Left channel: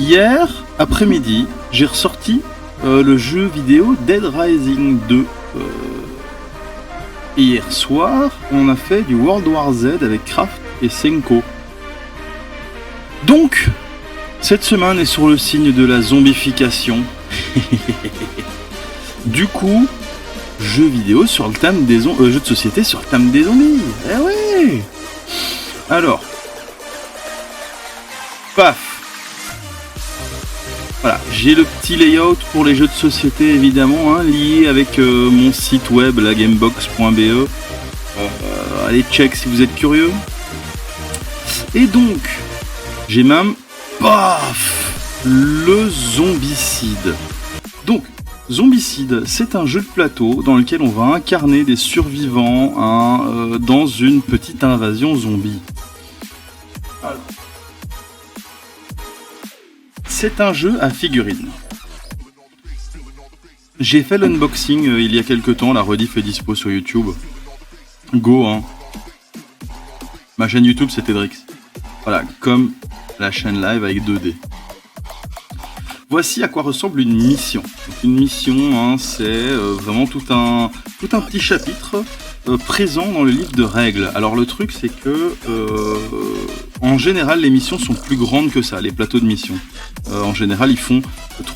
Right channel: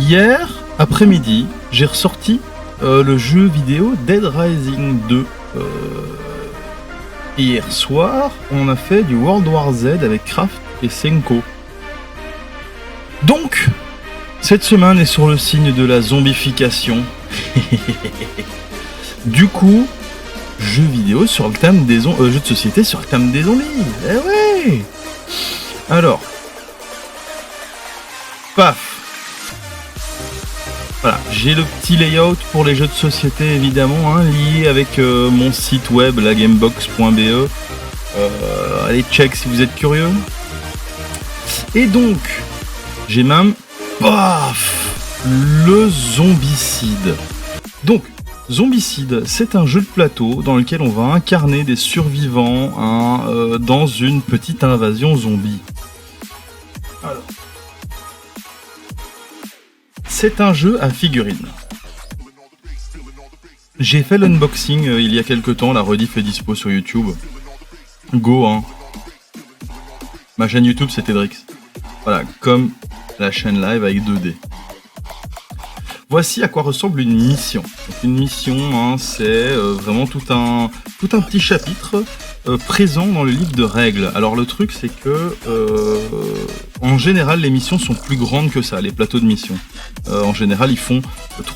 Hier après-midi, j'ai ressorti le jeu vidéo Dead Rising 2. Et hier soir, on a fait du World War Z avec Kraft et Senko. Donc, cette semaine est sur le signe de la zombification. Du coup, jeux vidéo sur le thème des jeux de société sur le thème des zombies. Eh ouais. Alors, paf. Voilà, j'ai le petit layout pour les jeux de société évidemment, lié avec mon site web, lagamebox.be. Allez check si vous êtes curieux. Et donc, j'ai même, paf, le Zombicide. Donc, Zombicide, c'est un jeu de plateau dans lequel on va incarner des survivants dans une petite invasion zombie. Alors, c'est un jeu à figurines. J'ai fait l'unboxing il y a quelques temps, la rediff est dispo sur YouTube. Go, hein. Ma chaîne YouTube, c'est Tedrix. Voilà, comme la chaîne live avec 2D. Voici à quoi ressemble une mission. Donc une mission, c'est vraiment tout un petit chapitre présent dans le livre de règles. Alors le truc, c'est que en général, les missions sont plus grandes que ça, les plateaux de missions. En général, ils font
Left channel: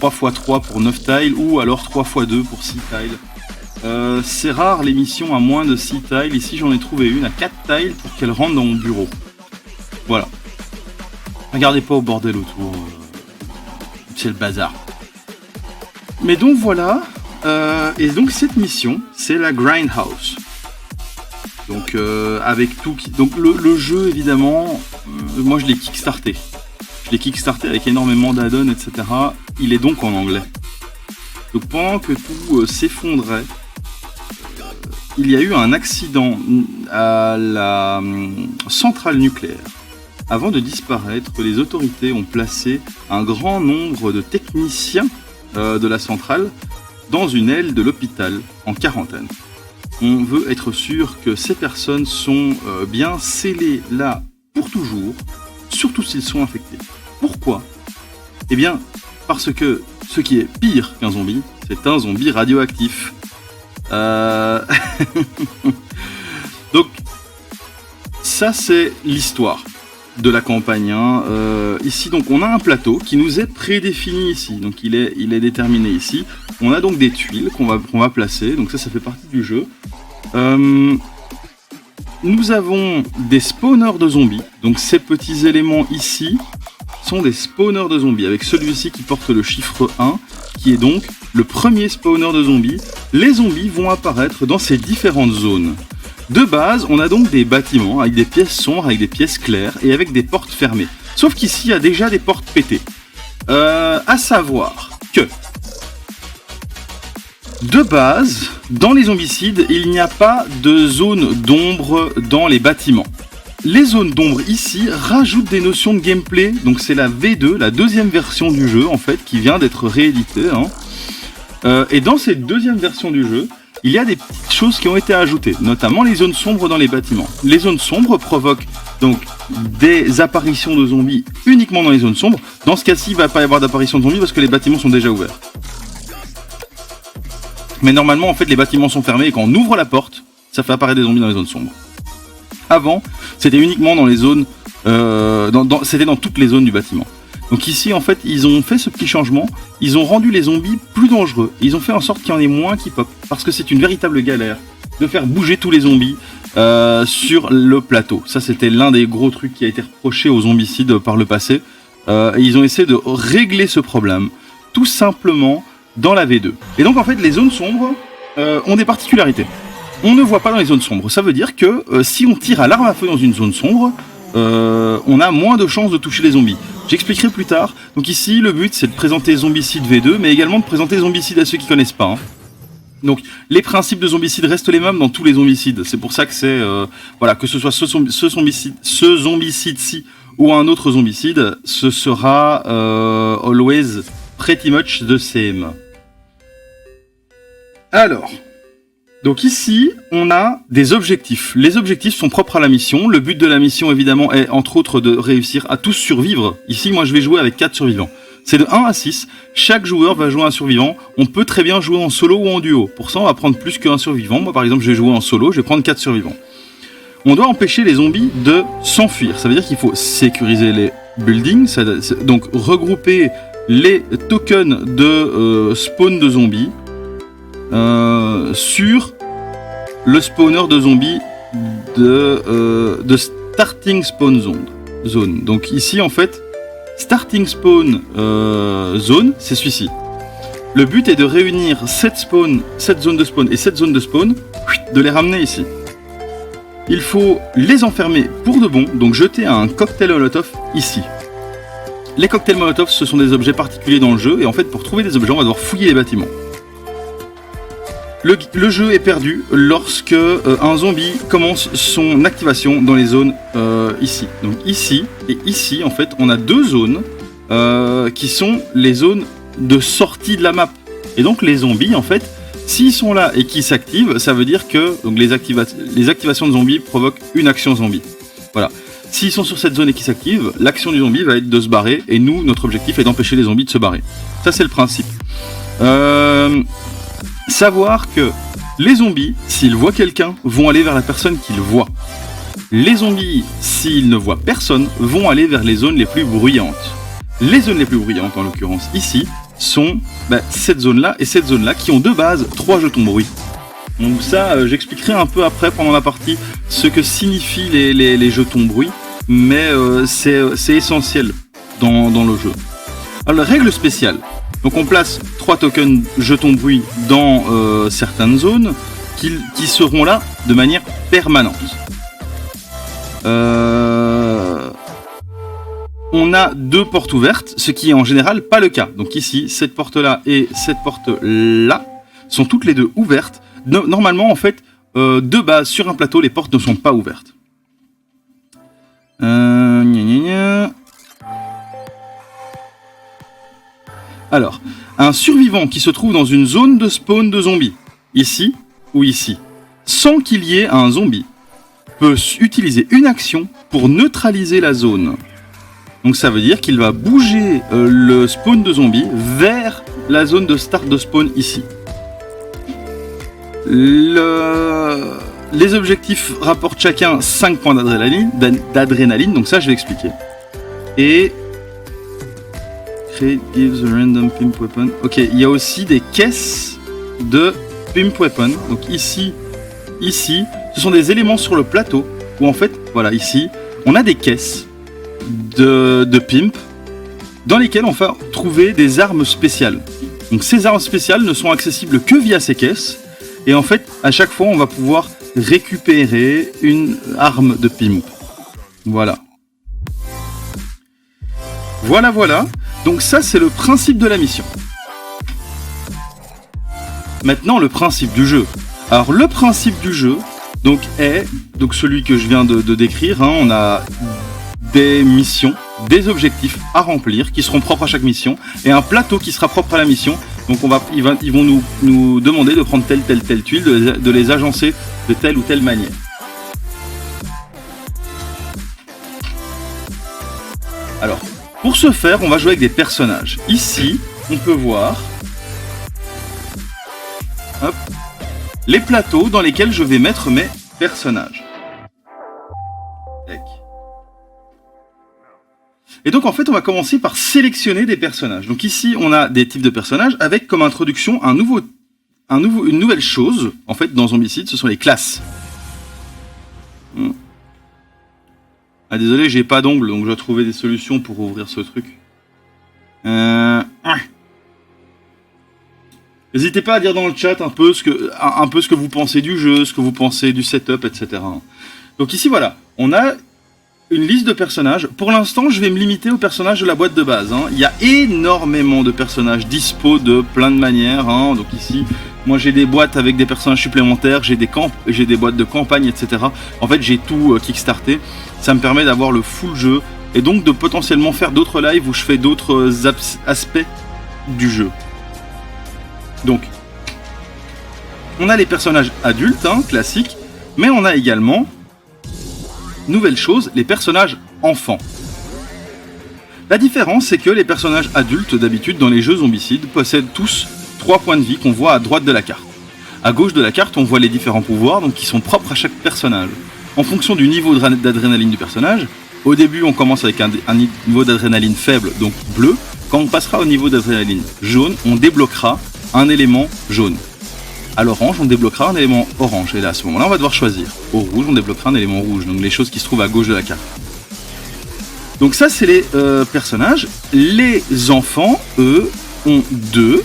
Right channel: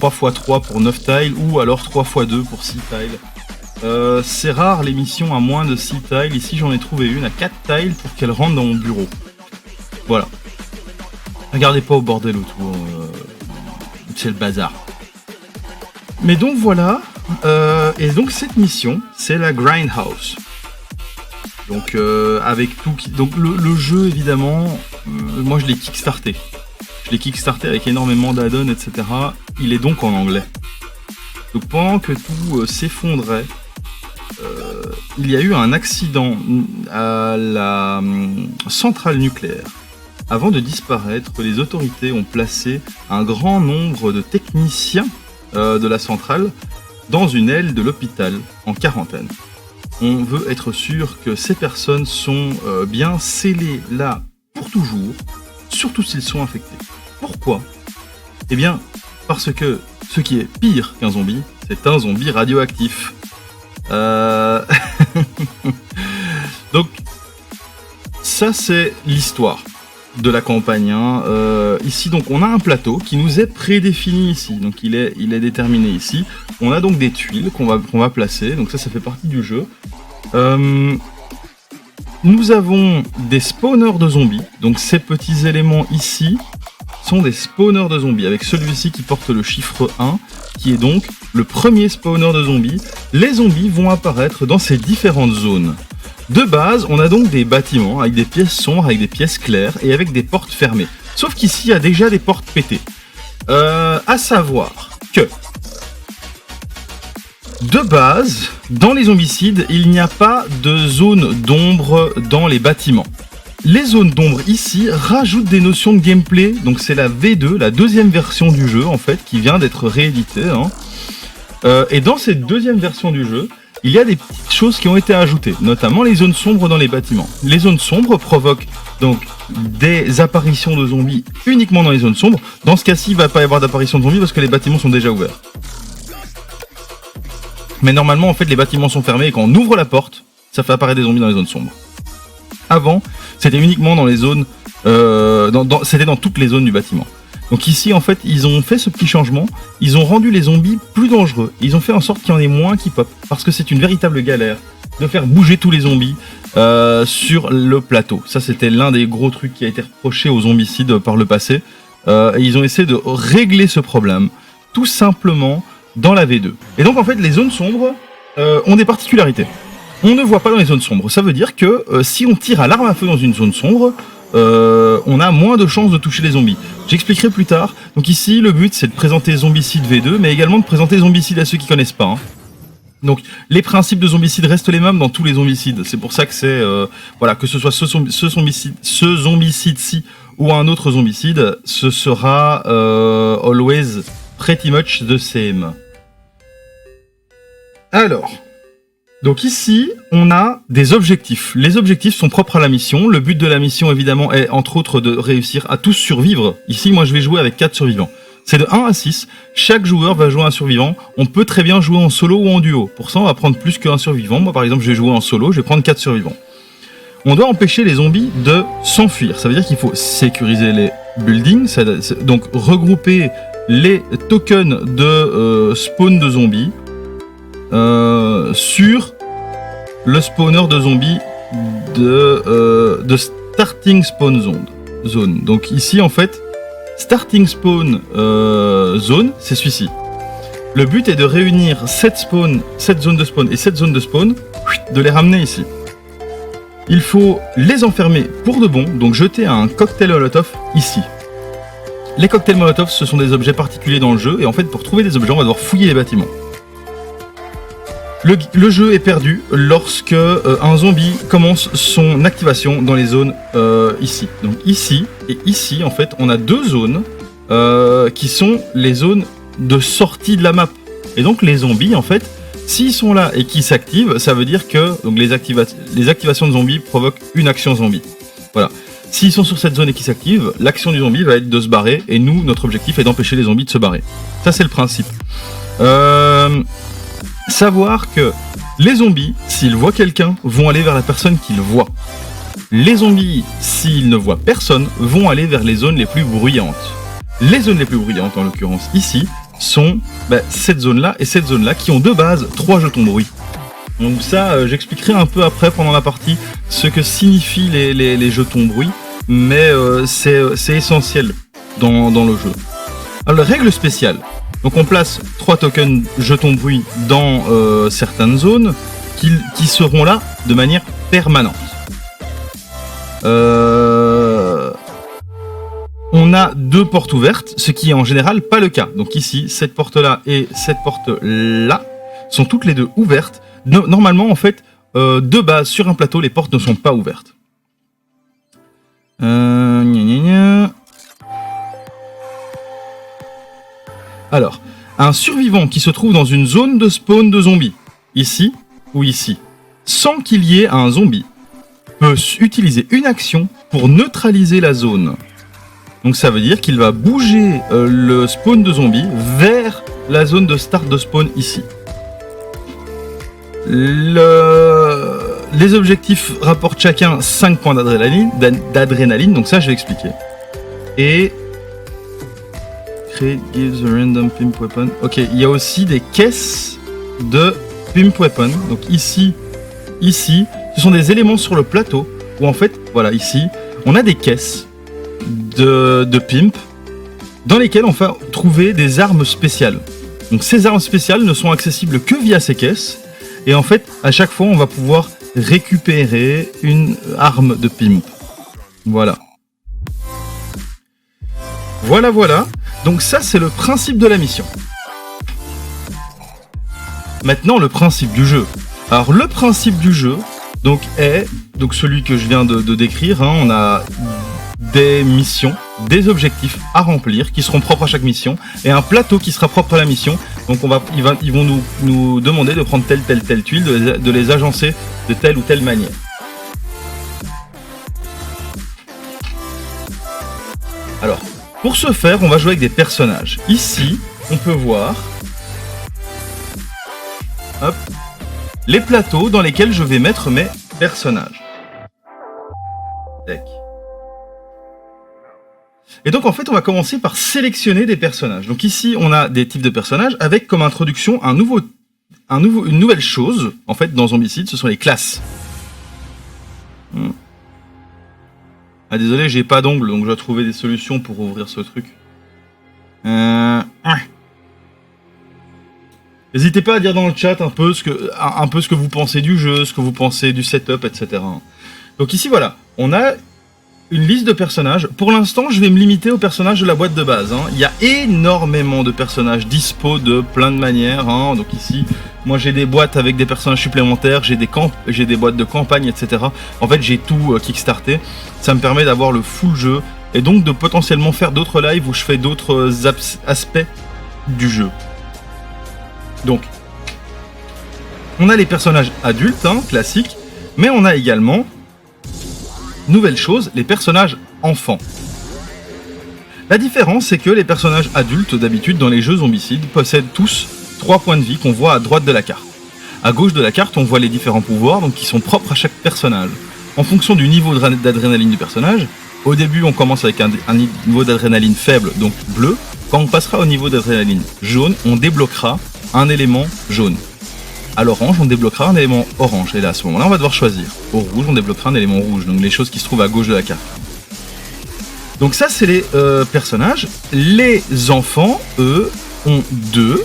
3x3 pour 9 tiles ou alors 3x2 pour 6 tiles. C'est rare les missions à moins de 6 tiles. Ici, j'en ai trouvé une à 4 tiles pour qu'elle rentre dans mon bureau. Voilà. Regardez pas au bordel autour. C'est le bazar. Mais donc voilà, et donc cette mission, c'est la Grindhouse. Donc avec tout, donc le jeu évidemment, moi je l'ai kickstarté. Je l'ai kickstarté avec énormément d'add-ons, etc. Il est donc en anglais. Donc pendant que tout s'effondrait, il y a eu un accident à la centrale nucléaire. Avant de disparaître, les autorités ont placé un grand nombre de techniciens de la centrale dans une aile de l'hôpital en quarantaine. On veut être sûr que ces personnes sont bien scellées là pour toujours, surtout s'ils sont infectés. Pourquoi ? Eh bien, parce que ce qui est pire qu'un zombie, c'est un zombie radioactif. Donc, ça c'est l'histoire de la campagne. Ici, donc, on a un plateau qui nous est prédéfini ici. Donc, il est déterminé ici. On a donc des tuiles qu'on va placer. Donc, ça fait partie du jeu. Nous avons des spawners de zombies. Donc, ces petits éléments ici sont des spawners de zombies. Avec celui-ci qui porte le chiffre 1, qui est donc le premier spawner de zombies. Les zombies vont apparaître dans ces différentes zones. De base, on a donc des bâtiments avec des pièces sombres, avec des pièces claires et avec des portes fermées. Sauf qu'ici, il y a déjà des portes pétées. À savoir que, de base, dans les zombicides, il n'y a pas de zone d'ombre dans les bâtiments. Les zones d'ombre ici rajoutent des notions de gameplay. Donc c'est la V2, la deuxième version du jeu en fait, qui vient d'être rééditée. Et dans cette deuxième version du jeu, il y a des petites choses qui ont été ajoutées, notamment les zones sombres dans les bâtiments. Les zones sombres provoquent donc des apparitions de zombies uniquement dans les zones sombres. Dans ce cas-ci, il ne va pas y avoir d'apparition de zombies parce que les bâtiments sont déjà ouverts. Mais normalement, en fait, les bâtiments sont fermés et quand on ouvre la porte, ça fait apparaître des zombies dans les zones sombres. Avant, c'était uniquement dans les zones... c'était dans toutes les zones du bâtiment. Donc ici, en fait, ils ont fait ce petit changement. Ils ont rendu les zombies plus dangereux. Ils ont fait en sorte qu'il y en ait moins qui pop. Parce que c'est une véritable galère de faire bouger tous les zombies sur le plateau. Ça, c'était l'un des gros trucs qui a été reproché aux zombicides par le passé. Et ils ont essayé de régler ce problème, tout simplement, dans la V2. Et donc, en fait, les zones sombres ont des particularités. On ne voit pas dans les zones sombres. Ça veut dire que si on tire à l'arme à feu dans une zone sombre, on a moins de chances de toucher les zombies. J'expliquerai plus tard. Donc ici, le but, c'est de présenter Zombicide V2, mais également de présenter Zombicide à ceux qui connaissent pas. Donc, les principes de Zombicide restent les mêmes dans tous les zombicides. C'est pour ça que c'est... voilà, que ce soit ce zombicide-ci ou un autre zombicide, ce sera always pretty much the same. Alors... Donc ici, on a des objectifs. Les objectifs sont propres à la mission. Le but de la mission, évidemment, est entre autres de réussir à tous survivre. Ici, moi, je vais jouer avec 4 survivants. C'est de 1 à 6. Chaque joueur va jouer un survivant. On peut très bien jouer en solo ou en duo. Pour ça, on va prendre plus qu'un survivant. Moi, par exemple, je vais jouer en solo. Je vais prendre 4 survivants. On doit empêcher les zombies de s'enfuir. Ça veut dire qu'il faut sécuriser les buildings. Donc, regrouper les tokens de spawn de zombies sur le spawner de zombies de starting spawn zone. Donc ici, en fait, starting spawn zone, c'est celui-ci. Le but est de réunir cette zone de spawn et cette zone de spawn, de les ramener ici. Il faut les enfermer pour de bon, donc jeter un cocktail Molotov ici. Les cocktails Molotov, ce sont des objets particuliers dans le jeu, et en fait, pour trouver des objets, on va devoir fouiller les bâtiments. Le jeu est perdu lorsque un zombie commence son activation dans les zones ici. Donc ici et ici, en fait, on a deux zones qui sont les zones de sortie de la map. Et donc les zombies, en fait, s'ils sont là et qu'ils s'activent, ça veut dire que donc, les activations de zombies provoquent une action zombie. Voilà. S'ils sont sur cette zone et qu'ils s'activent, l'action du zombie va être de se barrer, et nous, notre objectif est d'empêcher les zombies de se barrer. Ça, c'est le principe. Savoir que les zombies, s'ils voient quelqu'un, vont aller vers la personne qu'ils voient. Les zombies, s'ils ne voient personne, vont aller vers les zones les plus bruyantes. Les zones les plus bruyantes, en l'occurrence ici, sont cette zone-là et cette zone-là qui ont de base 3 jetons bruit. Donc ça, j'expliquerai un peu après pendant la partie ce que signifient les jetons bruit, mais c'est essentiel dans le jeu. Alors, règle spéciale. Donc on place 3 tokens jetons bruit dans certaines zones qui seront là de manière permanente. On a 2 portes ouvertes, ce qui est en général pas le cas. Donc ici, cette porte-là et cette porte-là sont toutes les deux ouvertes. Normalement, en fait, de base, sur un plateau, les portes ne sont pas ouvertes. Alors, un survivant qui se trouve dans une zone de spawn de zombies, ici ou ici, sans qu'il y ait un zombie, peut utiliser une action pour neutraliser la zone. Donc ça veut dire qu'il va bouger le spawn de zombies vers la zone de start de spawn ici. Les objectifs rapportent chacun 5 points d'adrénaline, donc ça je vais expliquer. Et Create gives a random pimp weapon. Ok, il y a aussi des caisses de pimp weapon. Donc ici, ce sont des éléments sur le plateau où en fait, voilà, ici, on a des caisses de pimp dans lesquelles on va trouver des armes spéciales. Donc ces armes spéciales ne sont accessibles que via ces caisses. Et en fait, à chaque fois, on va pouvoir récupérer une arme de pimp. Voilà. Voilà. Donc ça, c'est le principe de la mission. Maintenant, le principe du jeu. Alors, le principe du jeu est celui que je viens de décrire. On a des missions, des objectifs à remplir qui seront propres à chaque mission et un plateau qui sera propre à la mission. Donc ils vont nous demander de prendre telle tuile, de les agencer de telle ou telle manière. Alors, pour ce faire, on va jouer avec des personnages. Ici, on peut voir les plateaux dans lesquels je vais mettre mes personnages. Tac. Et donc en fait, on va commencer par sélectionner des personnages. Donc ici, on a des types de personnages avec comme introduction une nouvelle chose. En fait, dans Zombicide, ce sont les classes. Ah désolé, j'ai pas d'ongles, donc je dois trouver des solutions pour ouvrir ce truc. N'hésitez pas à dire dans le chat un peu ce que vous pensez du jeu, ce que vous pensez du setup, etc. Donc ici, voilà, on a une liste de personnages. Pour l'instant, je vais me limiter aux personnages de la boîte de base. Il y a énormément de personnages dispo de plein de manières. Donc ici, moi j'ai des boîtes avec des personnages supplémentaires, j'ai des boîtes de campagne, etc. En fait, j'ai tout kickstarté. Ça me permet d'avoir le full jeu et donc de potentiellement faire d'autres lives où je fais d'autres aspects du jeu. Donc, on a les personnages adultes, classiques, mais on a également, nouvelle chose, les personnages enfants. La différence, c'est que les personnages adultes, d'habitude, dans les jeux zombicides, possèdent tous 3 points de vie qu'on voit à droite de la carte. À gauche de la carte, on voit les différents pouvoirs, donc qui sont propres à chaque personnage. En fonction du niveau d'adrénaline du personnage, au début, on commence avec un niveau d'adrénaline faible, donc bleu. Quand on passera au niveau d'adrénaline jaune, on débloquera un élément jaune. À l'orange, on débloquera un élément orange. Et là, à ce moment-là, on va devoir choisir. Au rouge, on débloquera un élément rouge, donc les choses qui se trouvent à gauche de la carte. Donc ça, c'est les personnages. Les enfants, eux, ont 2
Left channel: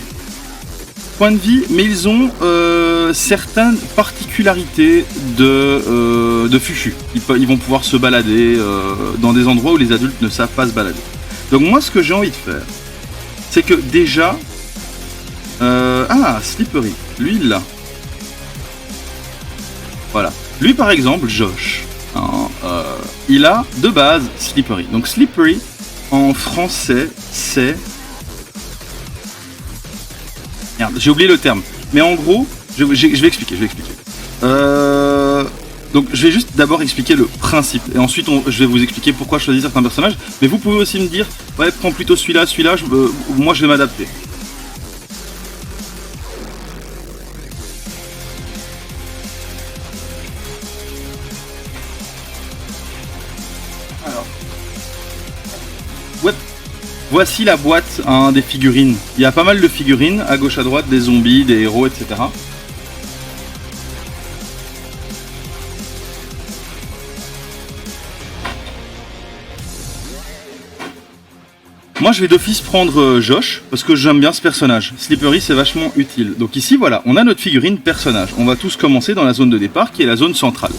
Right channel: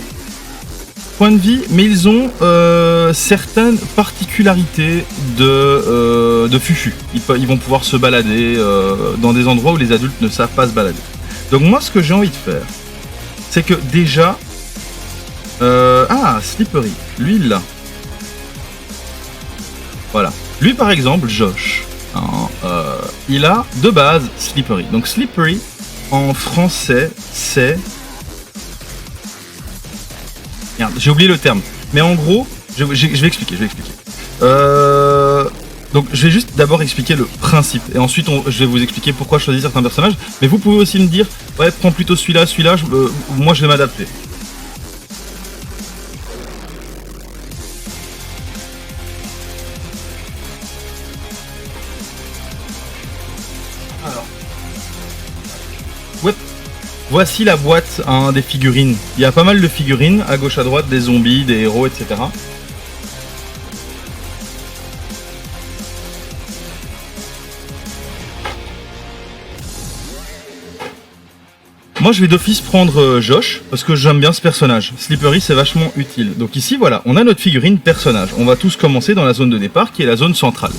points de vie, mais ils ont certaines particularités de fufu. Ils vont pouvoir se balader dans des endroits où les adultes ne savent pas se balader. Donc moi, ce que j'ai envie de faire, c'est que déjà... Slippery, lui il l'a. Voilà. Lui par exemple, Josh, il a de base Slippery. Donc Slippery, en français, c'est... Merde, j'ai oublié le terme. Mais en gros, je vais expliquer. Donc je vais juste d'abord expliquer le principe. Et ensuite, je vais vous expliquer pourquoi je choisis certains personnages. Mais vous pouvez aussi me dire, ouais, prends plutôt celui-là, moi je vais m'adapter. Alors, ouais. Voici la boîte des figurines. Il y a pas mal de figurines, à gauche à droite, des zombies, des héros, etc. Moi je vais d'office prendre Josh, parce que j'aime bien ce personnage. Slippery c'est vachement utile. Donc ici voilà, on a notre figurine personnage. On va tous commencer dans la zone de départ, qui est la zone centrale.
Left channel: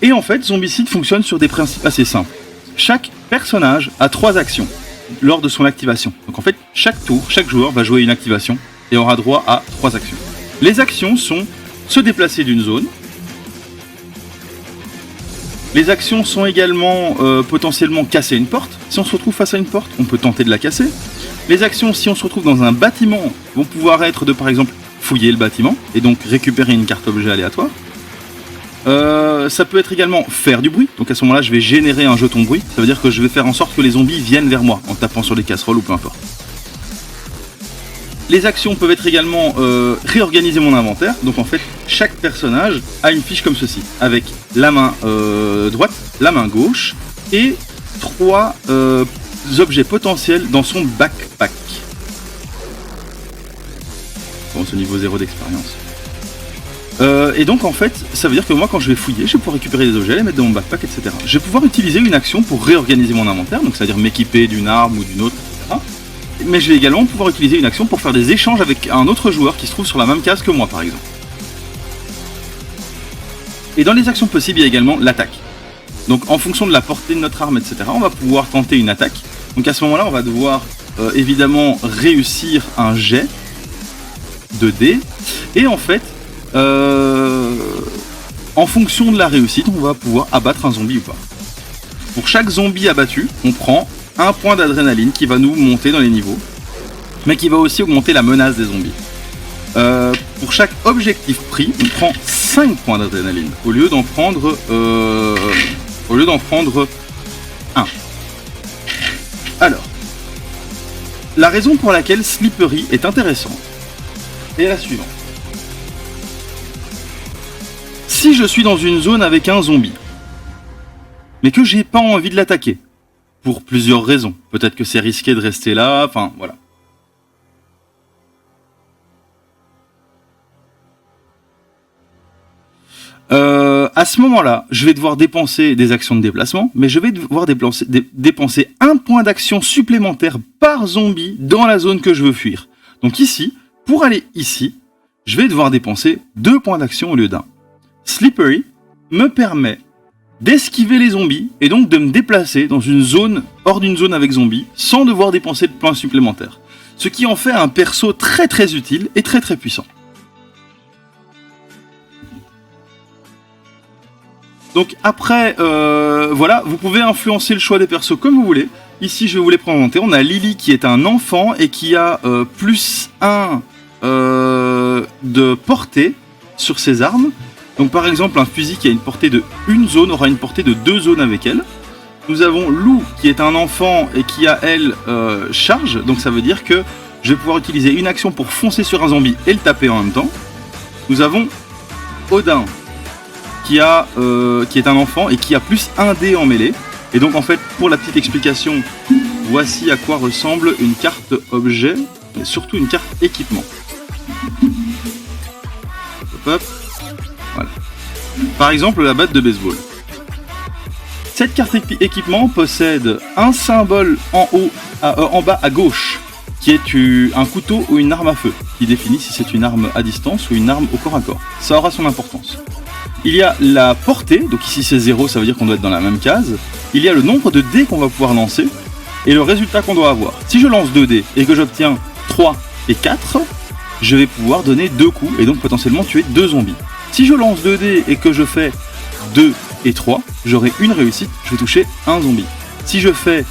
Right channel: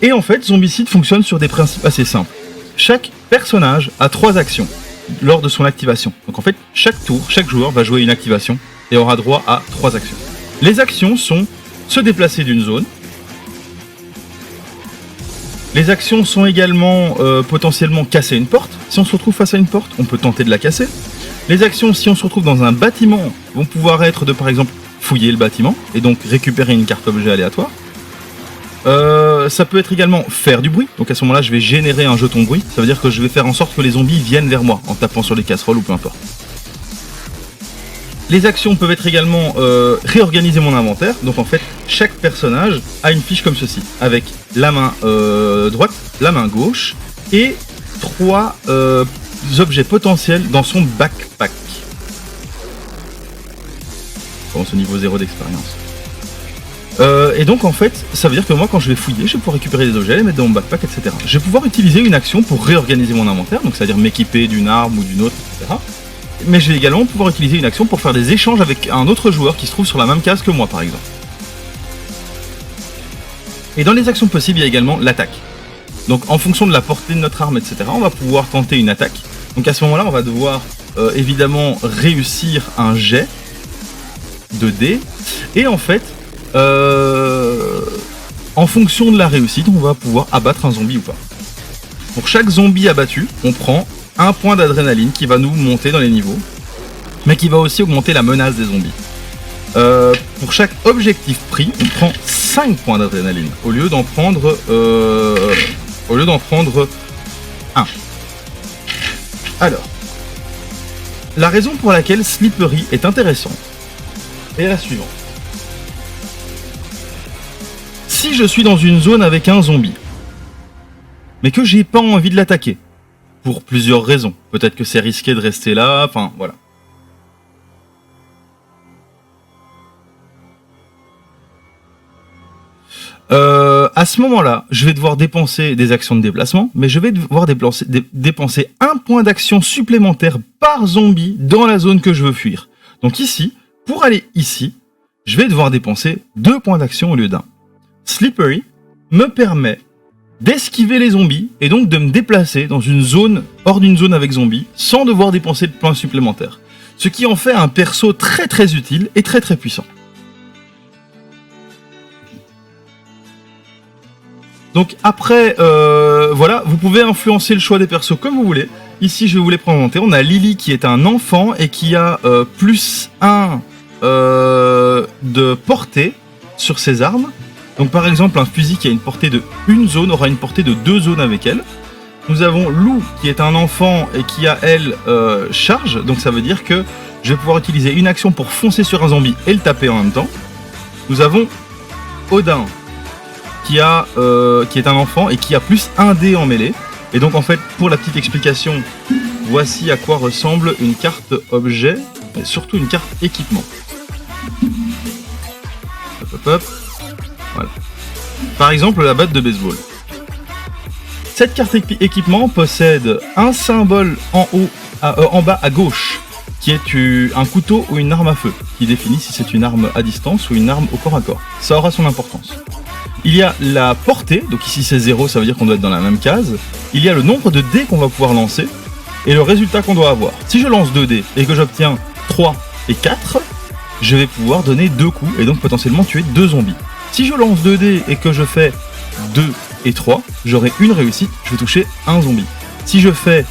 Et en fait, Zombicide fonctionne sur des principes assez simples. Chaque personnage a 3 actions lors de son activation. Donc en fait, chaque tour, chaque joueur va jouer une activation et aura droit à 3 actions. Les actions sont se déplacer d'une zone. Les actions sont également potentiellement casser une porte. Si on se retrouve face à une porte, on peut tenter de la casser. Les actions, si on se retrouve dans un bâtiment, vont pouvoir être de par exemple fouiller le bâtiment et donc récupérer une carte objet aléatoire. Ça peut être également faire du bruit. Donc à ce moment-là, je vais générer un jeton bruit. Ça veut dire que je vais faire en sorte que les zombies viennent vers moi en tapant sur les casseroles ou peu importe. Les actions peuvent être également réorganiser mon inventaire. Donc en fait, chaque personnage a une fiche comme ceci, avec la main droite, la main gauche et 3 objets potentiels dans son backpack. Bon, c'est au niveau 0 d'expérience. Et donc en fait, ça veut dire que moi quand je vais fouiller, je vais pouvoir récupérer des objets, les mettre dans mon backpack, etc. Je vais pouvoir utiliser une action pour réorganiser mon inventaire, donc c'est-à-dire m'équiper d'une arme ou d'une autre, etc. Mais je vais également pouvoir utiliser une action pour faire des échanges avec un autre joueur qui se trouve sur la même case que moi par exemple. Et dans les actions possibles, il y a également l'attaque. Donc en fonction de la portée de notre arme, etc., on va pouvoir tenter une attaque. Donc à ce moment-là, on va devoir évidemment réussir un jet de dés. Et en fait, en fonction de la réussite, on va pouvoir abattre un zombie ou pas. Pour chaque zombie abattu, on prend un point d'adrénaline qui va nous monter dans les niveaux, mais qui va aussi augmenter la menace des zombies. Pour chaque objectif pris, on prend 5 points d'adrénaline au lieu d'en prendre 1. Alors, la raison pour laquelle Slippery est intéressant est la suivante. Si je suis dans une zone avec un zombie, mais que j'ai pas envie de l'attaquer, pour plusieurs raisons, peut-être que c'est risqué de rester là, enfin voilà. À ce moment-là, je vais devoir dépenser des actions de déplacement, mais je vais devoir dépenser un point d'action supplémentaire par zombie dans la zone que je veux fuir. Donc ici, pour aller ici, je vais devoir dépenser 2 points d'action au lieu d'un. Slippery me permet d'esquiver les zombies et donc de me déplacer dans une zone hors d'une zone avec zombies sans devoir dépenser de points supplémentaires. Ce qui en fait un perso très très utile et très très puissant. Donc après, voilà, vous pouvez influencer le choix des persos comme vous voulez. Ici, je vais vous les présenter. On a Lily qui est un enfant et qui a plus 1 de portée sur ses armes. Donc par exemple, un fusil qui a une portée de 1 zone aura une portée de 2 zones avec elle. Nous avons Lou qui est un enfant et qui a elle charge, donc ça veut dire que je vais pouvoir utiliser une action pour foncer sur un zombie et le taper en même temps. Nous avons Odin qui est un enfant et qui a plus 1 dé en mêlée. Et donc en fait, pour la petite explication, voici à quoi ressemble une carte objet, et surtout une carte équipement. Hop, hop, hop. Voilà. Par exemple, la batte de baseball. Cette carte équipement possède un symbole en bas à gauche, qui est un couteau ou une arme à feu, qui définit si c'est une arme à distance ou une arme au corps à corps. Ça aura son importance. Il y a la portée, donc ici c'est 0, ça veut dire qu'on doit être dans la même case. Il y a le nombre de dés qu'on va pouvoir lancer, et le résultat qu'on doit avoir. Si je lance 2 dés et que j'obtiens 3 et 4, je vais pouvoir donner 2 coups, et donc potentiellement tuer 2 zombies. Si je lance 2 dés et que je fais 2 et 3, j'aurai une réussite, je vais toucher un zombie. Si je fais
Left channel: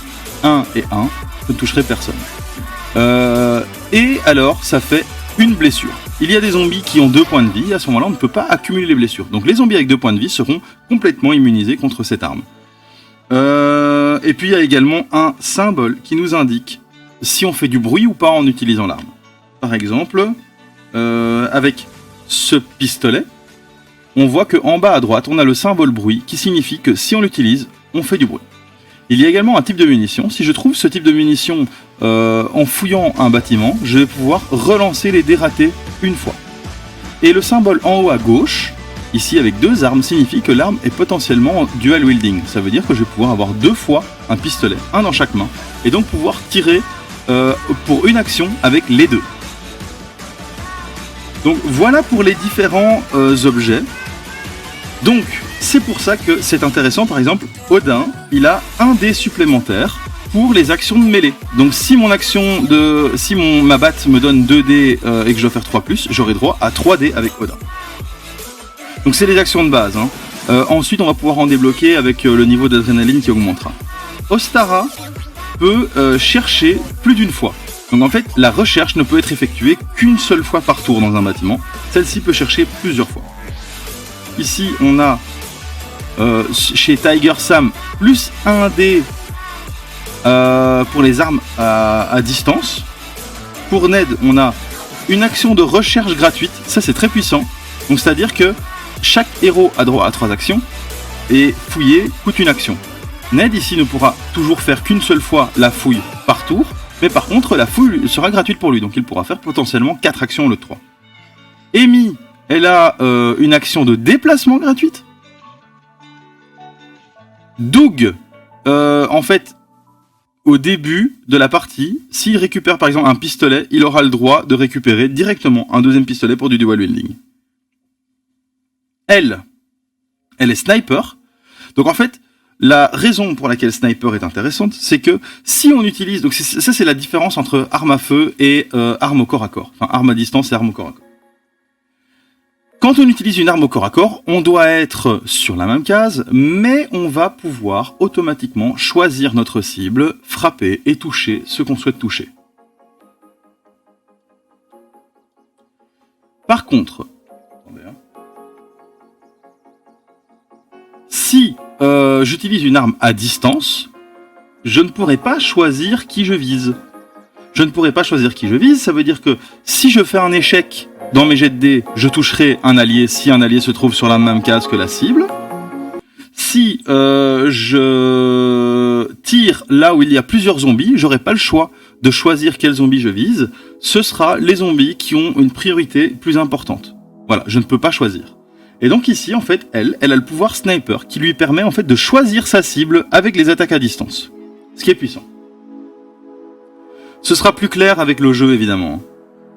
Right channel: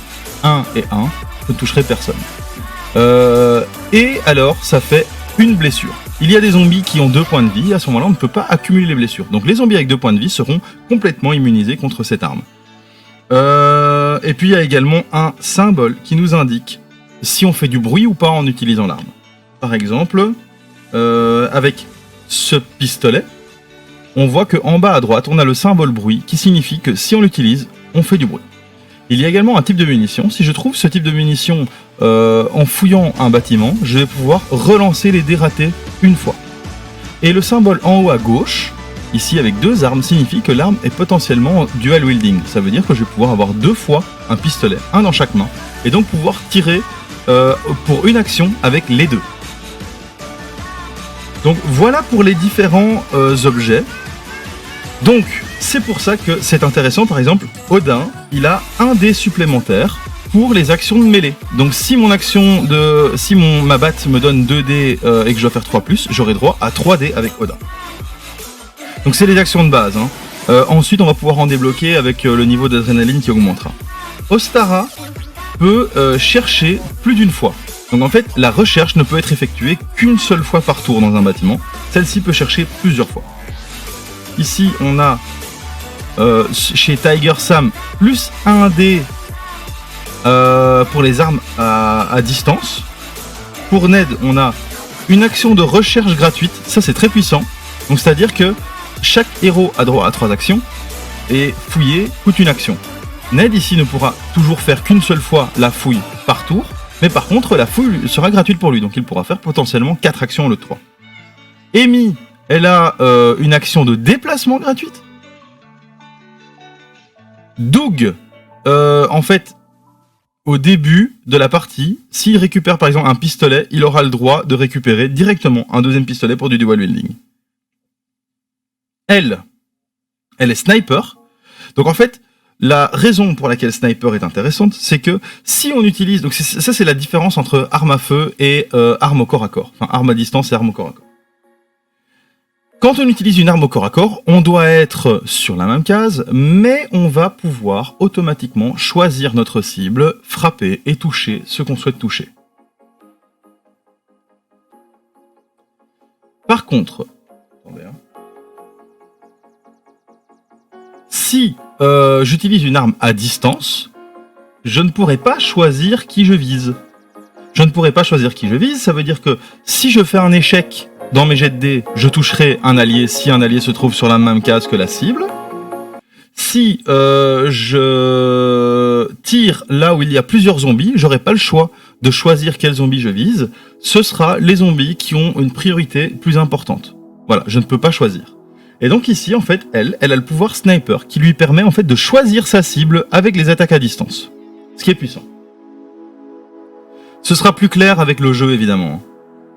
1 et 1, je ne toucherai personne. Et alors, ça fait une blessure. Il y a des zombies qui ont 2 points de vie, à ce moment-là, on ne peut pas accumuler les blessures. Donc les zombies avec 2 points de vie seront complètement immunisés contre cette arme. Et puis il y a également un symbole qui nous indique si on fait du bruit ou pas en utilisant l'arme. Par exemple, avec ce pistolet, on voit qu'en bas à droite, on a le symbole bruit qui signifie que si on l'utilise, on fait du bruit. Il y a également un type de munition. Si je trouve ce type de munition en fouillant un bâtiment, je vais pouvoir relancer les dés ratés une fois. Et le symbole en haut à gauche, ici avec 2 armes, signifie que l'arme est potentiellement dual wielding. Ça veut dire que je vais pouvoir avoir 2 fois un pistolet, un dans chaque main, et donc pouvoir tirer pour une action avec les 2. Donc voilà pour les différents objets. Donc c'est pour ça que c'est intéressant. Par exemple, Odin, il a 1 dé supplémentaire pour les actions de mêlée. Donc si ma batte me donne 2 dés et que je dois faire 3+, j'aurai droit à 3 dés avec Odin. Donc c'est les actions de base. Ensuite, on va pouvoir en débloquer avec le niveau d'adrénaline qui augmentera. Ostara peut chercher plus d'une fois. Donc en fait, la recherche ne peut être effectuée qu'une seule fois par tour dans un bâtiment. Celle-ci peut chercher plusieurs fois. Ici, on a chez Tiger Sam plus 1 dé pour les armes à distance. Pour Ned, on a une action de recherche gratuite. Ça, c'est très puissant. Donc c'est-à-dire que chaque héros a droit à 3 actions et fouiller coûte une action. Ned ici ne pourra toujours faire qu'une seule fois la fouille par tour, mais par contre la fouille sera gratuite pour lui, donc il pourra faire potentiellement 4 actions au lieu de 3. Amy, elle a une action de déplacement gratuite. Doug, en fait, au début de la partie, s'il récupère par exemple un pistolet, il aura le droit de récupérer directement un 2e pistolet pour du dual wielding. Elle est sniper. Donc en fait, la raison pour laquelle sniper est intéressante, c'est que si on utilise... Donc ça, c'est la différence entre arme à feu et arme au corps à corps. Enfin, arme à distance et arme au corps à corps. Quand on utilise une arme au corps à corps, on doit être sur la même case, mais on va pouvoir automatiquement choisir notre cible, frapper et toucher ce qu'on souhaite toucher. Par contre... Attendez, si j'utilise une arme à distance, je ne pourrai pas choisir qui je vise. Je ne pourrai pas choisir qui je vise, ça veut dire que si je fais un échec dans mes jets de dés, je toucherai un allié si un allié se trouve sur la même case que la cible. Si je tire là où il y a plusieurs zombies, j'aurai pas le choix de choisir quel zombie je vise. Ce sera les zombies qui ont une priorité plus importante. Voilà, je ne peux pas choisir. Et donc ici, en fait, elle a le pouvoir sniper qui lui permet en fait de choisir sa cible avec les attaques à distance. Ce qui est puissant. Ce sera plus clair avec le jeu, évidemment.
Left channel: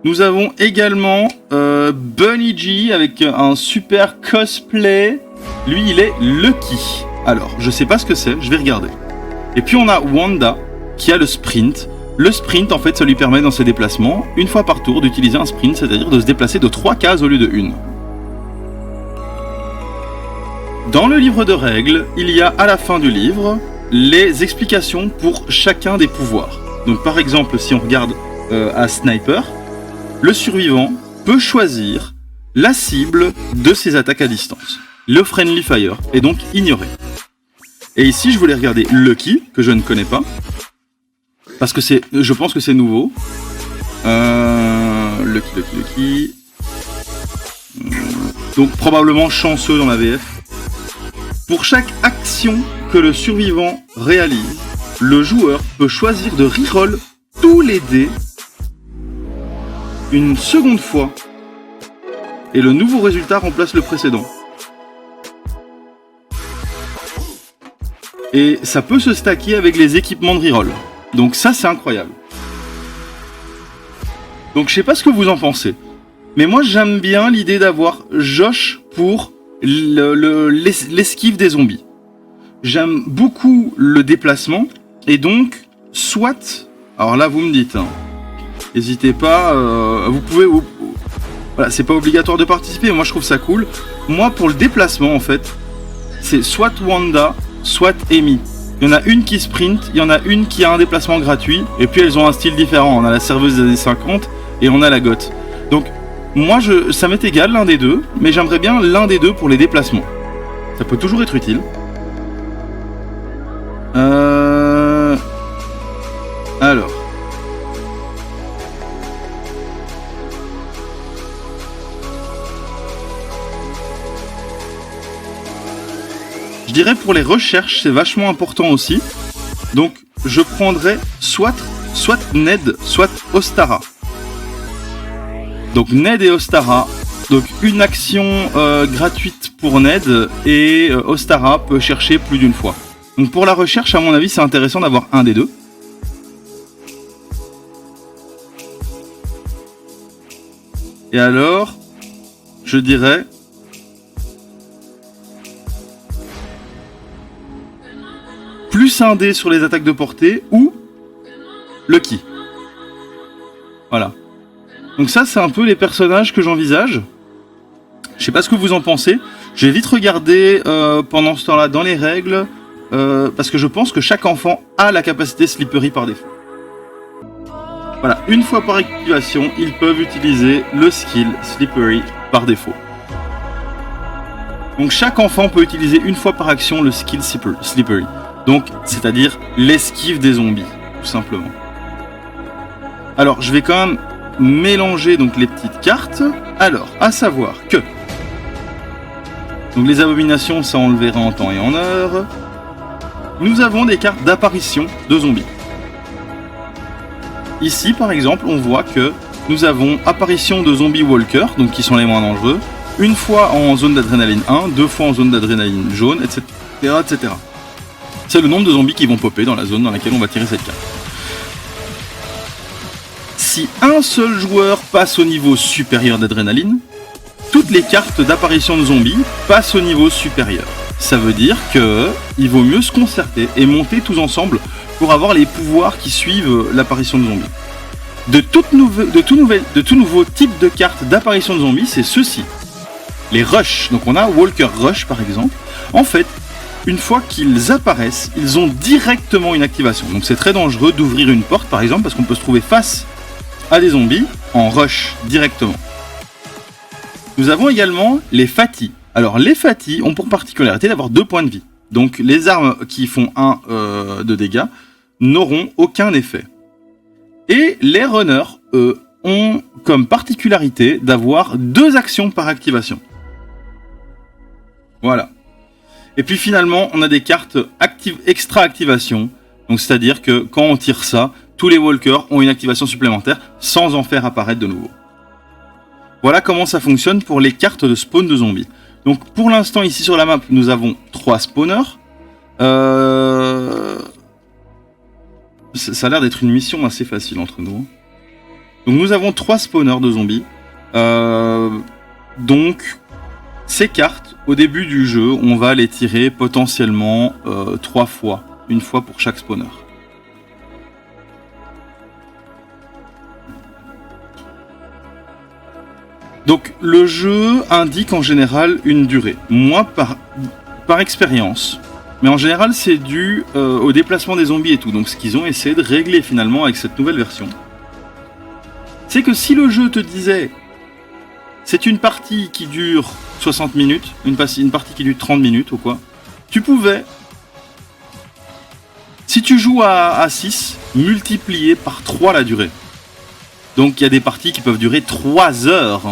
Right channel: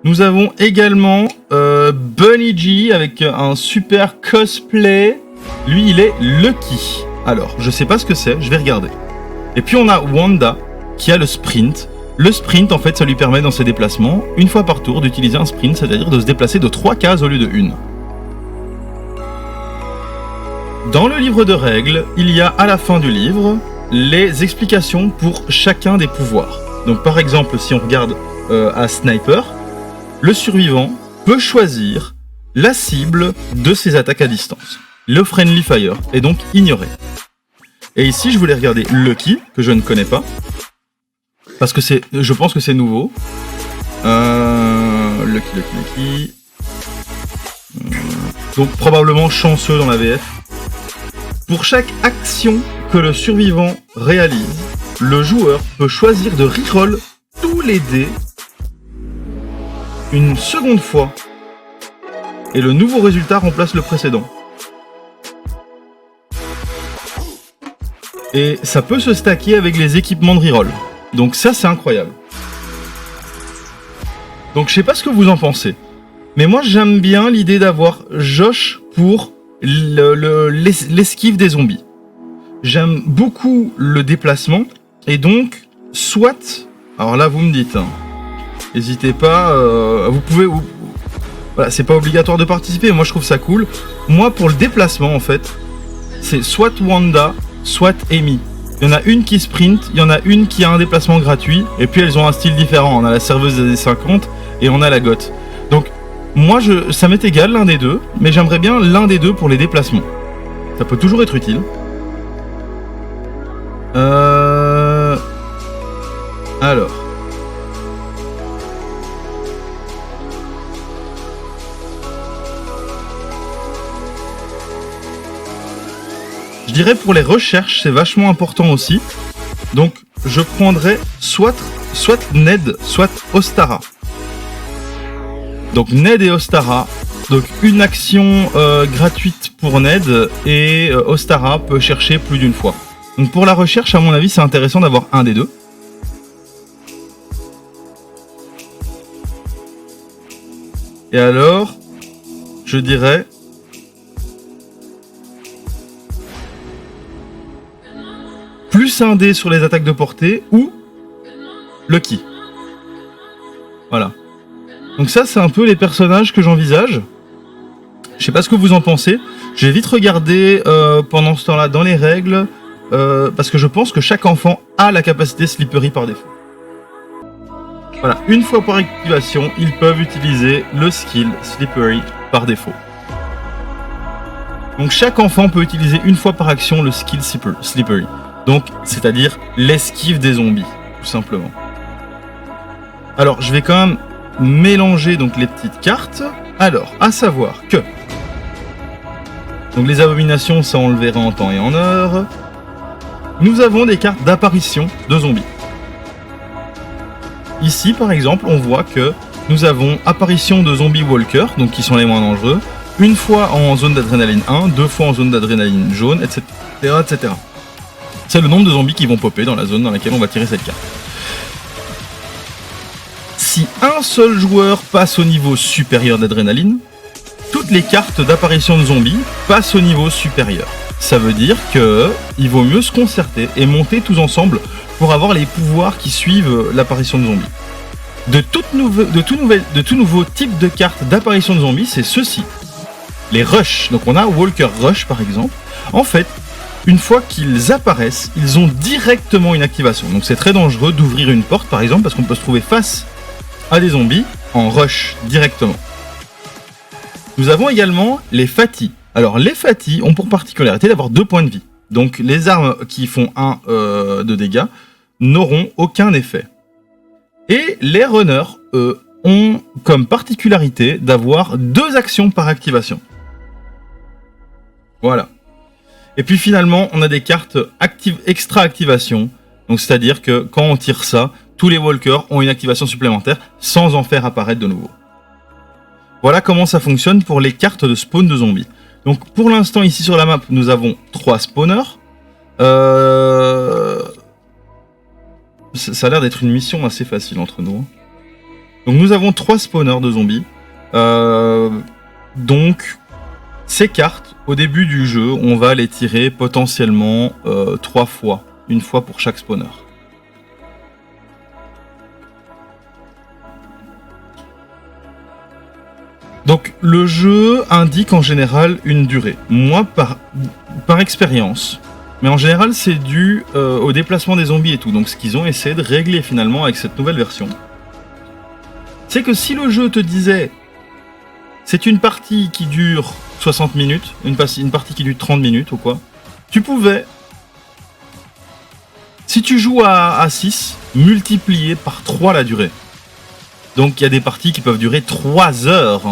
Nous avons également Bunny G avec un super cosplay. Lui, il est Lucky. Alors, je sais pas ce que c'est, je vais regarder. Et puis on a Wanda qui a le sprint. Le sprint, en fait, ça lui permet dans ses déplacements, une fois par tour, d'utiliser un sprint, c'est-à-dire de se déplacer de 3 cases au lieu de 1. Dans le livre de règles, il y a à la fin du livre les explications pour chacun des pouvoirs. Donc par exemple, si on regarde à Sniper, le survivant peut choisir la cible de ses attaques à distance. Le Friendly Fire est donc ignoré. Et ici, je voulais regarder Lucky, que je ne connais pas. Parce que je pense que c'est nouveau. Lucky. Donc probablement chanceux dans la VF. Pour chaque action que le survivant réalise, le joueur peut choisir de reroll tous les dés une seconde fois. Et le nouveau résultat remplace le précédent. Et ça peut se stacker avec les équipements de reroll. Donc ça, c'est incroyable. Donc je sais pas ce que vous en pensez. Mais moi, j'aime bien l'idée d'avoir Josh pour l'esquive des zombies. J'aime beaucoup le déplacement. Et donc, soit... Alors là, vous me dites... Hein, n'hésitez pas... vous pouvez... Voilà, c'est pas obligatoire de participer. Moi, je trouve ça cool. Moi, pour le déplacement, en fait, c'est soit Wanda, soit Amy. Il y en a une qui sprint, il y en a une qui a un déplacement gratuit, et puis elles ont un style différent. On a la serveuse des années 50 et on a la goth. Donc, moi, ça m'est égal l'un des deux, mais j'aimerais bien l'un des deux pour les déplacements. Ça peut toujours être utile. Alors. Je dirais pour les recherches, c'est vachement important aussi. Donc, je prendrais soit Ned, soit Ostara. Donc, Ned et Ostara. Donc, une action gratuite pour Ned et Ostara peut chercher plus d'une fois. Donc, pour la recherche, à mon avis, c'est intéressant d'avoir un des deux. Et alors, je dirais... plus un dé sur les attaques de portée ou Lucky. Voilà. Donc ça, c'est un peu les personnages que j'envisage. Je sais pas ce que vous en pensez. Je vais vite regarder pendant ce temps-là dans les règles parce que je pense que chaque enfant a la capacité Slippery par défaut. Voilà, une fois par activation, ils peuvent utiliser le skill Slippery par défaut. Donc chaque enfant peut utiliser une fois par action le skill Slippery. Donc, c'est-à-dire l'esquive des zombies, tout simplement. Alors, je vais quand même mélanger donc les petites cartes. Alors, à savoir que... Donc les abominations, ça on le verra en temps et en heure. Nous avons des cartes d'apparition de zombies. Ici, par exemple, on voit que nous avons apparition de zombies walkers, donc qui sont les moins dangereux, une fois en zone d'adrénaline 1, deux fois en zone d'adrénaline jaune, etc., etc. C'est le nombre de zombies qui vont popper dans la zone dans laquelle on va tirer cette carte. Si un seul joueur passe au niveau supérieur d'adrénaline, toutes les cartes d'apparition de zombies passent au niveau supérieur. Ça veut dire qu'il vaut mieux se concerter et monter tous ensemble pour avoir les pouvoirs qui suivent l'apparition de zombies. De tout nouveau type de cartes d'apparition de zombies, c'est ceci. Les rushs. Donc on a Walker Rush par exemple. En fait, une fois qu'ils apparaissent, ils ont directement une activation. Donc c'est très dangereux d'ouvrir une porte par exemple parce qu'on peut se trouver face à des zombies en rush directement. Nous avons également les Fati. Alors les Fati ont pour particularité d'avoir 2 points de vie. Donc les armes qui font 1 de dégâts n'auront aucun effet. Et les runners, eux, ont comme particularité d'avoir 2 actions par activation. Voilà. Et puis finalement, on a des cartes extra activation. Donc c'est-à-dire que quand on tire ça, tous les walkers ont une activation supplémentaire sans en faire apparaître de nouveau. Voilà comment ça fonctionne pour les cartes de spawn de zombies. Donc pour l'instant ici sur la map, nous avons 3 spawners. Ça a l'air d'être une mission assez facile entre nous. Donc nous avons 3 spawners de zombies. Donc ces cartes, au début du jeu, on va les tirer potentiellement 3 fois. Une fois pour chaque spawner. Donc le jeu indique en général une durée. Moi, par expérience, mais en général c'est dû au déplacement des zombies et tout. Donc ce qu'ils ont essayé de régler finalement avec cette nouvelle version, c'est que si le jeu te disait c'est une partie qui dure 60 minutes, une partie qui dure 30 minutes ou quoi, tu pouvais Si tu joues à 6, multiplié par 3 la durée. Donc il y a des parties qui peuvent durer 3 heures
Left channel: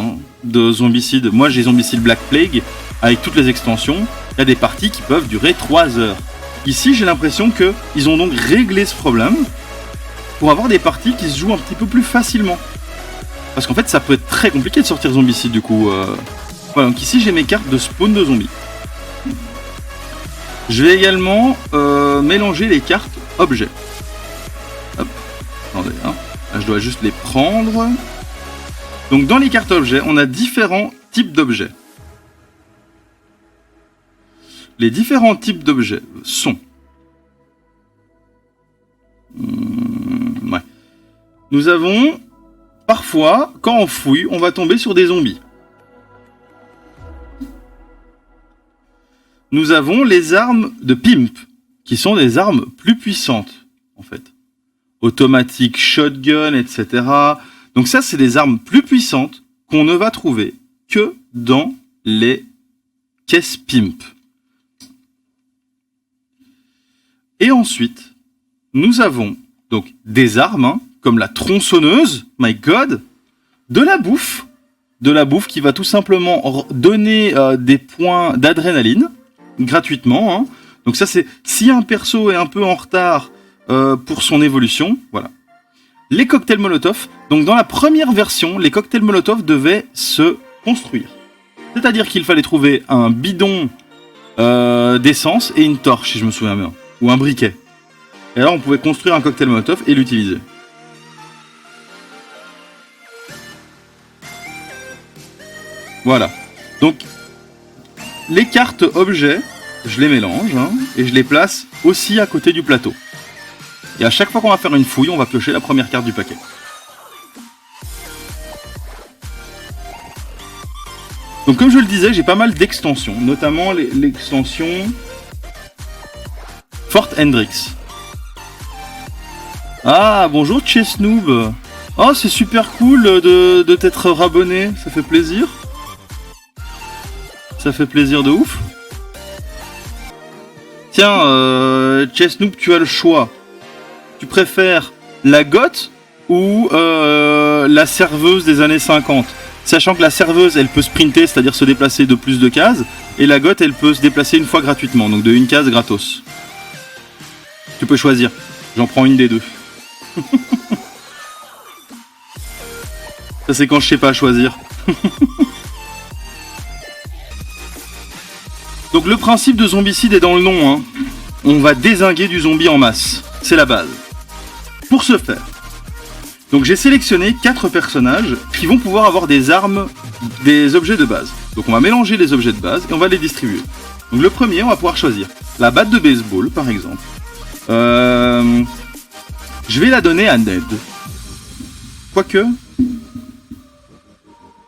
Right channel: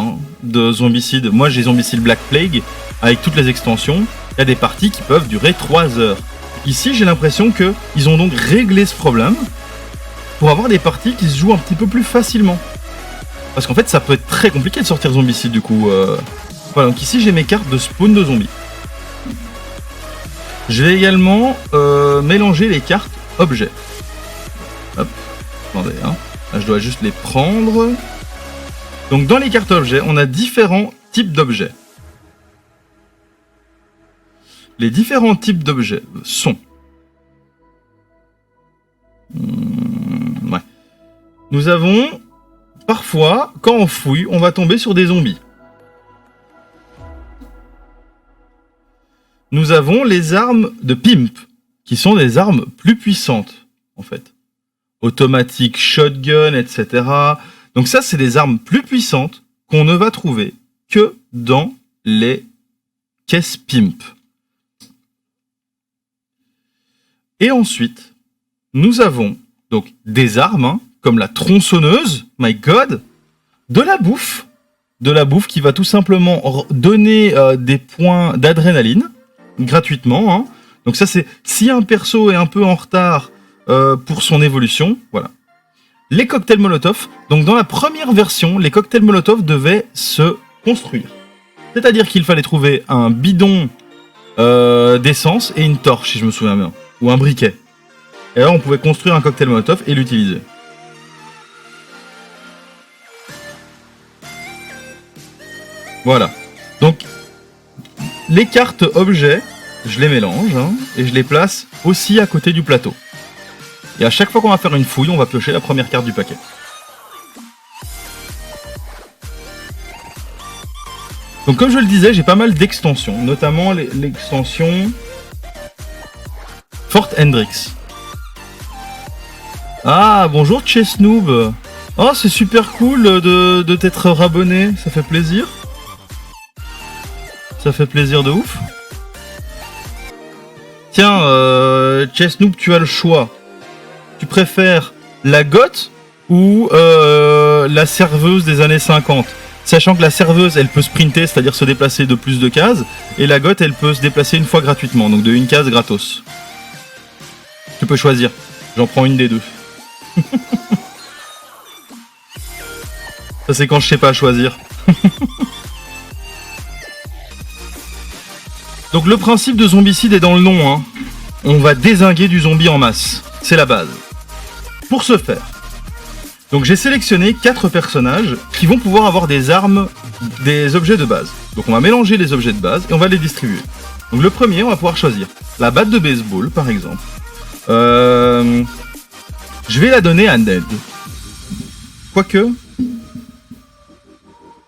de Zombicide. Moi j'ai Zombicide Black Plague avec toutes les extensions. Il y a des parties qui peuvent durer 3 heures. Ici j'ai l'impression qu'ils ont donc réglé ce problème pour avoir des parties qui se jouent un petit peu plus facilement. Parce qu'en fait ça peut être très compliqué de sortir Zombicide du coup. Voilà, donc ici j'ai mes cartes de spawn de zombies. Je vais également mélanger les cartes objets. Hop, attendez, là, je dois juste les prendre. Donc dans les cartes objets, on a différents types d'objets. Les différents types d'objets sont... ouais. Nous avons... Parfois, quand on fouille, on va tomber sur des zombies. Nous avons les armes de Pimp, qui sont des armes plus puissantes, en fait. Automatique, shotgun, etc. Donc ça, c'est des armes plus puissantes qu'on ne va trouver que dans les caisses Pimp. Et ensuite, nous avons donc des armes, comme la tronçonneuse, my god, de la bouffe qui va tout simplement donner des points d'adrénaline, gratuitement. Donc ça, c'est si un perso est un peu en retard pour son évolution, voilà. Les cocktails Molotov, donc dans la première version, les cocktails Molotov devaient se construire. C'est-à-dire qu'il fallait trouver un bidon d'essence et une torche, si je me souviens bien, ou un briquet. Et alors on pouvait construire un cocktail Molotov et l'utiliser. Voilà. Donc, les cartes objets, je les mélange et je les place aussi à côté du plateau. Et à chaque fois qu'on va faire une fouille, on va piocher la première carte du paquet. Donc comme je le disais, j'ai pas mal d'extensions, notamment l'extension Fort Hendrix. Ah, bonjour Chesnoob. Oh, c'est super cool de t'être rabonné, ça fait plaisir. Ça fait plaisir de ouf. Tiens, Chesnoob, tu as le choix. Tu préfères la goth ou la serveuse des années 50 ? Sachant que la serveuse, elle peut sprinter, c'est-à-dire se déplacer de plus de cases, et la goth, elle peut se déplacer une fois gratuitement, donc de une case gratos. Tu peux choisir. J'en prends une des deux. Ça, c'est quand je sais pas choisir. Donc le principe de zombicide est dans le nom. On va dézinguer du zombie en masse. C'est la base. Pour ce faire, donc j'ai sélectionné 4 personnages qui vont pouvoir avoir des armes, des objets de base. Donc on va mélanger les objets de base et on va les distribuer. Donc le premier, on va pouvoir choisir la batte de baseball, par exemple. Je vais la donner à Ned. Quoique,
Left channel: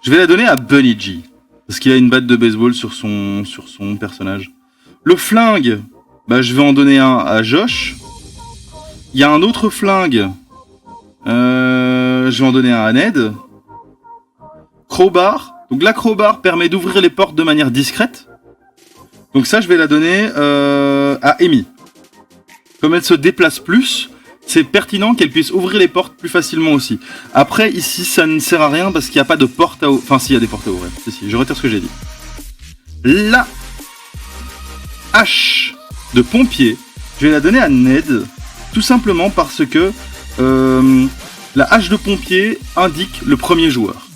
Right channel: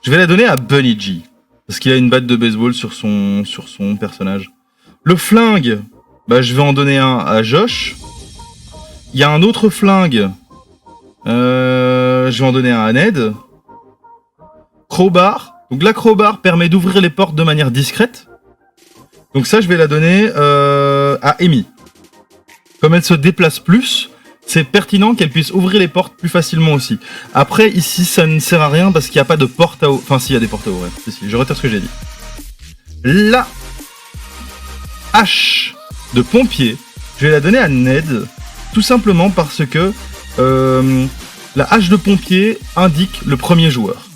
je vais la donner à Bunny G. Parce qu'il a une batte de baseball sur son personnage. Le flingue, je vais en donner un à Josh. Il y a un autre flingue. Je vais en donner un à Ned. Crowbar. Donc la crowbar permet d'ouvrir les portes de manière discrète. Donc ça, je vais la donner à Amy. Comme elle se déplace plus, c'est pertinent qu'elle puisse ouvrir les portes plus facilement aussi. Après, ici, ça ne sert à rien parce qu'il n'y a pas de porte à ouvrir. Enfin, si, il y a des portes à ouvrir. Si, je retire ce que j'ai dit. La hache de pompier, je vais la donner à Ned, tout simplement parce que la hache de pompier indique le premier joueur.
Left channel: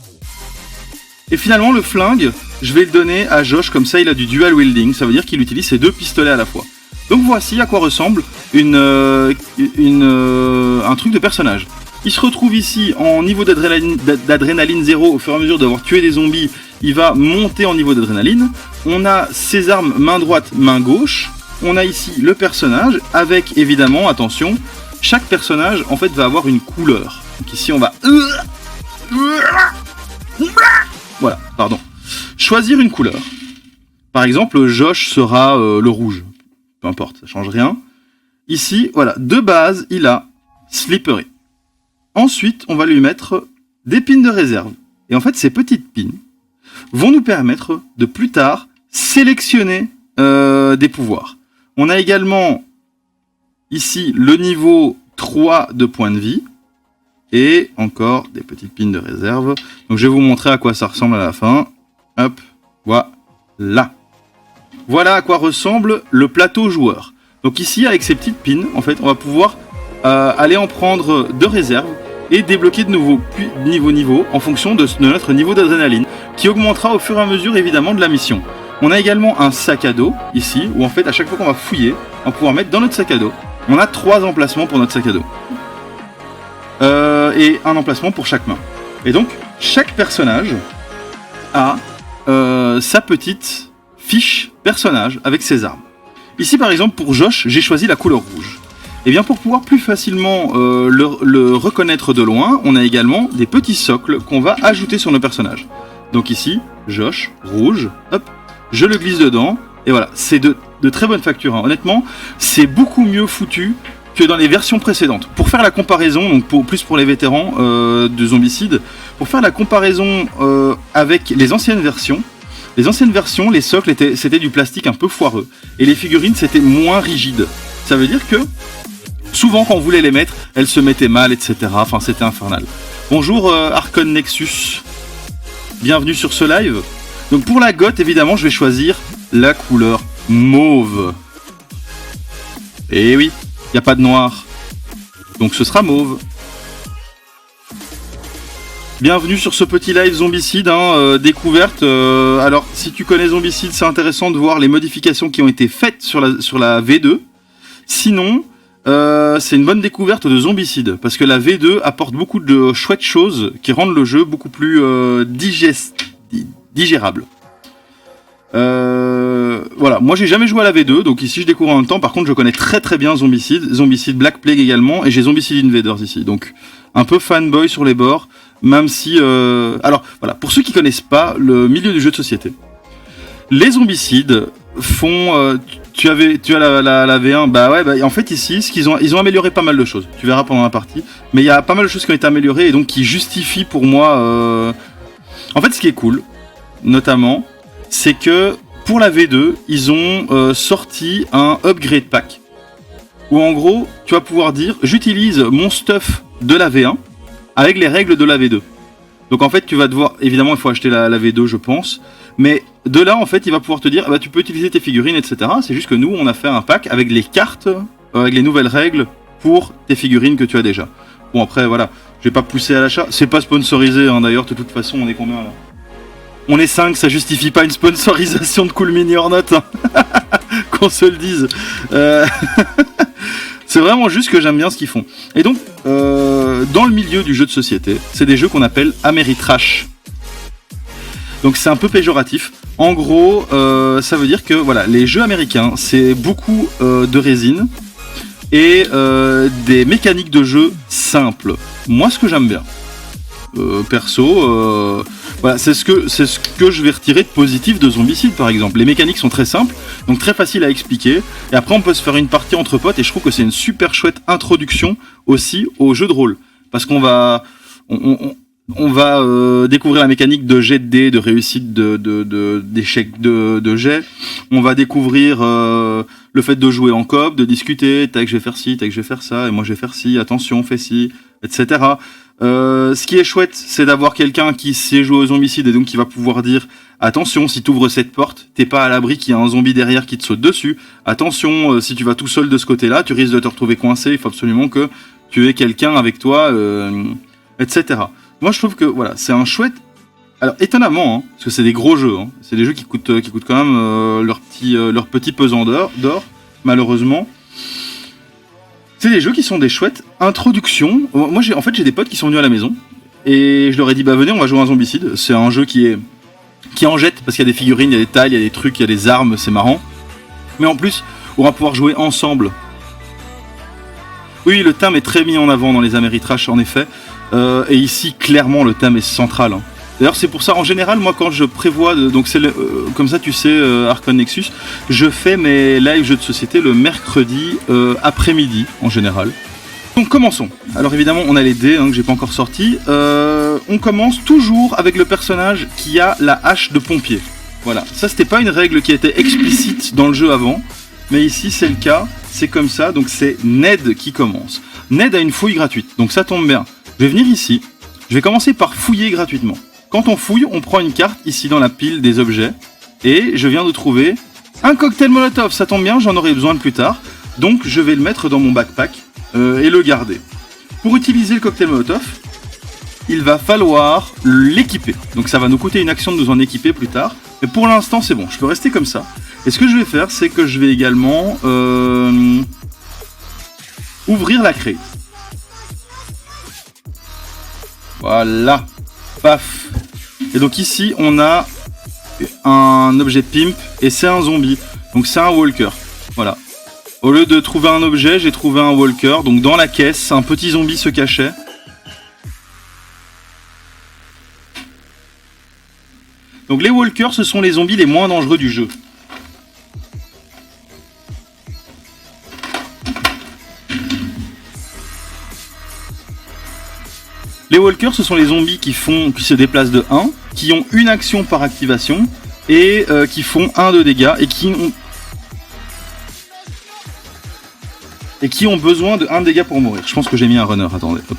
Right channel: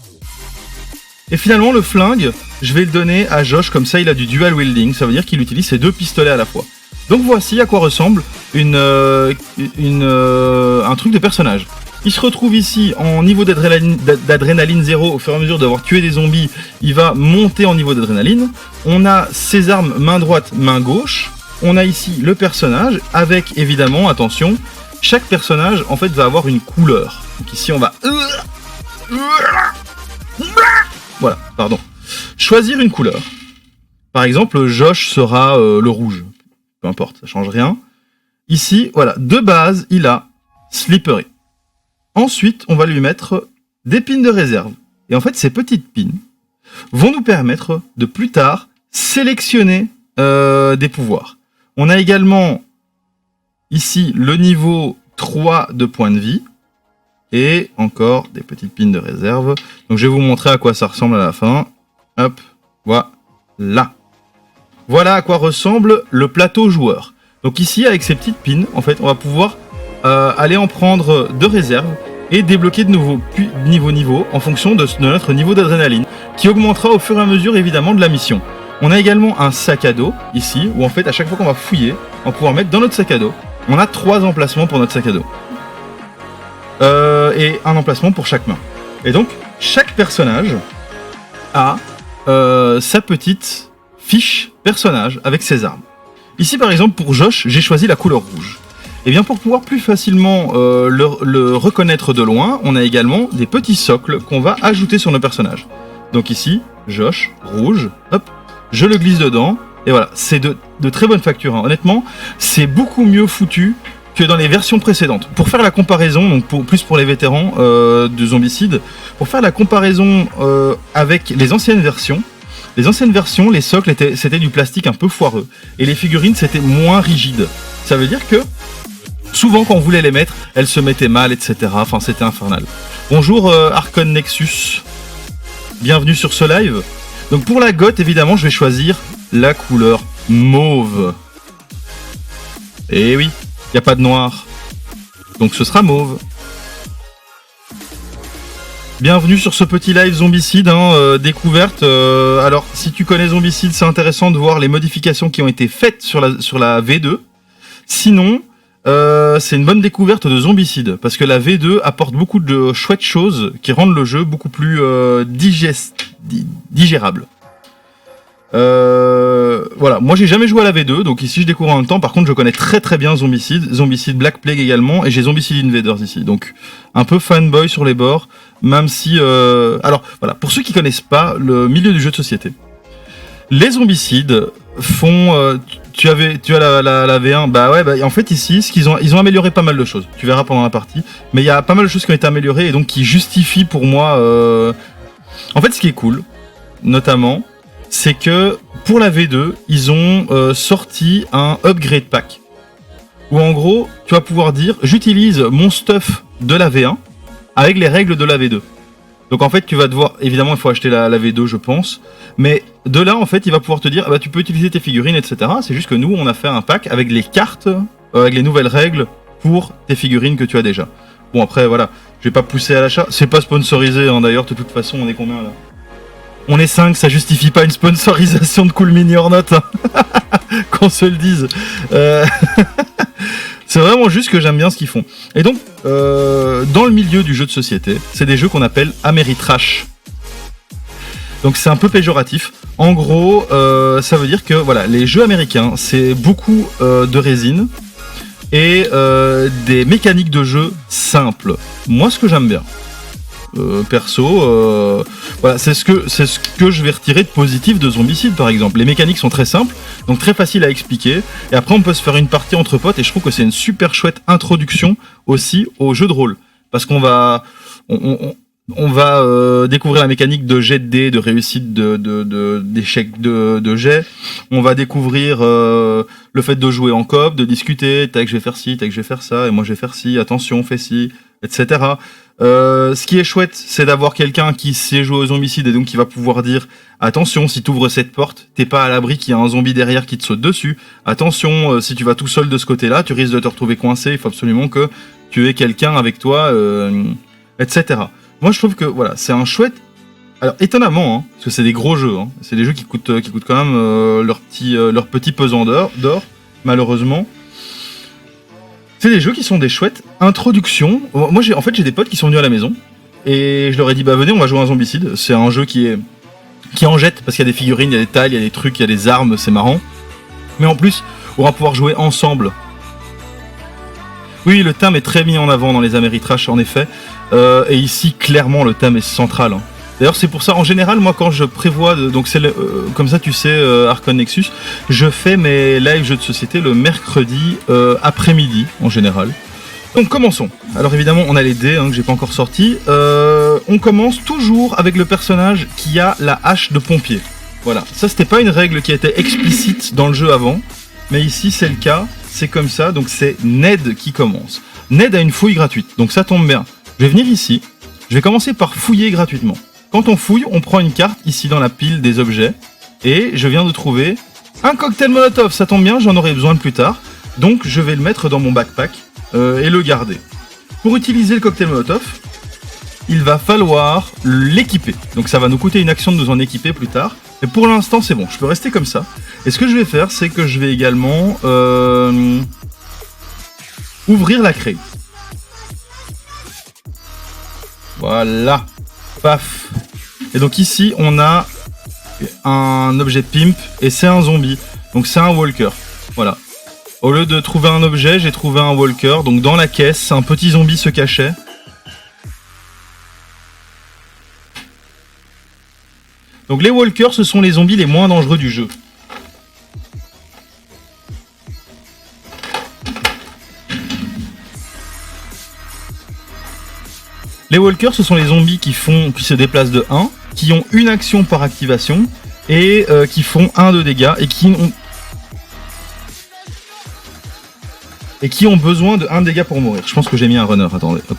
Et finalement, le flingue, je vais le donner à Josh, comme ça il a du dual wielding, ça veut dire qu'il utilise ses 2 pistolets à la fois. Donc voici à quoi ressemble un truc de personnage. Il se retrouve ici en niveau d'adrénaline 0, au fur et à mesure d'avoir tué des zombies, il va monter en niveau d'adrénaline. On a ses armes main droite, main gauche. On a ici le personnage, avec évidemment, attention, chaque personnage en fait va avoir une couleur. Donc ici on va... Voilà, pardon. Choisir une couleur. Par exemple, Josh sera le rouge. Peu importe, ça change rien. Ici, voilà, de base, il a Slippery. Ensuite, on va lui mettre des pins de réserve. Et en fait, ces petites pins vont nous permettre de plus tard sélectionner des pouvoirs. On a également ici le niveau 3 de points de vie, et encore des petites pins de réserve. Donc je vais vous montrer à quoi ça ressemble à la fin. Hop, voilà. Voilà à quoi ressemble le plateau joueur. Donc ici, avec ces petites pins, en fait, on va pouvoir aller en prendre de réserve et débloquer de nouveaux niveau en fonction de notre niveau d'adrénaline, qui augmentera au fur et à mesure, évidemment, de la mission. On a également un sac à dos, ici, où en fait, à chaque fois qu'on va fouiller, on va pouvoir mettre dans notre sac à dos. On a 3 emplacements pour notre sac à dos. Et un emplacement pour chaque main. Et donc, chaque personnage a sa petite fiche personnage avec ses armes. Ici, par exemple, pour Josh, j'ai choisi la couleur rouge. Et bien, pour pouvoir plus facilement le reconnaître de loin, on a également des petits socles qu'on va ajouter sur nos personnages. Donc ici, Josh, rouge, hop, je le glisse dedans, et voilà, c'est de très bonne facture. Hein. Honnêtement, c'est beaucoup mieux foutu que dans les versions précédentes. Pour faire la comparaison, donc plus pour les vétérans de Zombicide, pour faire la comparaison avec les anciennes versions, les socles c'était du plastique un peu foireux, et les figurines c'était moins rigide. Ça veut dire que souvent quand on voulait les mettre, elles se mettaient mal, etc. Enfin, c'était infernal. Bonjour Archon Nexus, bienvenue sur ce live. Donc pour la goth, évidemment, je vais choisir la couleur mauve. Et oui, il n'y a pas de noir, donc ce sera mauve. Bienvenue sur ce petit live Zombicide, découverte. Alors, si tu connais Zombicide, c'est intéressant de voir les modifications qui ont été faites sur la V2. Sinon, c'est une bonne découverte de Zombicide, parce que la V2 apporte beaucoup de chouettes choses qui rendent le jeu beaucoup plus digérable. Voilà, moi j'ai jamais joué à la V2, donc ici je découvre en même temps. Par contre, je connais très très bien Zombicide Black Plague également, et j'ai Zombicide Invaders ici, donc un peu fanboy sur les bords, même si... Alors voilà, pour ceux qui connaissent pas le milieu du jeu de société, les Zombicides font... tu as la V1, en fait ici, ils ont amélioré pas mal de choses, tu verras pendant la partie, mais il y a pas mal de choses qui ont été améliorées, et donc qui justifient pour moi... En fait, ce qui est cool, notamment, c'est que pour la V2, ils ont sorti un upgrade pack où en gros, tu vas pouvoir dire j'utilise mon stuff de la V1 avec les règles de la V2. Donc en fait, tu vas devoir, évidemment, il faut acheter la V2, je pense, mais de là, en fait, il va pouvoir te dire tu peux utiliser tes figurines, etc. C'est juste que nous, on a fait un pack avec les cartes, avec les nouvelles règles pour tes figurines que tu as déjà. Bon, après, voilà, je vais pas pousser à l'achat. C'est pas sponsorisé, d'ailleurs, de toute façon, on est combien là ? On est 5, ça justifie pas une sponsorisation de Cool Mini or Not, hein. Qu'on se le dise. C'est vraiment juste que j'aime bien ce qu'ils font. Et donc, dans le milieu du jeu de société, c'est des jeux qu'on appelle Ameritrash. Donc c'est un peu péjoratif. En gros, ça veut dire que voilà, les jeux américains, c'est beaucoup de résine et des mécaniques de jeu simples. Moi, ce que j'aime bien. Perso, voilà, c'est ce que je vais retirer de positif de Zombicide par exemple. Les mécaniques sont très simples, donc très faciles à expliquer, et après on peut se faire une partie entre potes, et je trouve que c'est une super chouette introduction aussi au jeu de rôle, parce qu'on va découvrir la mécanique de jet de dés, de réussite d'échecs de jet. On va découvrir le fait de jouer en coop, de discuter, tac je vais faire ci, tac je vais faire ça, et moi je vais faire ci, attention fais ci, etc. Ce qui est chouette, c'est d'avoir quelqu'un qui sait jouer aux zombicides et donc qui va pouvoir dire attention, si tu ouvres cette porte, t'es pas à l'abri qu'il y a un zombie derrière qui te saute dessus. Attention, si tu vas tout seul de ce côté-là, tu risques de te retrouver coincé. Il faut absolument que tu aies quelqu'un avec toi, etc. Moi, je trouve que voilà, c'est un chouette. Alors étonnamment, parce que c'est des gros jeux, c'est des jeux qui coûtent quand même leur petit pesant d'or, malheureusement. C'est des jeux qui sont des chouettes introductions. Moi, j'ai des potes qui sont venus à la maison et je leur ai dit venez, on va jouer à un Zombicide. C'est un jeu qui en jette parce qu'il y a des figurines, il y a des tailles, il y a des trucs, il y a des armes, c'est marrant. Mais en plus, on va pouvoir jouer ensemble. Oui, le thème est très mis en avant dans les Ameritrash, en effet. Et ici, clairement, le thème est central. D'ailleurs, c'est pour ça, en général, moi, quand je prévois, donc c'est comme ça, tu sais, Archon Nexus, je fais mes live jeux de société le mercredi après-midi, en général. Donc, commençons. Alors, évidemment, on a les dés, que j'ai pas encore sortis. On commence toujours avec le personnage qui a la hache de pompier. Voilà. Ça, c'était pas une règle qui était explicite dans le jeu avant, mais ici, c'est le cas. c'est comme ça, donc c'est Ned qui commence. Ned a une fouille gratuite, donc ça tombe bien. Je vais venir ici, je vais commencer par fouiller gratuitement. Quand on fouille, on prend une carte ici dans la pile des objets, et je viens de trouver un cocktail Molotov, ça tombe bien, j'en aurai besoin plus tard, donc je vais le mettre dans mon backpack et le garder. Pour utiliser le cocktail Molotov, il va falloir l'équiper. Donc ça va nous coûter une action de nous en équiper plus tard. Mais pour l'instant, c'est bon. Je peux rester comme ça. Et ce que je vais faire, c'est que je vais également ouvrir la crate. Voilà. Paf. Et donc ici, on a un objet pimp et c'est un zombie. Donc c'est un walker. Voilà. Au lieu de trouver un objet, j'ai trouvé un walker. Donc dans la caisse, un petit zombie se cachait. Donc les walkers, ce sont les zombies les moins dangereux du jeu. Les walkers, ce sont les zombies qui se déplacent de 1, qui ont une action par activation, et qui font 1 de dégâts, et qui ont besoin de 1 dégât pour mourir. Je pense que j'ai mis un runner, attendez. Hop.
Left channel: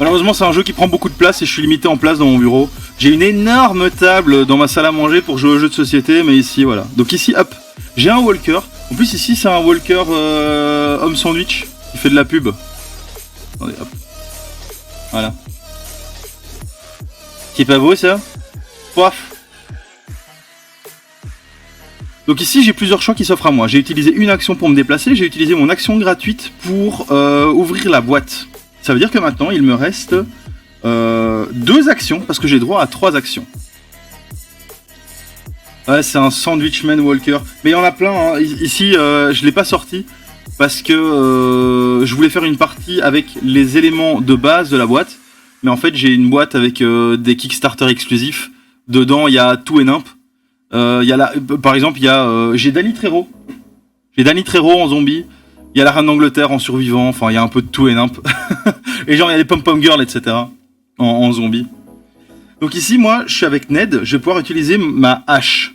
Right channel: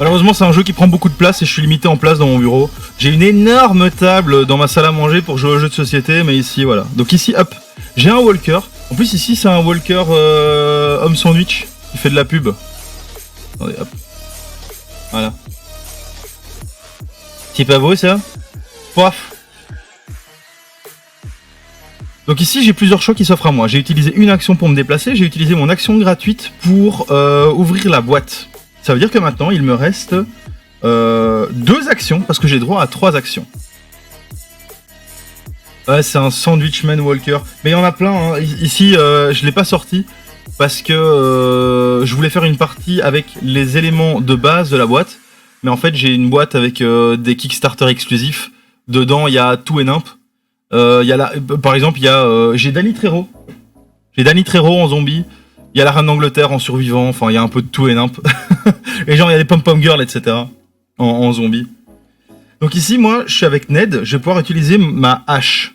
Malheureusement, c'est un jeu qui prend beaucoup de place et je suis limité en place dans mon bureau. J'ai une énorme table dans ma salle à manger pour jouer aux jeux de société, mais ici, voilà. Donc ici, hop, j'ai un walker. En plus, ici, c'est un walker homme sandwich qui fait de la pub. Attendez, hop. Voilà. C'est pas beau, ça? Paf. Donc ici, j'ai plusieurs choix qui s'offrent à moi. J'ai utilisé une action pour me déplacer, j'ai utilisé mon action gratuite pour ouvrir la boîte. Ça veut dire que maintenant, il me reste 2 actions, parce que j'ai droit à 3 actions. Ouais, c'est un Sandwichman Walker. Mais il y en a plein, hein. Ici, je l'ai pas sorti, parce que je voulais faire une partie avec les éléments de base de la boîte. Mais en fait, j'ai une boîte avec des Kickstarter exclusifs. Dedans, il y a tout et nimp. Par exemple, j'ai Danny Trejo. J'ai Danny Trejo en zombie. Il y a la reine d'Angleterre en survivant, enfin il y a un peu de tout et nimp. Et genre il y a des pom-pom girls, etc. en zombie. Donc ici, moi, je suis avec Ned, je vais pouvoir utiliser ma hache.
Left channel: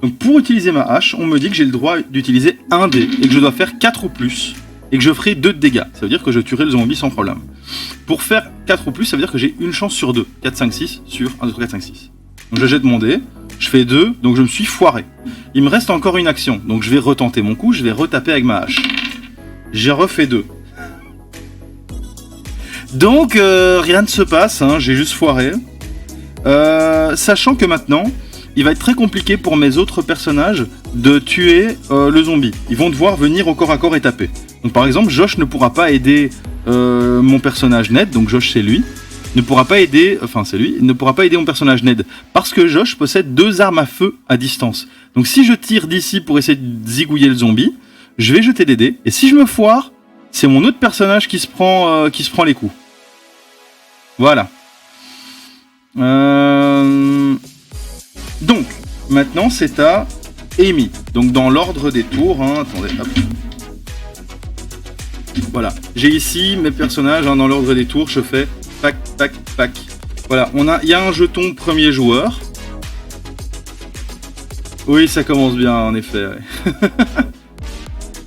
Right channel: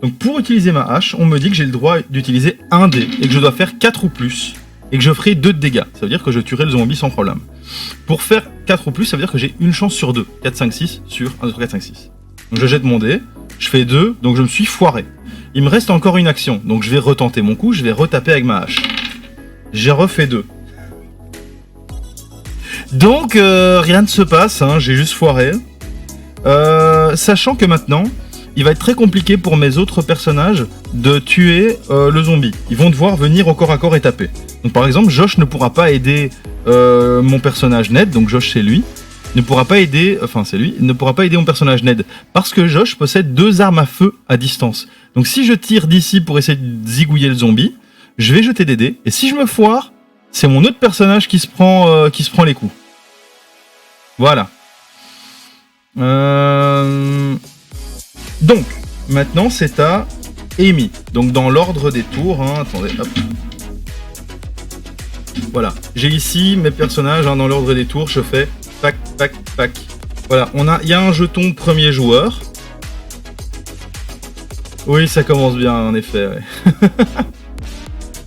Donc pour utiliser ma hache, on me dit que j'ai le droit d'utiliser un dé, et que je dois faire 4 ou plus, et que je ferai 2 de dégâts. Ça veut dire que je tuerai le zombie sans problème. Pour faire 4 ou plus, ça veut dire que j'ai une chance sur 2. 4, 5, 6 sur 1, 2, 3, 4, 5, 6. Donc je jette mon dé, je fais 2, donc je me suis foiré. Il me reste encore une action, donc je vais retenter mon coup, je vais retaper avec ma hache. J'ai refait 2. Donc rien ne se passe, hein, j'ai juste foiré. Sachant que maintenant, il va être très compliqué pour mes autres personnages de tuer le zombie. Ils vont devoir venir au corps à corps et taper. Donc par exemple, Josh ne pourra pas aider mon personnage Ned, donc Josh c'est lui, ne pourra pas aider mon personnage Ned, parce que Josh possède 2 armes à feu à distance. Donc si je tire d'ici pour essayer de zigouiller le zombie, je vais jeter des dés, et si je me foire, c'est mon autre personnage qui se prend les coups. Voilà. Donc, maintenant c'est à Amy. Donc dans l'ordre des tours, hein, attendez, hop. Voilà, j'ai ici mes personnages, hein, dans l'ordre des tours, je fais pac, pac, pac. Voilà, il y a un jeton premier joueur. Oui, ça commence bien, en effet, ouais.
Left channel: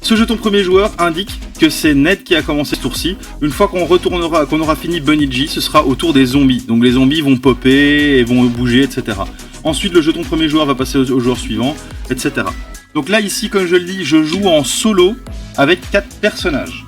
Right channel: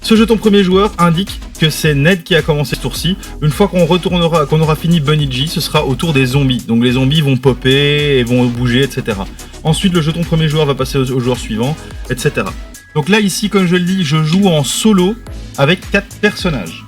Ce jeton premier joueur indique que c'est Ned qui a commencé ce tour-ci. Une fois qu'on aura fini Bunny G, ce sera au tour des zombies. Donc les zombies vont popper et vont bouger, etc. Ensuite, le jeton premier joueur va passer au joueur suivant, etc. Donc là, ici, comme je le dis, je joue en solo avec 4 personnages.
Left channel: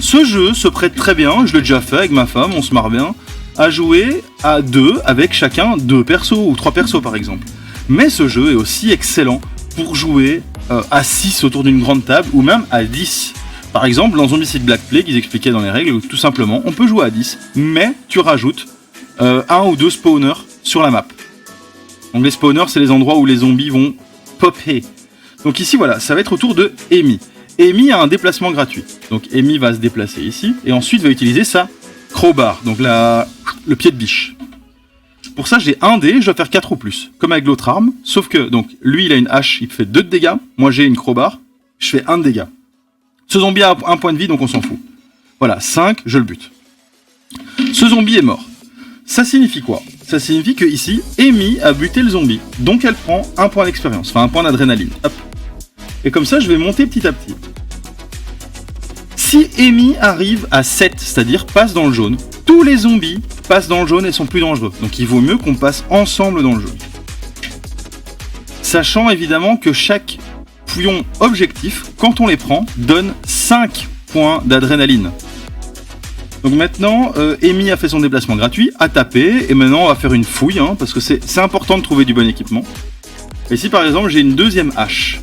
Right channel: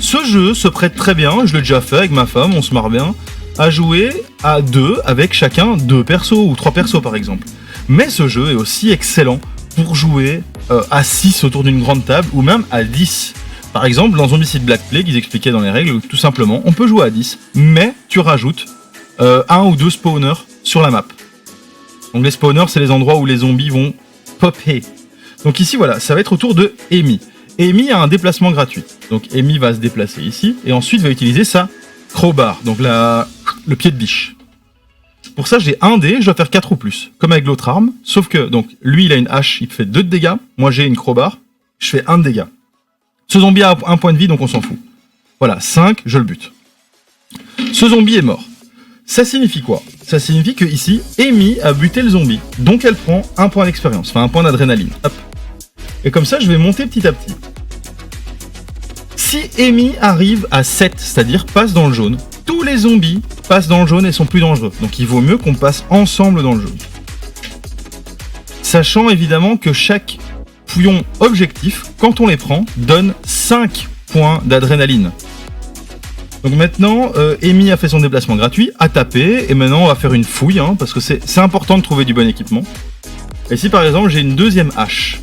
Ce jeu se prête très bien, je l'ai déjà fait avec ma femme, on se marre bien, à jouer à 2 avec chacun 2 persos ou 3 persos par exemple. Mais ce jeu est aussi excellent pour jouer à 6 autour d'une grande table ou même à 10. Par exemple, dans Zombicide Black Plague, ils expliquaient dans les règles, tout simplement, on peut jouer à 10, mais tu rajoutes 1 ou 2 spawners sur la map. Donc les spawners, c'est les endroits où les zombies vont popper. Donc ici, voilà, ça va être au tour de Amy. Amy a un déplacement gratuit. Donc Amy va se déplacer ici, et ensuite va utiliser sa crowbar, donc le pied de biche. Pour ça, j'ai un dé, je dois faire 4 ou plus, comme avec l'autre arme, sauf que, donc, lui, il a une hache, il fait 2 de dégâts, moi j'ai une crowbar, je fais 1 de dégâts. Ce zombie a 1 point de vie, donc on s'en fout. Voilà, 5, je le bute. Ce zombie est mort. Ça signifie quoi? Ça signifie que ici, Amy a buté le zombie. Donc elle prend un point d'expérience, enfin un point d'adrénaline. Hop. Et comme ça, je vais monter petit à petit. Si Amy arrive à 7, c'est-à-dire passe dans le jaune, tous les zombies passent dans le jaune et sont plus dangereux. Donc il vaut mieux qu'on passe ensemble dans le jaune. Sachant évidemment que chaque pion objectif, quand on les prend, donne 5 points d'adrénaline. Donc maintenant, Amy a fait son déplacement gratuit, a tapé, et maintenant on va faire une fouille, hein, parce que c'est important de trouver du bon équipement. Et ici par exemple, j'ai une deuxième hache.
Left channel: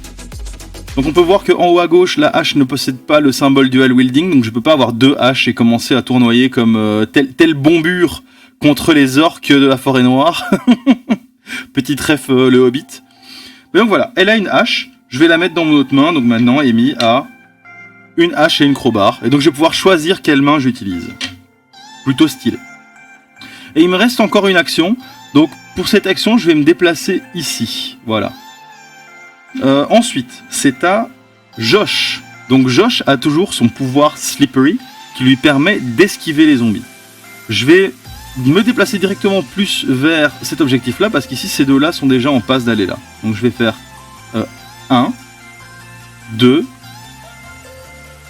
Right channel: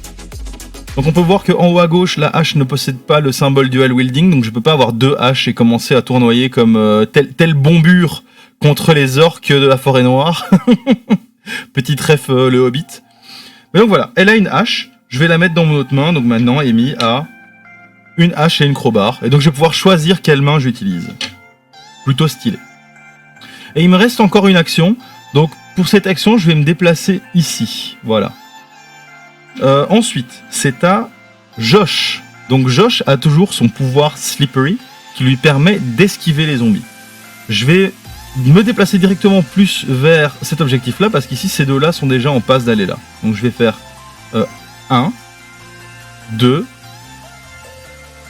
Donc on peut voir qu'en haut à gauche, la hache ne possède pas le symbole dual wielding, donc je peux pas avoir 2 haches et commencer à tournoyer comme tel bombure contre les orques de la forêt noire. Petit ref le Hobbit. Mais donc voilà, elle a une hache, je vais la mettre dans mon autre main, donc maintenant Amy a une hache et une crowbar, et donc je vais pouvoir choisir quelle main j'utilise. Plutôt stylé. Et il me reste encore une action, donc pour cette action, je vais me déplacer ici, voilà. Ensuite, c'est à Josh. Donc Josh a toujours son pouvoir Slippery, qui lui permet d'esquiver les zombies. Je vais me déplacer directement plus vers cet objectif-là, parce qu'ici, ces deux-là sont déjà en passe d'aller là. Donc je vais faire 1, 2...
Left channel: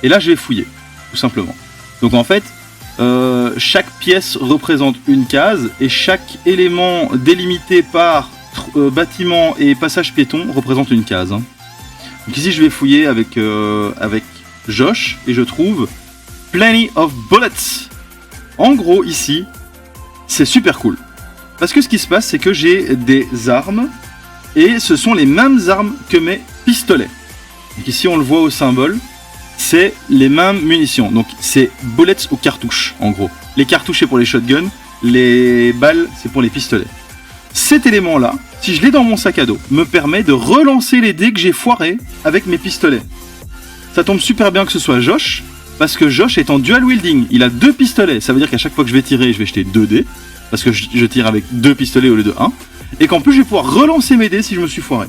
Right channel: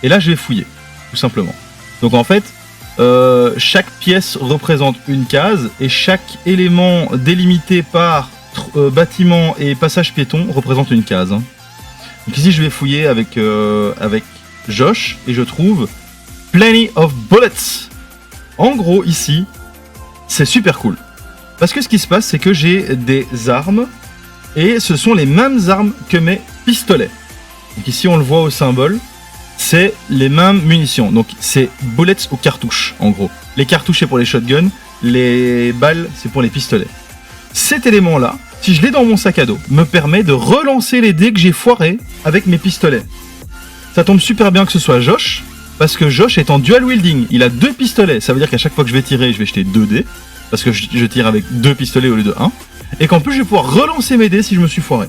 Et là, je vais fouiller, tout simplement. Donc en fait, chaque pièce représente une case, et chaque élément délimité par bâtiment et passage piéton représente une case. Hein. Donc ici, je vais fouiller avec Josh, et je trouve Plenty of Bullets. En gros, ici, c'est super cool. Parce que ce qui se passe, c'est que j'ai des armes, et ce sont les mêmes armes que mes pistolets. Donc ici, on le voit au symbole. C'est les mêmes munitions, donc c'est bullets ou cartouches en gros. Les cartouches c'est pour les shotguns, les balles c'est pour les pistolets. Cet élément là, si je l'ai dans mon sac à dos, me permet de relancer les dés que j'ai foirés avec mes pistolets. Ça tombe super bien que ce soit Josh, parce que Josh est en dual wielding, il a 2 pistolets, ça veut dire qu'à chaque fois que je vais tirer, je vais jeter 2 dés, parce que je tire avec 2 pistolets au lieu de 1, et qu'en plus je vais pouvoir relancer mes dés si je me suis foiré.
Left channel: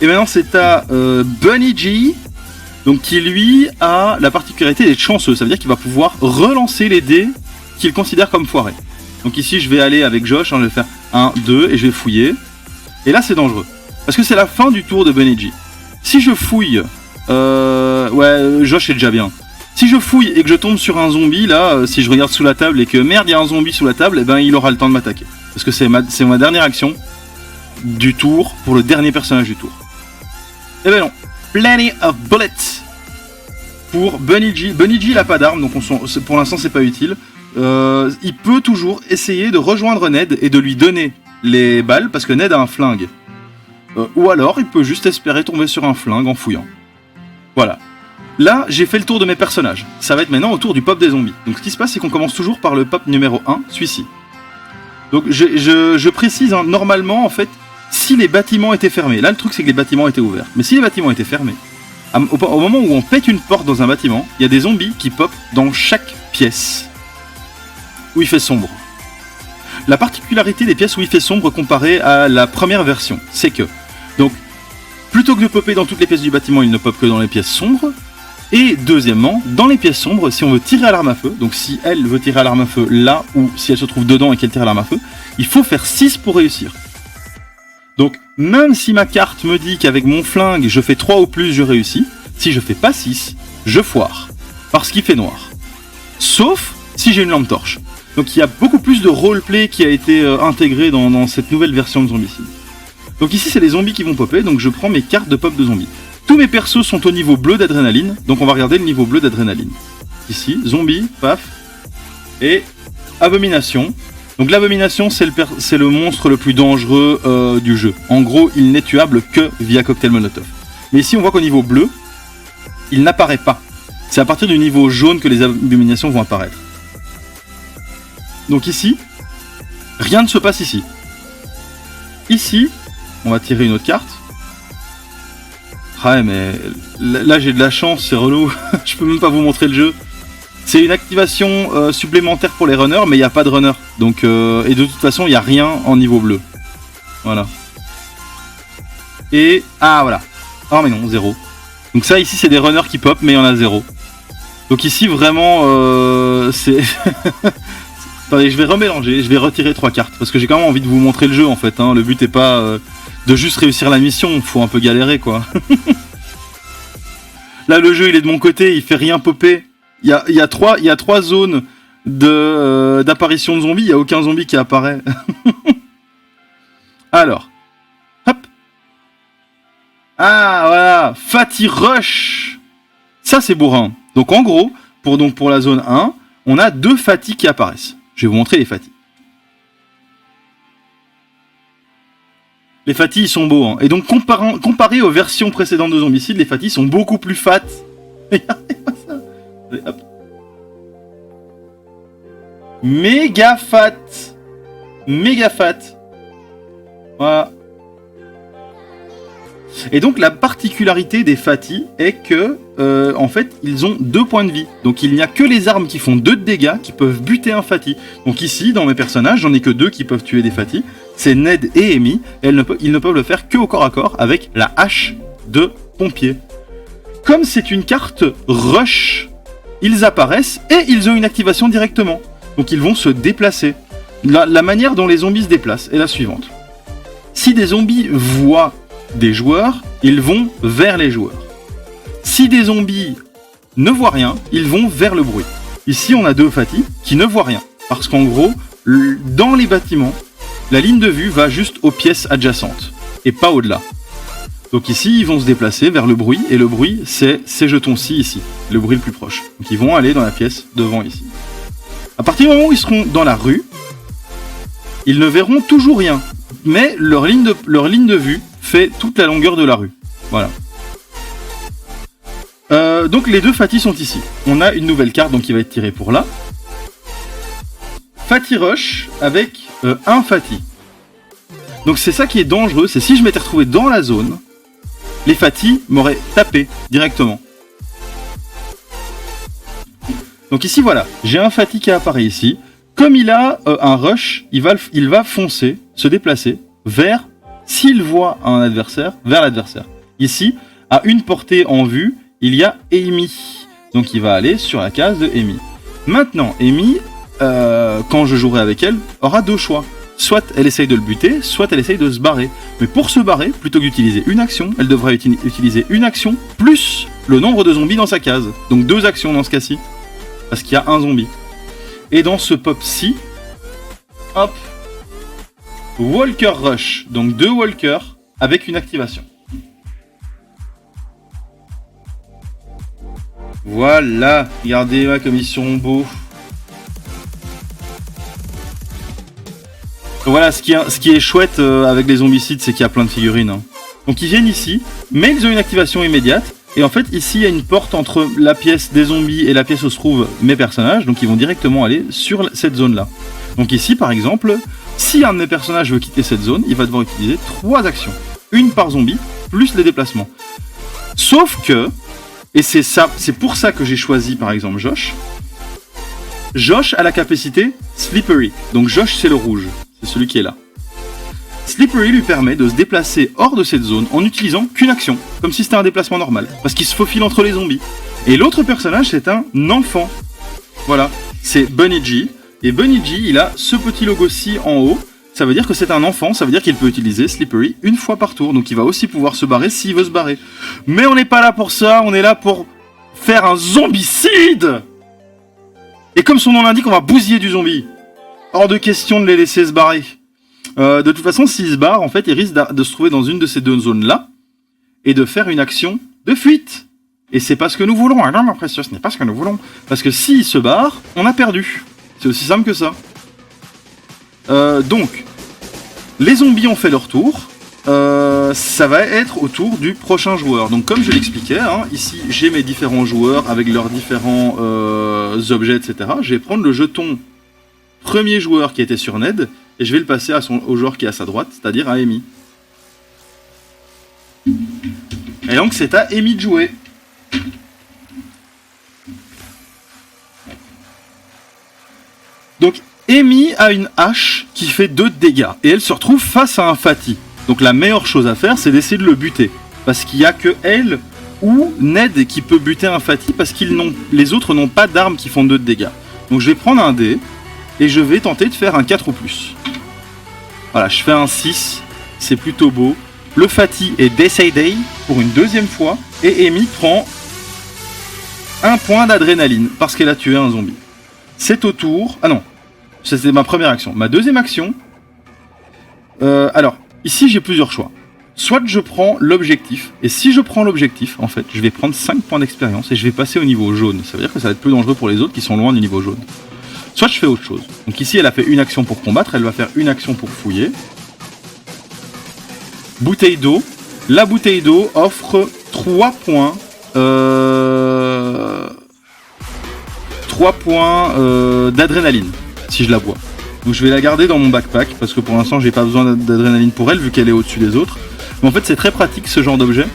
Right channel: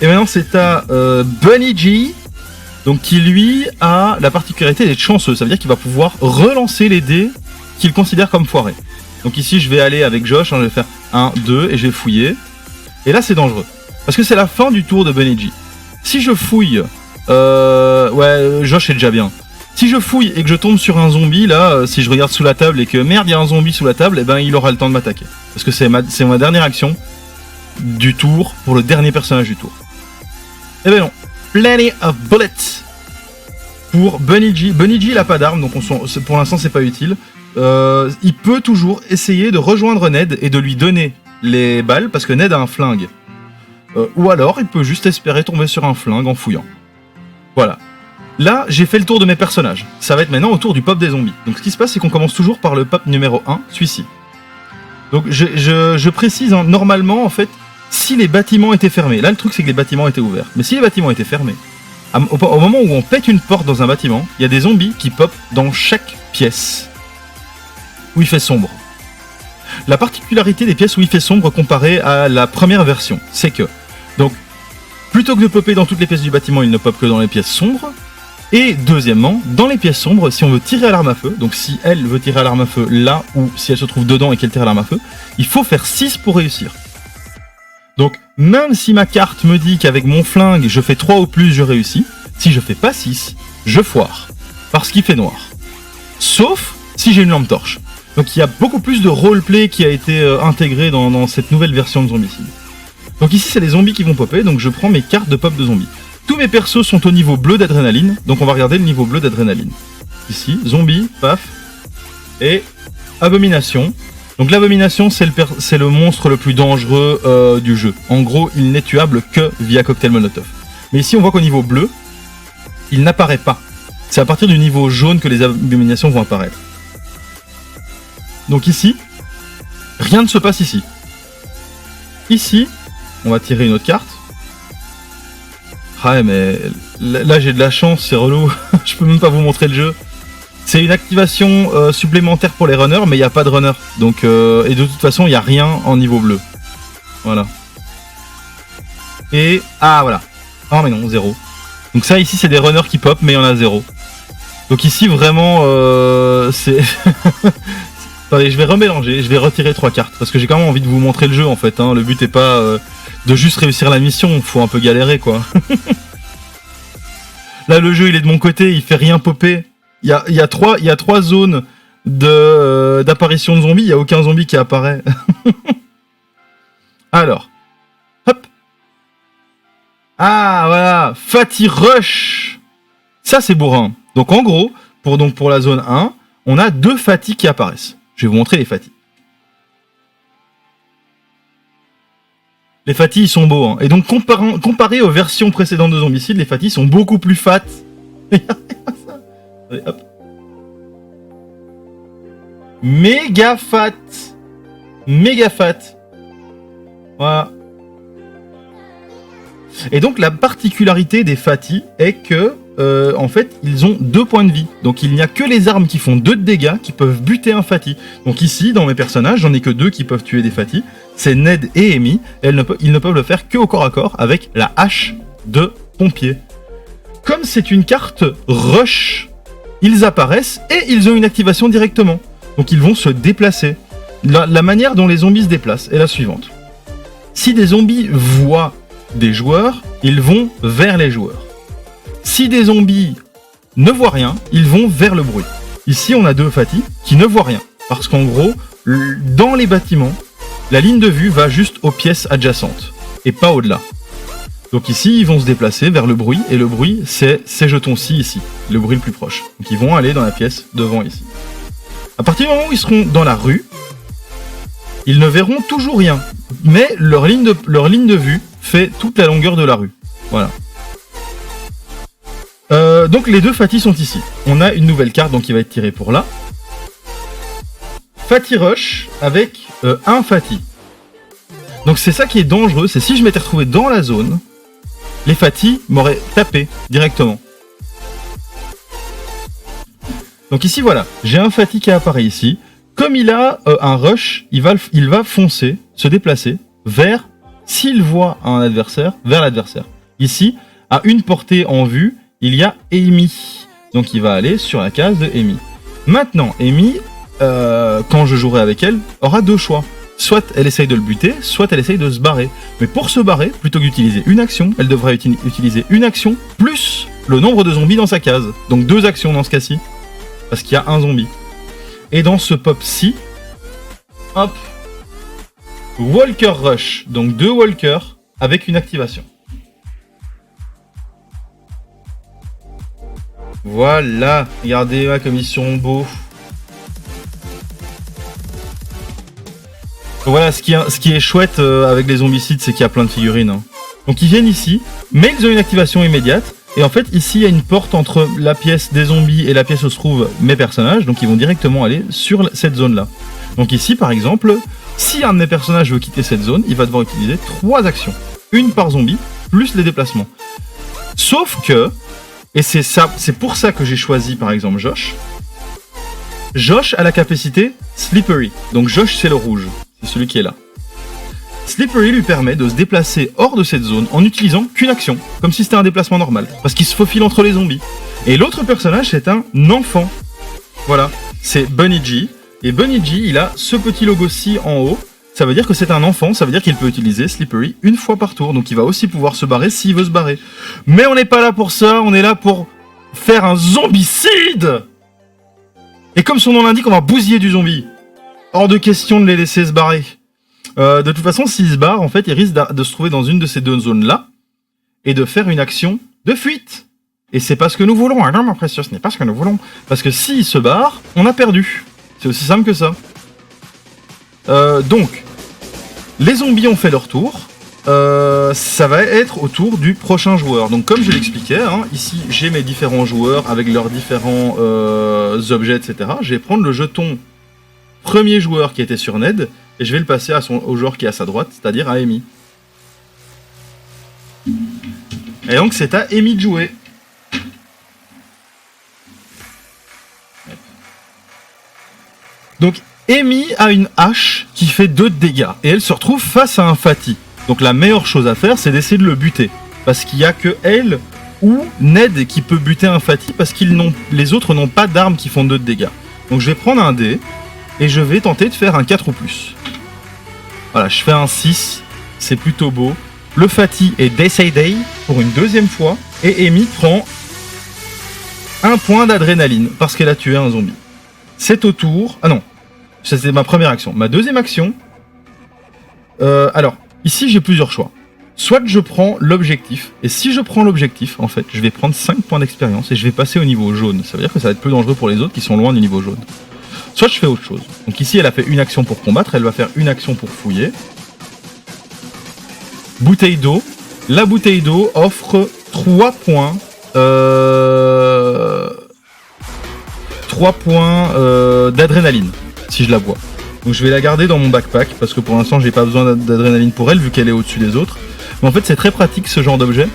Et maintenant c'est à Bunny G, donc qui lui a la particularité d'être chanceux, ça veut dire qu'il va pouvoir relancer les dés qu'il considère comme foirés. Donc ici je vais aller avec Josh, hein, je vais faire 1, 2 et je vais fouiller. Et là c'est dangereux, parce que c'est la fin du tour de Bunny G. Si je fouille, ouais Josh est déjà bien. Si je fouille et que je tombe sur un zombie, là, si je regarde sous la table et que merde il y a un zombie sous la table, eh ben il aura le temps de m'attaquer. Parce que c'est ma dernière action du tour pour le dernier personnage du tour. Eh ben non, Plenty of Bullets pour Bunny G. Bunny G il a pas d'arme, donc pour l'instant c'est pas utile. Il peut toujours essayer de rejoindre Ned et de lui donner les balles, parce que Ned a un flingue. Ou alors il peut juste espérer tomber sur un flingue en fouillant. Voilà. Là j'ai fait le tour de mes personnages. Ça va être maintenant au tour du pop des zombies. Donc ce qui se passe c'est qu'on commence toujours par le pop numéro 1, celui-ci. Donc je précise, hein, normalement en fait, si les bâtiments étaient fermés, là le truc c'est que les bâtiments étaient ouverts, mais si les bâtiments étaient fermés, au moment où on pète une porte dans un bâtiment, il y a des zombies qui popent dans chaque pièce où il fait sombre. La particularité des pièces où il fait sombre comparée à la première version, c'est que, donc, plutôt que de popper dans toutes les pièces du bâtiment, il ne pop que dans les pièces sombres, et deuxièmement, dans les pièces sombres, si on veut tirer à l'arme à feu, donc si elle veut tirer à l'arme à feu là, ou si elle se trouve dedans et qu'elle tire à l'arme à feu, il faut faire 6 pour réussir. Donc, même si ma carte me dit qu'avec mon flingue, je fais 3 ou plus, je réussis, si je fais pas 6, je foire. Parce qu'il fait noir. Sauf si j'ai une lampe torche. Donc il y a beaucoup plus de roleplay qui a été intégré dans cette nouvelle version de Zombicide. Donc ici, c'est les zombies qui vont popper, donc je prends mes cartes de pop de zombies. Tous mes persos sont au niveau bleu d'adrénaline, donc on va regarder le niveau bleu d'adrénaline. Ici, zombie, paf, et abomination. Donc l'abomination, c'est le monstre le plus dangereux du jeu. En gros, il n'est tuable que via cocktail molotov. Mais ici, on voit qu'au niveau bleu, il n'apparaît pas. C'est à partir du niveau jaune que les abominations vont apparaître. Donc ici, rien ne se passe ici. Ici, on va tirer une autre carte. Ah ouais, mais là j'ai de la chance, c'est relou. Je peux même pas vous montrer le jeu. C'est une activation supplémentaire pour les runners, mais il n'y a pas de runner. Donc, et de toute façon, il n'y a rien en niveau bleu. Voilà. Et... Ah, voilà. Ah, mais non, 0. Donc ça, ici, c'est des runners qui pop, mais il y en a 0. Donc ici, vraiment, c'est... Attendez, je vais remélanger, je vais retirer 3 cartes, parce que j'ai quand même envie de vous montrer le jeu, en fait. Hein. Le but est pas de juste réussir la mission, faut un peu galérer, quoi. Là, le jeu, il est de mon côté, il fait rien popper. Il y a 3 zones d'apparition de zombies, il n'y a aucun zombie qui apparaît. Alors, hop. Ah, voilà, Fatty Rush. Ça, c'est bourrin. Donc, en gros, pour la zone 1, on a 2 Fatty qui apparaissent. Je vais vous montrer les Fatty. Les Fatty, ils sont beaux. Hein. Et donc, comparé aux versions précédentes de Zombicide, les Fatty sont beaucoup plus fat. Regardez-moi ça. Allez, hop. Méga fat. Méga fat. Voilà. Et donc, la particularité des Fatty est que, en fait, ils ont 2 points de vie. Donc, il n'y a que les armes qui font 2 de dégâts qui peuvent buter un Fatty. Donc, ici, dans mes personnages, j'en ai que 2 qui peuvent tuer des Fatty. C'est Ned et Amy. Ils ne peuvent le faire que au corps à corps avec la hache de pompier. Comme c'est une carte rush, ils apparaissent et ils ont une activation directement. Donc, ils vont se déplacer. La manière dont les zombies se déplacent est la suivante. Si des zombies voient des joueurs, ils vont vers les joueurs. Si des zombies ne voient rien, ils vont vers le bruit. Ici, on a 2 Fatty qui ne voient rien. Parce qu'en gros, dans les bâtiments, la ligne de vue va juste aux pièces adjacentes et pas au-delà. Donc ici, ils vont se déplacer vers le bruit, et le bruit, c'est ces jetons-ci ici, le bruit le plus proche. Donc ils vont aller dans la pièce devant ici. À partir du moment où ils seront dans la rue, ils ne verront toujours rien, mais leur ligne de vue fait toute la longueur de la rue. Voilà. Donc les 2 Fatty sont ici. On a une nouvelle carte donc qui va être tirée pour là. Fatty Rush avec un Fatty. Donc c'est ça qui est dangereux, c'est si je m'étais retrouvé dans la zone, les Fatty m'auraient tapé directement. Donc ici voilà, j'ai un Fatty qui apparaît ici. Comme il a un rush, il va foncer, se déplacer vers, s'il voit un adversaire, vers l'adversaire. Ici, à une portée en vue, il y a Amy. Donc il va aller sur la case de Amy. Maintenant, Amy, quand je jouerai avec elle, aura 2 choix. Soit elle essaye de le buter, soit elle essaye de se barrer. Mais pour se barrer, plutôt que d'utiliser une action, elle devra utiliser une action plus le nombre de zombies dans sa case. Donc 2 actions dans ce cas-ci. Parce qu'il y a un zombie. Et dans ce pop-ci, hop, Walker Rush. Donc 2 Walkers avec une activation. Voilà, regardez-moi comme ils sont beaux. Voilà, ce qui est chouette avec les zombicides, c'est qu'il y a plein de figurines. Hein. Donc ils viennent ici, mais ils ont une activation immédiate. Et en fait, ici, il y a une porte entre la pièce des zombies et la pièce où se trouvent mes personnages. Donc ils vont directement aller sur cette zone-là. Donc ici, par exemple, si un de mes personnages veut quitter cette zone, il va devoir utiliser 3 actions. Une par zombie, plus les déplacements. Sauf que, et c'est pour ça que j'ai choisi par exemple Josh. Josh a la capacité Slippery. Donc Josh, c'est le rouge. C'est celui qui est là. Slippery lui permet de se déplacer hors de cette zone en utilisant qu'une action, comme si c'était un déplacement normal, parce qu'il se faufile entre les zombies. Et l'autre personnage, c'est un enfant. Voilà, c'est Bunny G. Et Bunny G, il a ce petit logo-ci en haut. Ça veut dire que c'est un enfant, ça veut dire qu'il peut utiliser Slippery une fois par tour. Donc il va aussi pouvoir se barrer s'il veut se barrer. Mais on n'est pas là pour ça, on est là pour faire un zombicide. Et comme son nom l'indique, on va bousiller du zombie. Hors de question de les laisser se barrer. De toute façon, s'ils se barrent, en fait, ils risquent de se trouver dans une de ces 2 zones-là et de faire une action de fuite. Et c'est pas ce que nous voulons. Ah non, ma précieuse, ce n'est pas ce que nous voulons. Parce que s'ils se barrent, on a perdu. C'est aussi simple que ça. Donc, les zombies ont fait leur tour. Ça va être au tour du prochain joueur. Donc, comme je l'expliquais, hein, ici, j'ai mes différents joueurs avec leurs différents objets, etc. Je vais prendre le jeton premier joueur qui était sur Ned et je vais le passer au joueur qui est à sa droite, c'est-à-dire à Amy. Et donc, c'est à Amy de jouer. Donc, Amy a une hache qui fait 2 de dégâts et elle se retrouve face à un Fatty. Donc la meilleure chose à faire, c'est d'essayer de le buter. Parce qu'il n'y a que elle ou Ned qui peut buter un Fatih parce les autres n'ont pas d'armes qui font 2 de dégâts. Donc je vais prendre un dé et je vais tenter de faire un 4 ou plus. Voilà, je fais un 6, c'est plutôt beau. Le Fatih est décédé pour une deuxième fois et Amy prend 1 point d'adrénaline parce qu'elle a tué un zombie. C'est au tour... Ah non, c'était ma première action. Ma deuxième action... alors, ici j'ai plusieurs choix. Soit je prends l'objectif, et si je prends l'objectif, en fait, je vais prendre 5 points d'expérience et je vais passer au niveau jaune. Ça veut dire que ça va être plus dangereux pour les autres qui sont loin du niveau jaune. Soit je fais autre chose. Donc ici, elle a fait une action pour combattre, elle va faire une action pour fouiller. Bouteille d'eau. La bouteille d'eau offre 3 points... 3 points d'adrénaline, si je la bois. Donc je vais la garder dans mon backpack, parce que pour l'instant, j'ai pas besoin d'adrénaline pour elle, vu qu'elle est au-dessus des autres. Mais en fait, c'est très pratique ce genre d'objet,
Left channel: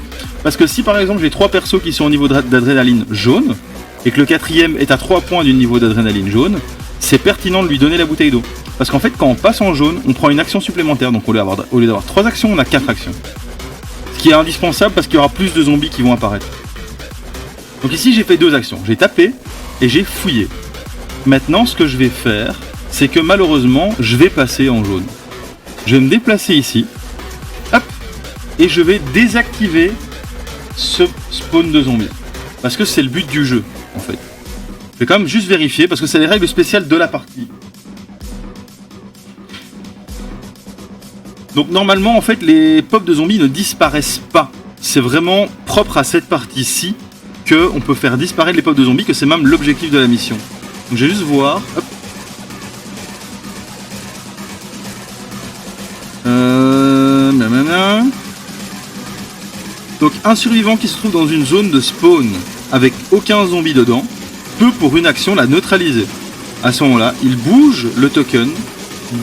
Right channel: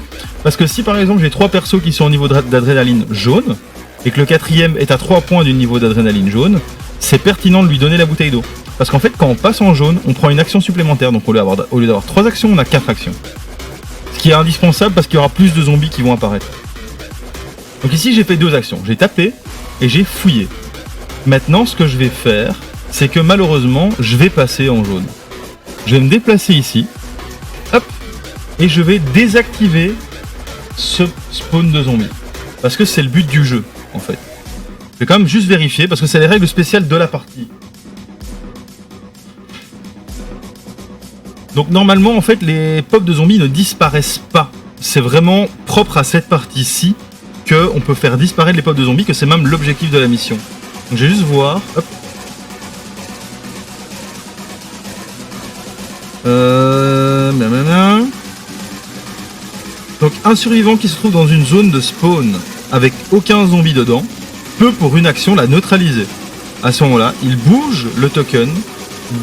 parce que si par exemple j'ai 3 persos qui sont au niveau d'adrénaline jaune, et que le 4ème est à 3 points du niveau d'adrénaline jaune, c'est pertinent de lui donner la bouteille d'eau. Parce qu'en fait, quand on passe en jaune, on prend une action supplémentaire, donc au lieu d'avoir 3 actions, on a 4 actions. Ce qui est indispensable parce qu'il y aura plus de zombies qui vont apparaître. Donc ici, j'ai fait 2 actions. J'ai tapé et j'ai fouillé. Maintenant, ce que je vais faire, c'est que malheureusement, je vais passer en jaune. Je vais me déplacer ici. Hop. Et je vais désactiver ce spawn de zombies. Parce que c'est le but du jeu, en fait. Je vais quand même juste vérifier, parce que c'est les règles spéciales de la partie. Donc normalement, en fait, les pops de zombies ne disparaissent pas. C'est vraiment propre à cette partie-ci qu'on peut faire disparaître les pops de zombies, que c'est même l'objectif de la mission. Donc je vais juste voir. Hop. Donc un survivant qui se trouve dans une zone de spawn avec aucun zombie dedans peut pour une action la neutraliser. À ce moment-là, il bouge le token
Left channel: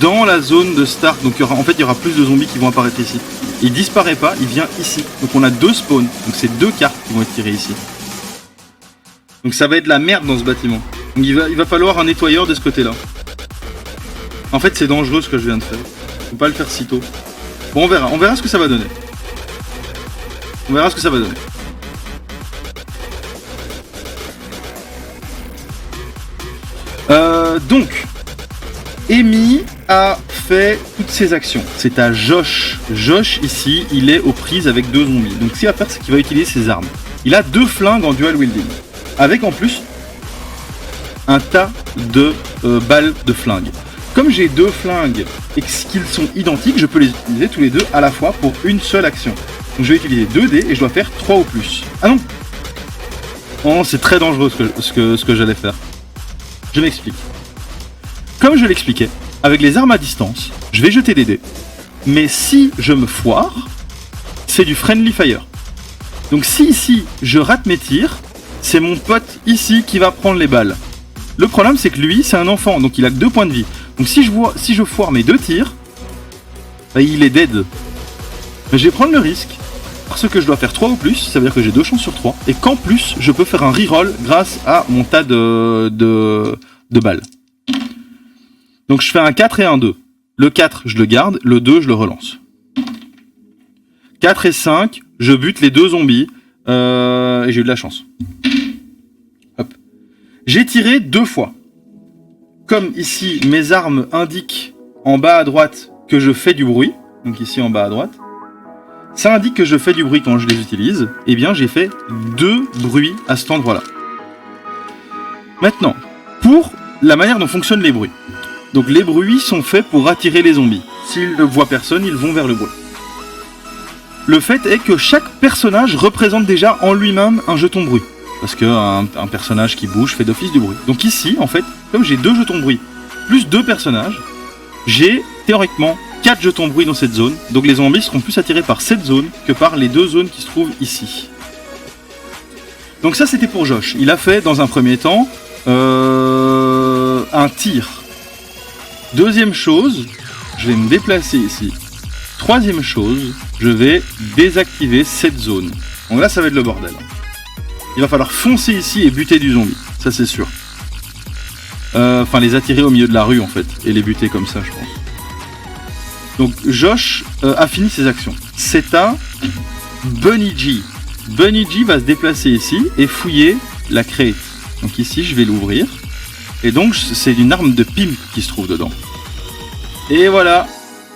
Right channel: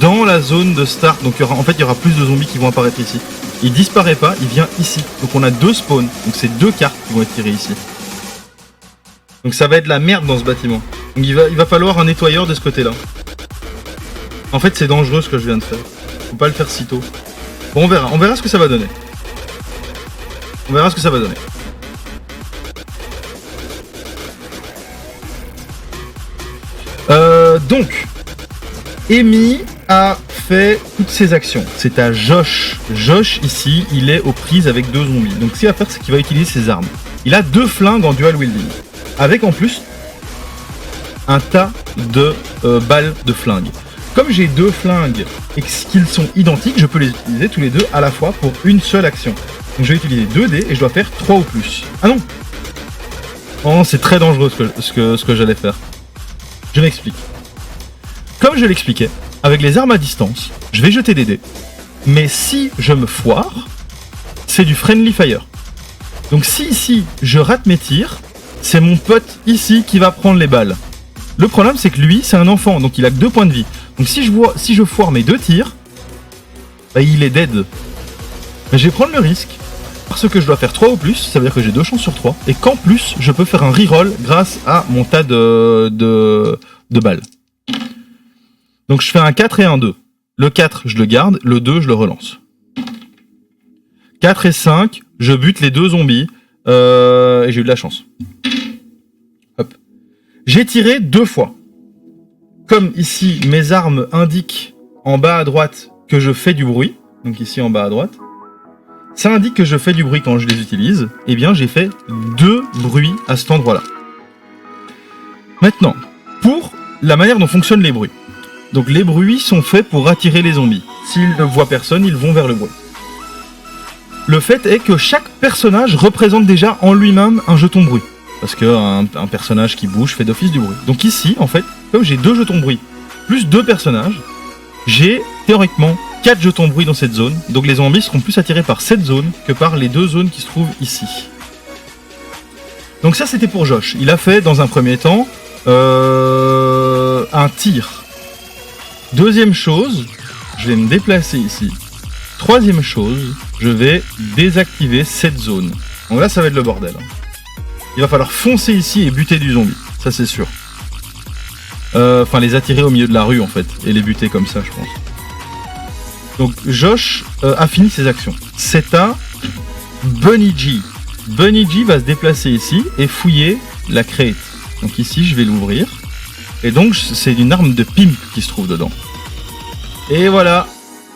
dans la zone de start. Donc il y aura plus de zombies qui vont apparaître ici. Il disparaît pas, il vient ici. Donc on a 2 spawns. Donc c'est 2 cartes qui vont être tirées ici. Donc ça va être la merde dans ce bâtiment. Donc il va falloir un nettoyeur de ce côté-là. En fait c'est dangereux ce que je viens de faire. Faut pas le faire si tôt. Bon on verra ce que ça va donner. On verra ce que ça va donner. Donc Amy a fait toutes ses actions. C'est à Josh. Josh ici, il est aux prises avec 2 zombies. Donc ce qu'il va faire, c'est qu'il va utiliser ses armes. Il a 2 flingues en dual wielding. Avec en plus un tas de balles de flingue. Comme j'ai 2 flingues et qu'ils sont identiques, je peux les utiliser tous les 2 à la fois pour une seule action. Donc je vais utiliser 2 dés et je dois faire 3 ou plus. Ah non. Oh, c'est très dangereux ce que j'allais faire. Je m'explique. Comme je l'expliquais, avec les armes à distance, je vais jeter des dés. Mais si je me foire, c'est du friendly fire. Donc si ici je rate mes tirs, c'est mon pote ici qui va prendre les balles. Le problème c'est que lui c'est un enfant, donc il a que 2 points de vie. Donc si je foire mes 2 tirs, bah, il est dead. Mais je vais prendre le risque, parce que je dois faire 3 ou plus, ça veut dire que j'ai 2 chances sur 3, et qu'en plus je peux faire un reroll grâce à mon tas de balles. Donc je fais un 4 et un 2. Le 4 je le garde, le 2 je le relance. 4 et 5, je bute les 2 zombies, et j'ai eu de la chance. Hop. J'ai tiré 2 fois. Comme ici mes armes indiquent en bas à droite que je fais du bruit, donc ici en bas à droite, ça indique que je fais du bruit quand je les utilise, et bien j'ai fait 2 bruits à cet endroit-là. Maintenant, pour la manière dont fonctionnent les bruits. Donc les bruits sont faits pour attirer les zombies. S'ils ne voient personne, ils vont vers le bruit. Le fait est que chaque personnage représente déjà en lui-même un jeton bruit. Parce qu'un personnage qui bouge fait d'office du bruit. Donc ici, en fait, comme j'ai 2 jetons bruit, plus 2 personnages, j'ai théoriquement 4 jetons bruit dans cette zone. Donc les zombies seront plus attirés par cette zone que par les 2 zones qui se trouvent ici. Donc ça c'était pour Josh. Il a fait dans un premier temps un tir. Deuxième chose, je vais me déplacer ici. Troisième chose, je vais désactiver cette zone. Donc là ça va être le bordel. Il va falloir foncer ici et buter du zombie, ça c'est sûr. Enfin les attirer au milieu de la rue en fait, et les buter comme ça je pense. Donc Josh a fini ses actions. C'est à Bunny G. Bunny G va se déplacer ici et fouiller la crate. Donc ici, je vais l'ouvrir. Et donc, c'est une arme de pimp qui se trouve dedans. Et voilà,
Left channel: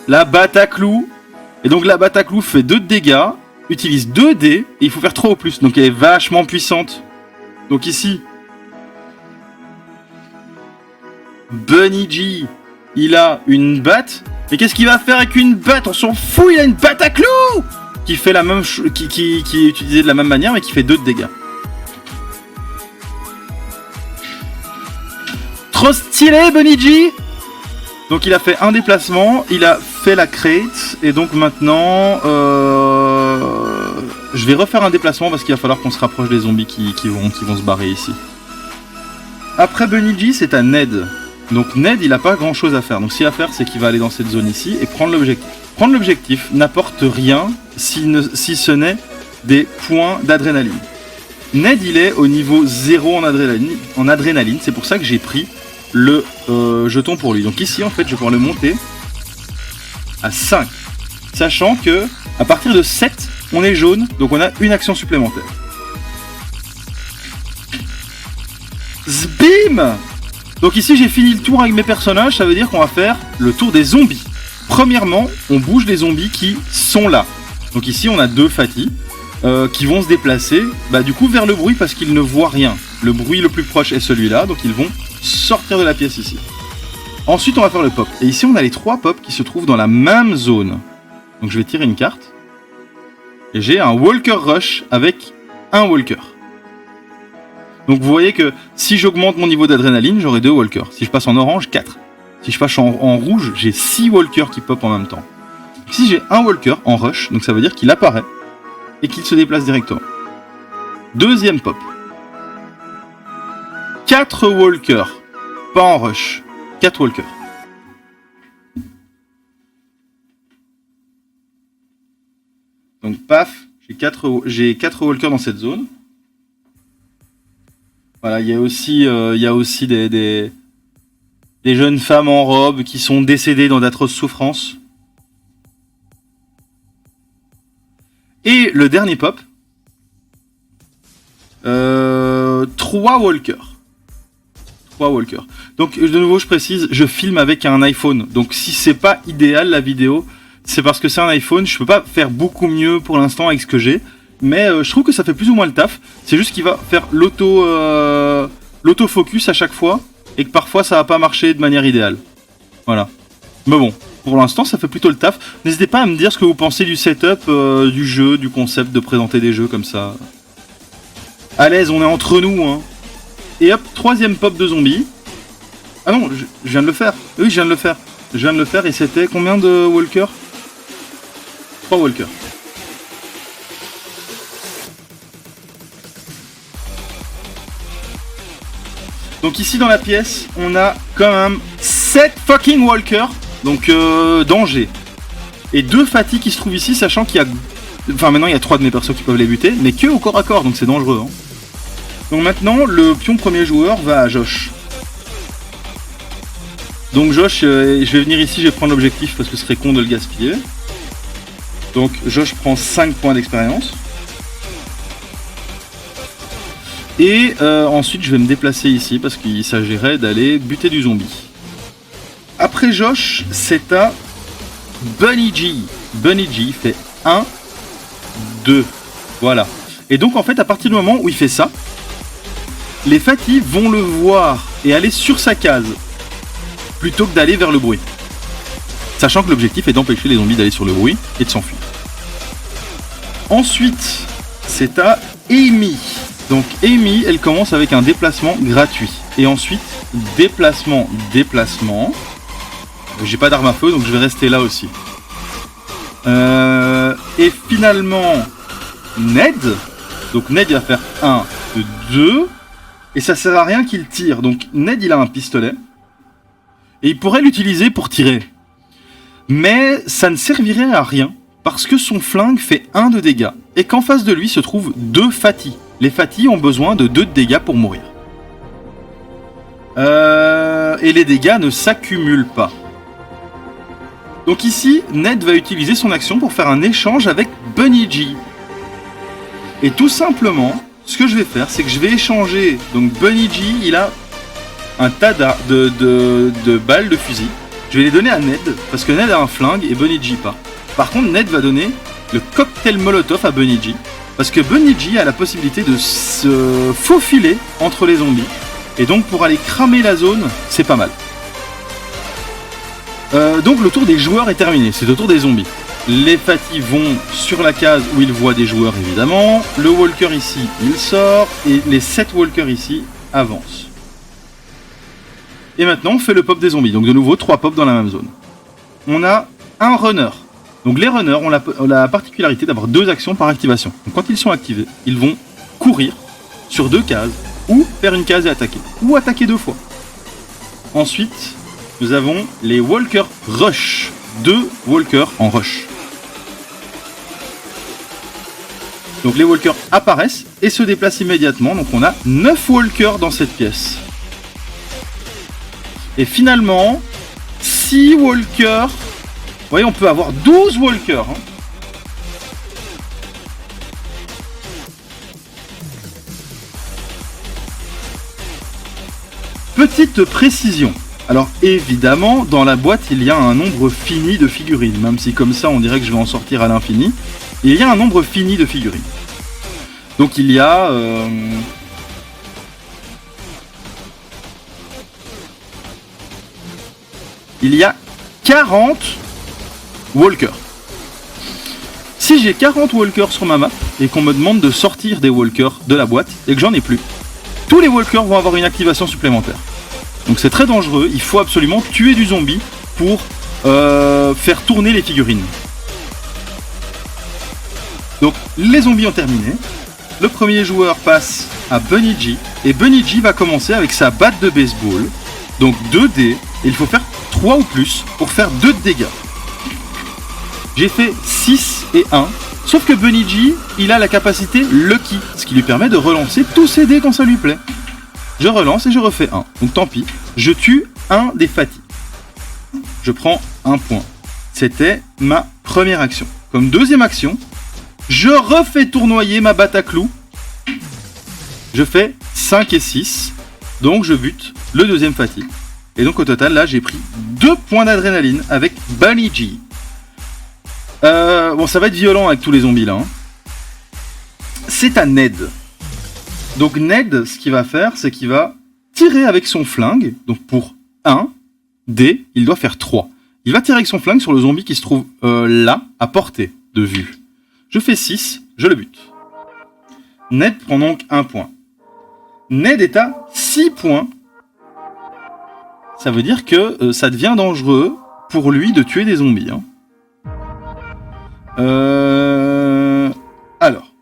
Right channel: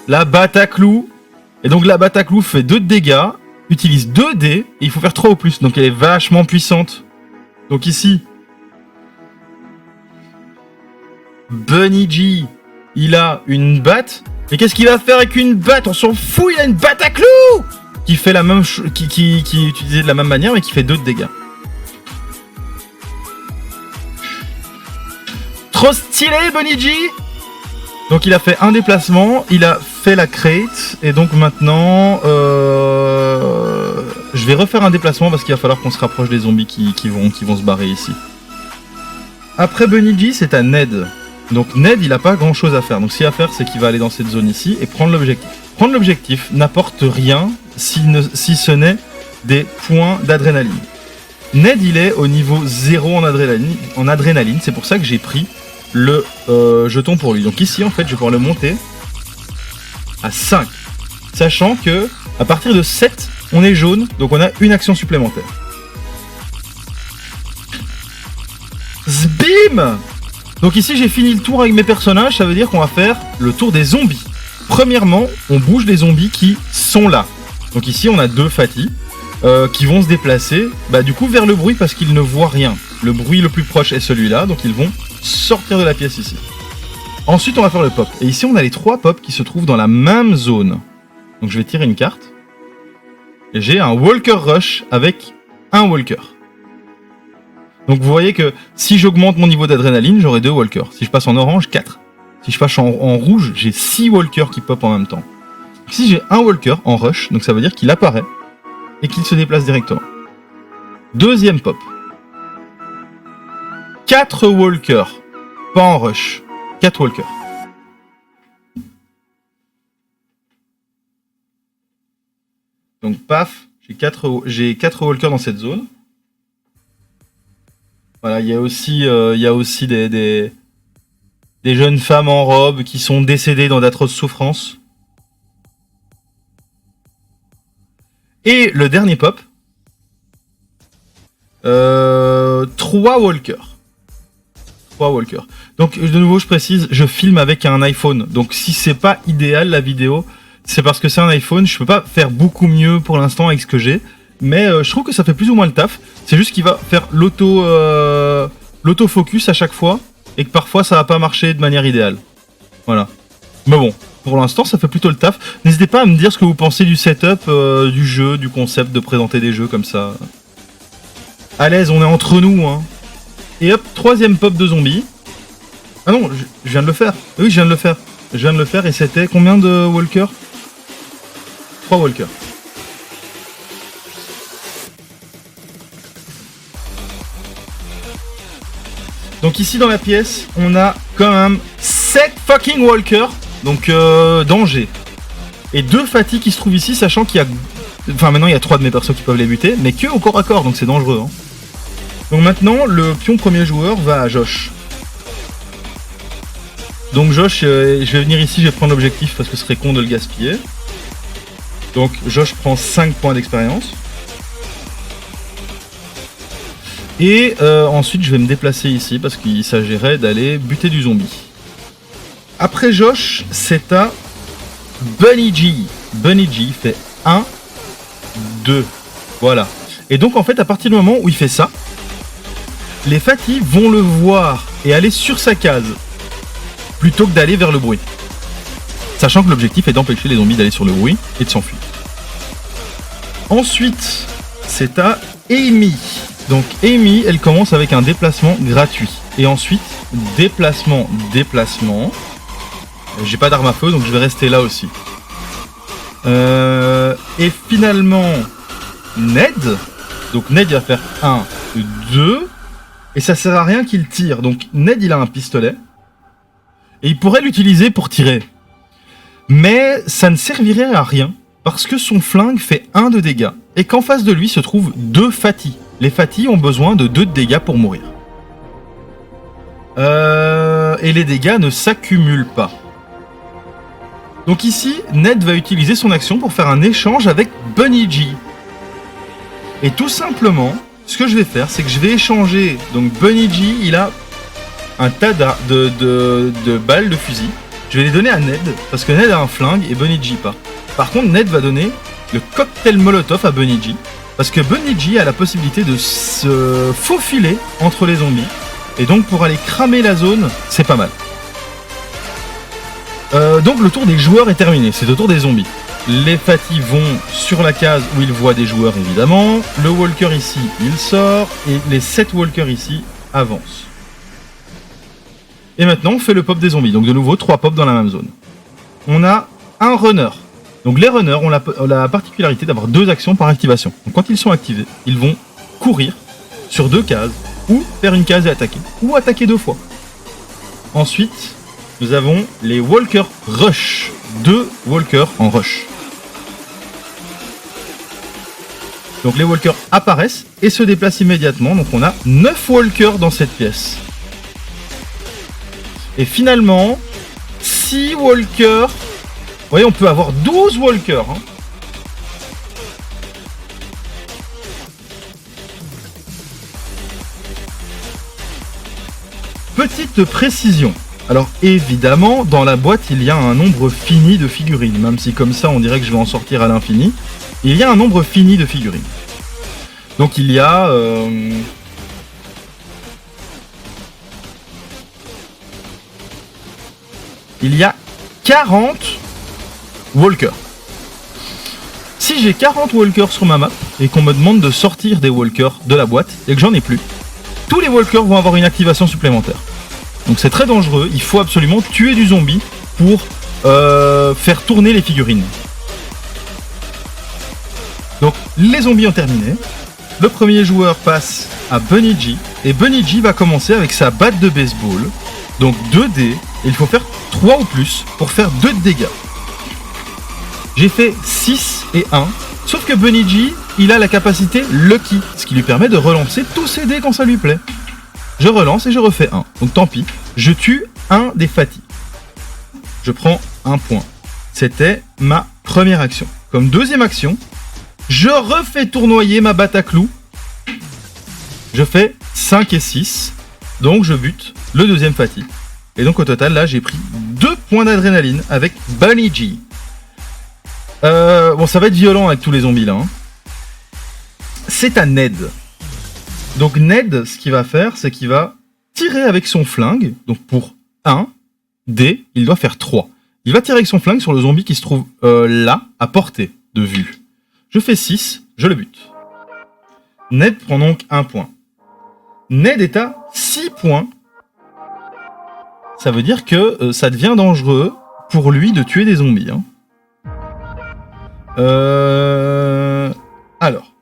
la batte à clous. Et donc, la batte à clous fait 2 de dégâts, utilise 2 dés, et il faut faire 3 au plus. Donc, elle est vachement puissante. Donc ici, Bunny G, il a une batte. Mais qu'est-ce qu'il va faire avec une batte? On s'en fout, il a une batte à clous qui fait la même qui est utilisée de la même manière, mais qui fait 2 de dégâts. Trop stylé, Bunny G. Donc il a fait un déplacement, il a fait la crate, et donc maintenant, je vais refaire un déplacement parce qu'il va falloir qu'on se rapproche des zombies qui vont se barrer ici. Après Bunny G, c'est à Ned. Donc Ned, il a pas grand chose à faire. Donc ce qu'il va faire, c'est qu'il va aller dans cette zone ici et prendre l'objectif. Prendre l'objectif n'apporte rien si ce n'est des points d'adrénaline. Ned, il est au niveau 0 en adrénaline. C'est pour ça que j'ai pris le jeton pour lui. Donc ici, en fait, je vais pouvoir le monter à 5. Sachant que à partir de 7, on est jaune. Donc on a une action supplémentaire. Zbim! Donc ici j'ai fini le tour avec mes personnages, ça veut dire qu'on va faire le tour des zombies. Premièrement, on bouge les zombies qui sont là. Donc ici on a 2 Fatih qui vont se déplacer du coup vers le bruit parce qu'ils ne voient rien. Le bruit le plus proche est celui-là, donc ils vont sortir de la pièce ici. Ensuite on va faire le pop. Et ici on a les 3 pops qui se trouvent dans la même zone. Donc je vais tirer une carte. Et j'ai un Walker Rush avec un Walker. Donc vous voyez que si j'augmente mon niveau d'adrénaline, j'aurai 2 walkers. Si je passe en orange, 4. Si je passe en rouge, j'ai 6 walkers qui pop en même temps. Ici j'ai un walker en rush, donc ça veut dire qu'il apparaît et qu'il se déplace directement. Deuxième pop. 4 walkers, pas en rush. 4 walkers. Donc paf, j'ai 4 walkers dans cette zone. Voilà, il y a aussi des jeunes femmes en robe qui sont décédées dans d'atroces souffrances. Et le dernier pop, 3 walkers. 3 walkers. Donc de nouveau, je précise, je filme avec un iPhone. Donc si c'est pas idéal la vidéo, c'est parce que c'est un iPhone. Je peux pas faire beaucoup mieux pour l'instant avec ce que j'ai. Mais je trouve que ça fait plus ou moins le taf. C'est juste qu'il va faire l'autofocus à chaque fois. Et que parfois ça va pas marcher de manière idéale. Voilà. Mais bon, pour l'instant ça fait plutôt le taf. N'hésitez pas à me dire ce que vous pensez du setup, du jeu, du concept de présenter des jeux comme ça. À l'aise, on est entre nous, hein. Et hop, 3ème pop de zombie. Ah non, je viens de le faire. Oui, je viens de le faire. Je viens de le faire et c'était combien de walkers? 3 walkers. Donc ici dans la pièce, on a quand même 7 fucking walkers, donc danger. Et 2 Fatih qui se trouvent ici, sachant qu'il y a... Enfin maintenant il y a 3 de mes persos qui peuvent les buter, mais que au corps à corps, donc c'est dangereux. Hein. Donc maintenant, le pion premier joueur va à Josh. Donc Josh, je vais venir ici, je vais prendre l'objectif parce que ce serait con de le gaspiller. Donc Josh prend 5 points d'expérience. Et ensuite je vais me déplacer ici parce qu'il s'agirait d'aller buter du zombie. Après Josh, c'est à Bunny G. Bunny G fait 1, 2. Voilà. Et donc en fait à partir du moment où il fait ça, les Fatih vont le voir et aller sur sa case plutôt que d'aller vers le bruit. Sachant que l'objectif est d'empêcher les zombies d'aller sur le bruit et de s'enfuir. Ensuite, c'est à Amy. Donc Amy, elle commence avec un déplacement gratuit. Et ensuite, déplacement. J'ai pas d'arme à feu, donc je vais rester là aussi. Et finalement, Ned. Donc Ned, il va faire 1, 2. Et ça sert à rien qu'il tire. Donc Ned, il a un pistolet. Et il pourrait l'utiliser pour tirer. Mais ça ne servirait à rien. Parce que son flingue fait 1 de dégâts. Et qu'en face de lui se trouvent 2 Fatih. Les Fatih ont besoin de 2 de dégâts pour mourir. Et les dégâts ne s'accumulent pas. Donc ici, Ned va utiliser son action pour faire un échange avec Bunny G. Et tout simplement, ce que je vais faire, c'est que je vais échanger. Donc Bunny G, il a un tas de balles de fusil. Je vais les donner à Ned, parce que Ned a un flingue et Bunny G pas. Par contre, Ned va donner le cocktail Molotov à Bunny G, parce que Bunny G a la possibilité de se faufiler entre les zombies. Et donc pour aller cramer la zone, c'est pas mal. Donc le tour des joueurs est terminé, c'est au tour des zombies. Les Fatty vont sur la case où ils voient des joueurs évidemment. Le Walker ici, il sort. Et les 7 Walkers ici avancent. Et maintenant on fait le pop des zombies. Donc de nouveau 3 pops dans la même zone. On a un runner. Donc les runners ont la particularité d'avoir 2 actions par activation. Donc quand ils sont activés, ils vont courir sur 2 cases. Ou faire une case et attaquer. Ou attaquer 2 fois. Ensuite, nous avons les Walkers Rush. 2 Walkers en rush. Donc les Walkers apparaissent et se déplacent immédiatement. Donc on a 9 Walkers dans cette pièce. Et finalement, 6 Walkers. Vous voyez, on peut avoir 12 Walkers. Hein. Petite précision. Alors évidemment, dans la boîte, il y a un nombre fini de figurines. Même si comme ça, on dirait que je vais en sortir à l'infini. Il y a un nombre fini de figurines. Donc il y a... Il y a 40 walkers. Si j'ai 40 walkers sur ma map et qu'on me demande de sortir des walkers de la boîte et que j'en ai plus, tous les walkers vont avoir une activation supplémentaire. Donc c'est très dangereux, il faut absolument tuer du zombie pour faire tourner les figurines. Donc les zombies ont terminé. Le premier joueur passe à Bunny G. Et Bunny G va commencer avec sa batte de baseball. Donc 2 dés. Et il faut faire 3 ou plus pour faire 2 de dégâts. J'ai fait 6 et 1. Sauf que Bunny G, il a la capacité Lucky. Ce qui lui permet de relancer tous ses dés quand ça lui plaît. Je relance et je refais 1. Donc tant pis. Je tue un des Fatty. Je prends 1 point. C'était ma première action. Comme deuxième action, je refais tournoyer ma batte à clous. Je fais 5 et 6. Donc je bute le deuxième Fatty. Et donc au total, là, j'ai pris 2 points d'adrénaline avec Bunny G. Bon, ça va être violent avec tous les zombies là. Hein. C'est à Ned. Donc Ned, ce qu'il va faire, c'est qu'il va tirer avec son flingue. Donc pour 1 dé, il doit faire 3. Il va tirer avec son flingue sur le zombie qui se trouve là, à portée de vue. Je fais 6, je le bute. Ned prend donc 1 point. Ned est à 6 points. Ça veut dire que ça devient dangereux pour lui de tuer des zombies. Hein. Alors,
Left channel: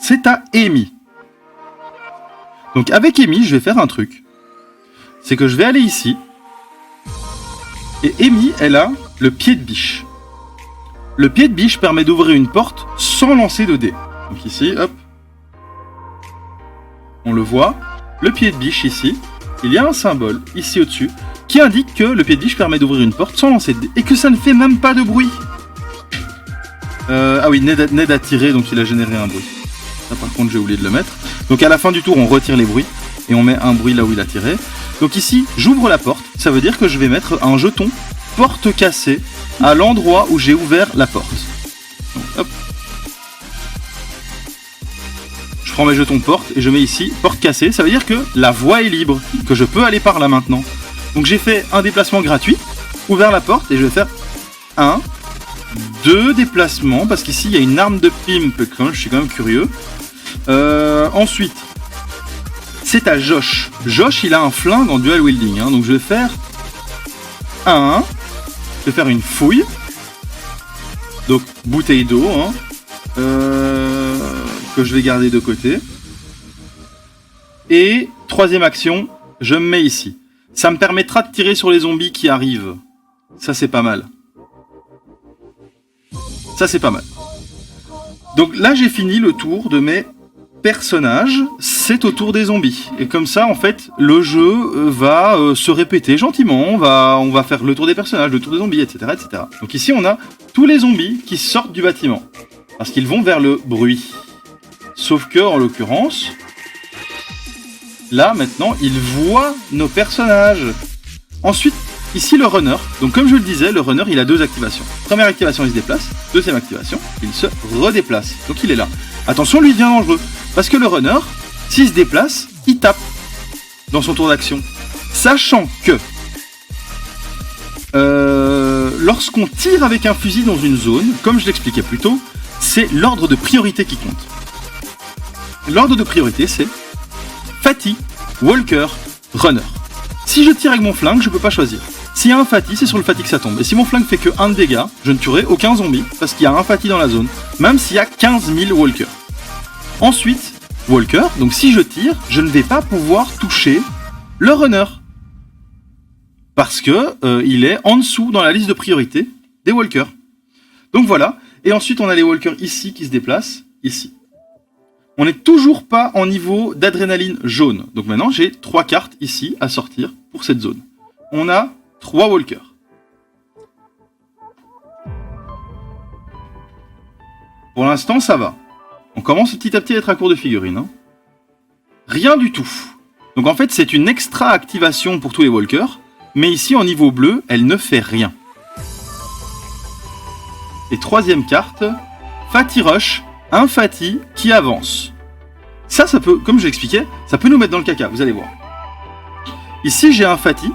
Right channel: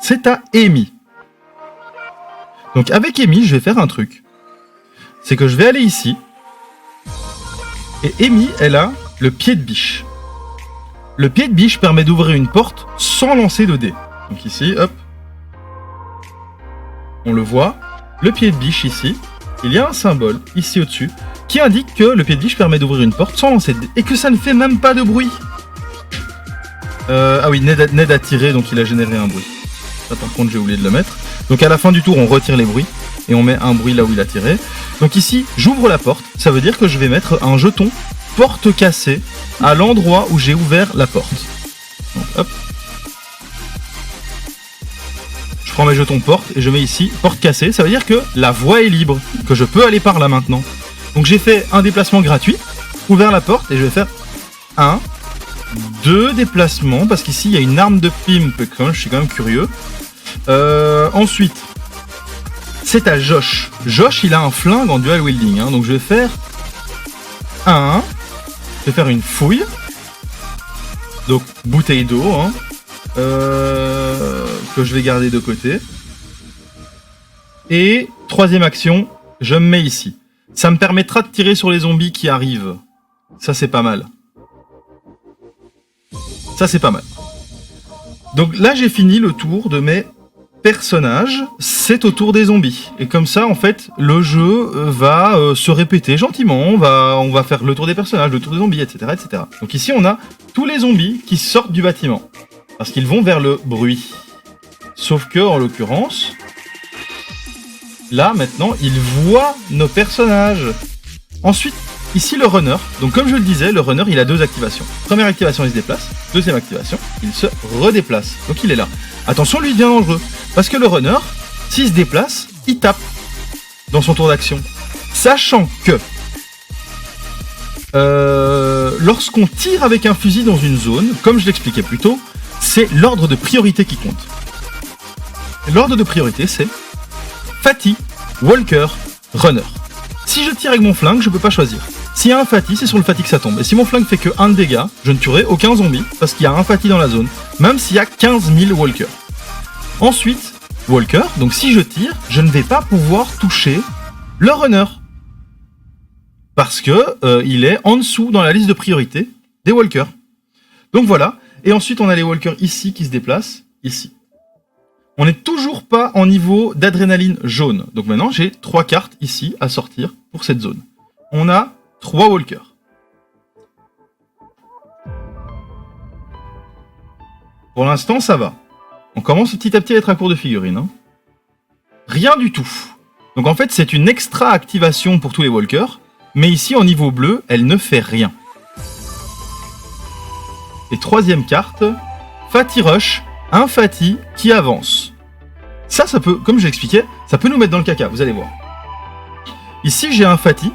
c'est à Amy. Donc avec Amy, je vais faire un truc. C'est que je vais aller ici. Et Amy, elle a le pied de biche. Le pied de biche permet d'ouvrir une porte sans lancer de dés. Donc ici, hop. On le voit. Le pied de biche ici. Il y a un symbole ici au-dessus qui indique que le pied de biche permet d'ouvrir une porte sans lancer de dés. Et que ça ne fait même pas de bruit. Ah oui, Ned a tiré, donc il a généré un bruit. Ça par contre j'ai oublié de le mettre. Donc à la fin du tour on retire les bruits. Et on met un bruit là où il a tiré. Donc ici, j'ouvre la porte. Ça veut dire que je vais mettre un jeton porte cassée à l'endroit où j'ai ouvert la porte. Donc hop. Je prends mes jetons porte et je mets ici porte cassée. Ça veut dire que la voie est libre. Que je peux aller par là maintenant. Donc j'ai fait un déplacement gratuit. Ouvert la porte et je vais faire 1, 2 déplacements. Parce qu'ici il y a une arme de pimp. Je suis quand même curieux. Ensuite, c'est à Josh. Josh, il a un flingue en dual wielding. Hein, donc je vais faire 1. Je vais faire une fouille. Donc bouteille d'eau. Hein, que je vais garder de côté. Et troisième action, je me mets ici. Ça me permettra de tirer sur les zombies qui arrivent. Ça, c'est pas mal. Ça, c'est pas mal. Donc là, j'ai fini le tour de mes personnages. C'est au tour des zombies. Et comme ça, en fait, le jeu va se répéter gentiment. On va faire le tour des personnages, le tour des zombies, etc., etc. Donc ici, on a tous les zombies qui sortent du bâtiment. Parce qu'ils vont vers le bruit. Sauf que, en l'occurrence, là, maintenant, il voit nos personnages. Ensuite, ici, le runner. Donc, comme je le disais, le runner, il a 2 activations. Première activation, il se déplace. Deuxième activation, il se redéplace. Donc, il est là. Attention, lui, il devient dangereux. Parce que le runner, s'il se déplace, il tape dans son tour d'action. Sachant que lorsqu'on tire avec un fusil dans une zone, comme je l'expliquais plus tôt, c'est l'ordre de priorité qui compte. L'ordre de priorité, c'est Fatty, Walker, Runner. Si je tire avec mon flingue, je peux pas choisir. S'il y a un Fatty, c'est sur le Fatty que ça tombe. Et si mon flingue fait que 1 de dégâts, je ne tuerai aucun zombie, parce qu'il y a un Fatty dans la zone, même s'il y a 15 000 Walkers. Ensuite, Walker, donc si je tire, je ne vais pas pouvoir toucher le Runner. Parce que il est en dessous dans la liste de priorité des Walkers. Donc voilà. Et ensuite, on a les Walkers ici qui se déplacent, ici. On n'est toujours pas en niveau d'adrénaline jaune. Donc maintenant, j'ai 3 cartes ici à sortir pour cette zone. On a 3 Walkers. Pour l'instant, ça va. On commence petit à petit à être à court de figurines. Hein. Rien du tout. Donc en fait, c'est une extra activation pour tous les Walkers. Mais ici, en niveau bleu, elle ne fait rien. Et 3e carte, Fatty Rush, un Fatty qui avance. Ça peut, comme je l'expliquais, ça peut nous mettre dans le caca, vous allez voir. Ici, j'ai un Fatty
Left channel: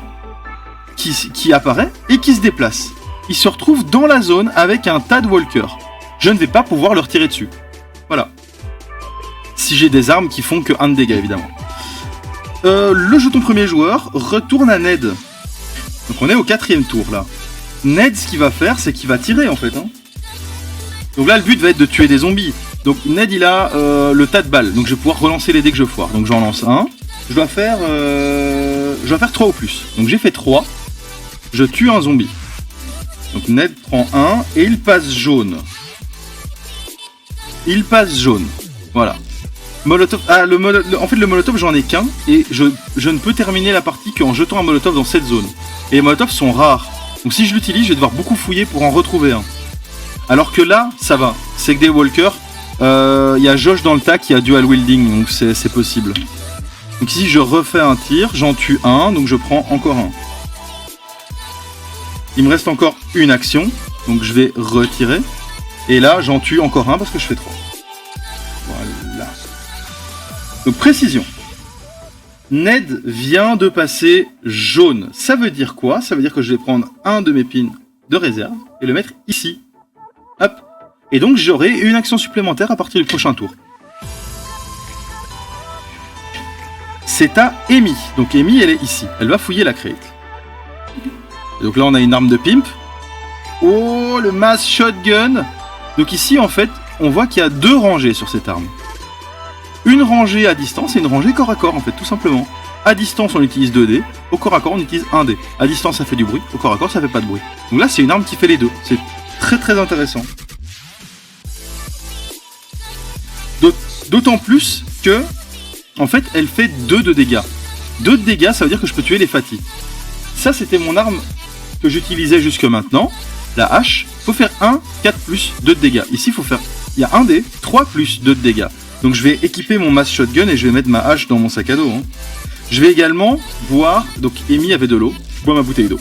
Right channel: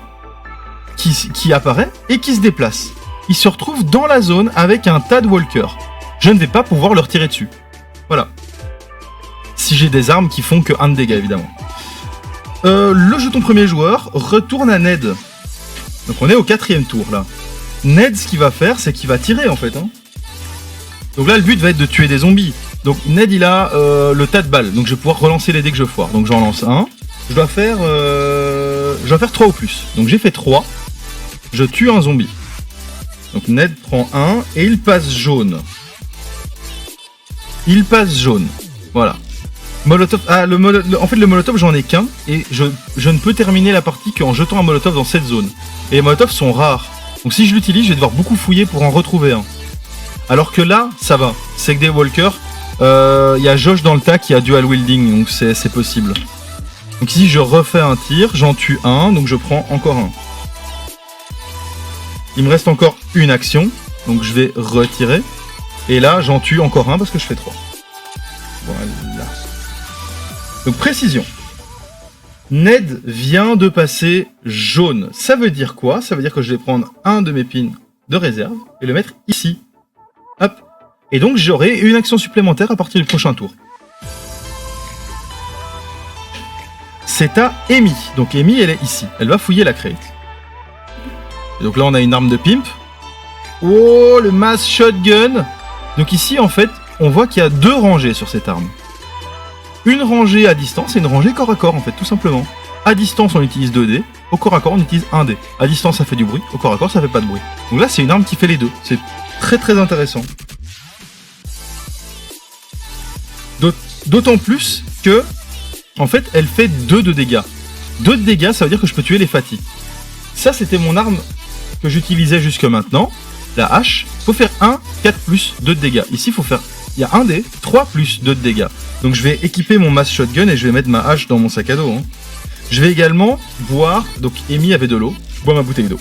qui apparaît et qui se déplace. Il se retrouve dans la zone avec un tas de Walkers. Je ne vais pas pouvoir leur tirer dessus. Voilà. Si j'ai des armes qui font que 1 de dégâts, évidemment. Le jeton premier joueur retourne à Ned. Donc on est au 4e tour, là. Ned, ce qu'il va faire, c'est qu'il va tirer, en fait. Hein. Donc là, le but va être de tuer des zombies. Donc Ned, il a le tas de balles. Donc je vais pouvoir relancer les dés que je foire. Donc j'en lance un. Je dois faire 3 ou plus. Donc j'ai fait 3. Je tue un zombie. Donc Ned prend 1 et il passe jaune. Il passe jaune. Voilà. Molotov. Ah, en fait, le molotov, j'en ai qu'un. Et je ne peux terminer la partie qu'en jetant un molotov dans cette zone. Et les molotovs sont rares. Donc si je l'utilise, je vais devoir beaucoup fouiller pour en retrouver un. Alors que là, ça va. C'est que des walkers. Il y a Josh dans le tas qui a dual wielding. Donc c'est possible. Donc ici, je refais un tir. J'en tue un. Donc je prends encore un. Il me reste encore une action. Donc je vais retirer. Et là, j'en tue encore un parce que je fais 3. Voilà. Donc précision. Ned vient de passer jaune. Ça veut dire quoi? Ça veut dire que je vais prendre un de mes pins de réserve et le mettre ici. Hop. Et donc j'aurai une action supplémentaire à partir du prochain tour. C'est à Amy. Donc Amy, elle est ici. Elle va fouiller la crate. Et donc là, on a une arme de pimp. Oh, le mass shotgun. Donc ici, en fait, on voit qu'il y a 2 rangées sur cette arme. Une rangée à distance et une rangée corps à corps, en fait, tout simplement. À distance, on utilise 2 dés. Au corps à corps, on utilise 1 dé. À distance, ça fait du bruit. Au corps à corps, ça fait pas de bruit. Donc là, c'est une arme qui fait les deux. C'est très très intéressant. D'autant plus que, en fait, elle fait 2 de dégâts. 2 de dégâts, ça veut dire que je peux tuer les fatigues. Ça, c'était mon arme que j'utilisais jusque maintenant. La hache. Faut faire 1, 4 plus 2 de dégâts. Ici, il y a 1 dé, 3 plus 2 de dégâts. Donc je vais équiper mon mass shotgun et je vais mettre ma hache dans mon sac à dos. Hein. Je vais également boire, donc Amy avait de l'eau, je bois ma bouteille d'eau.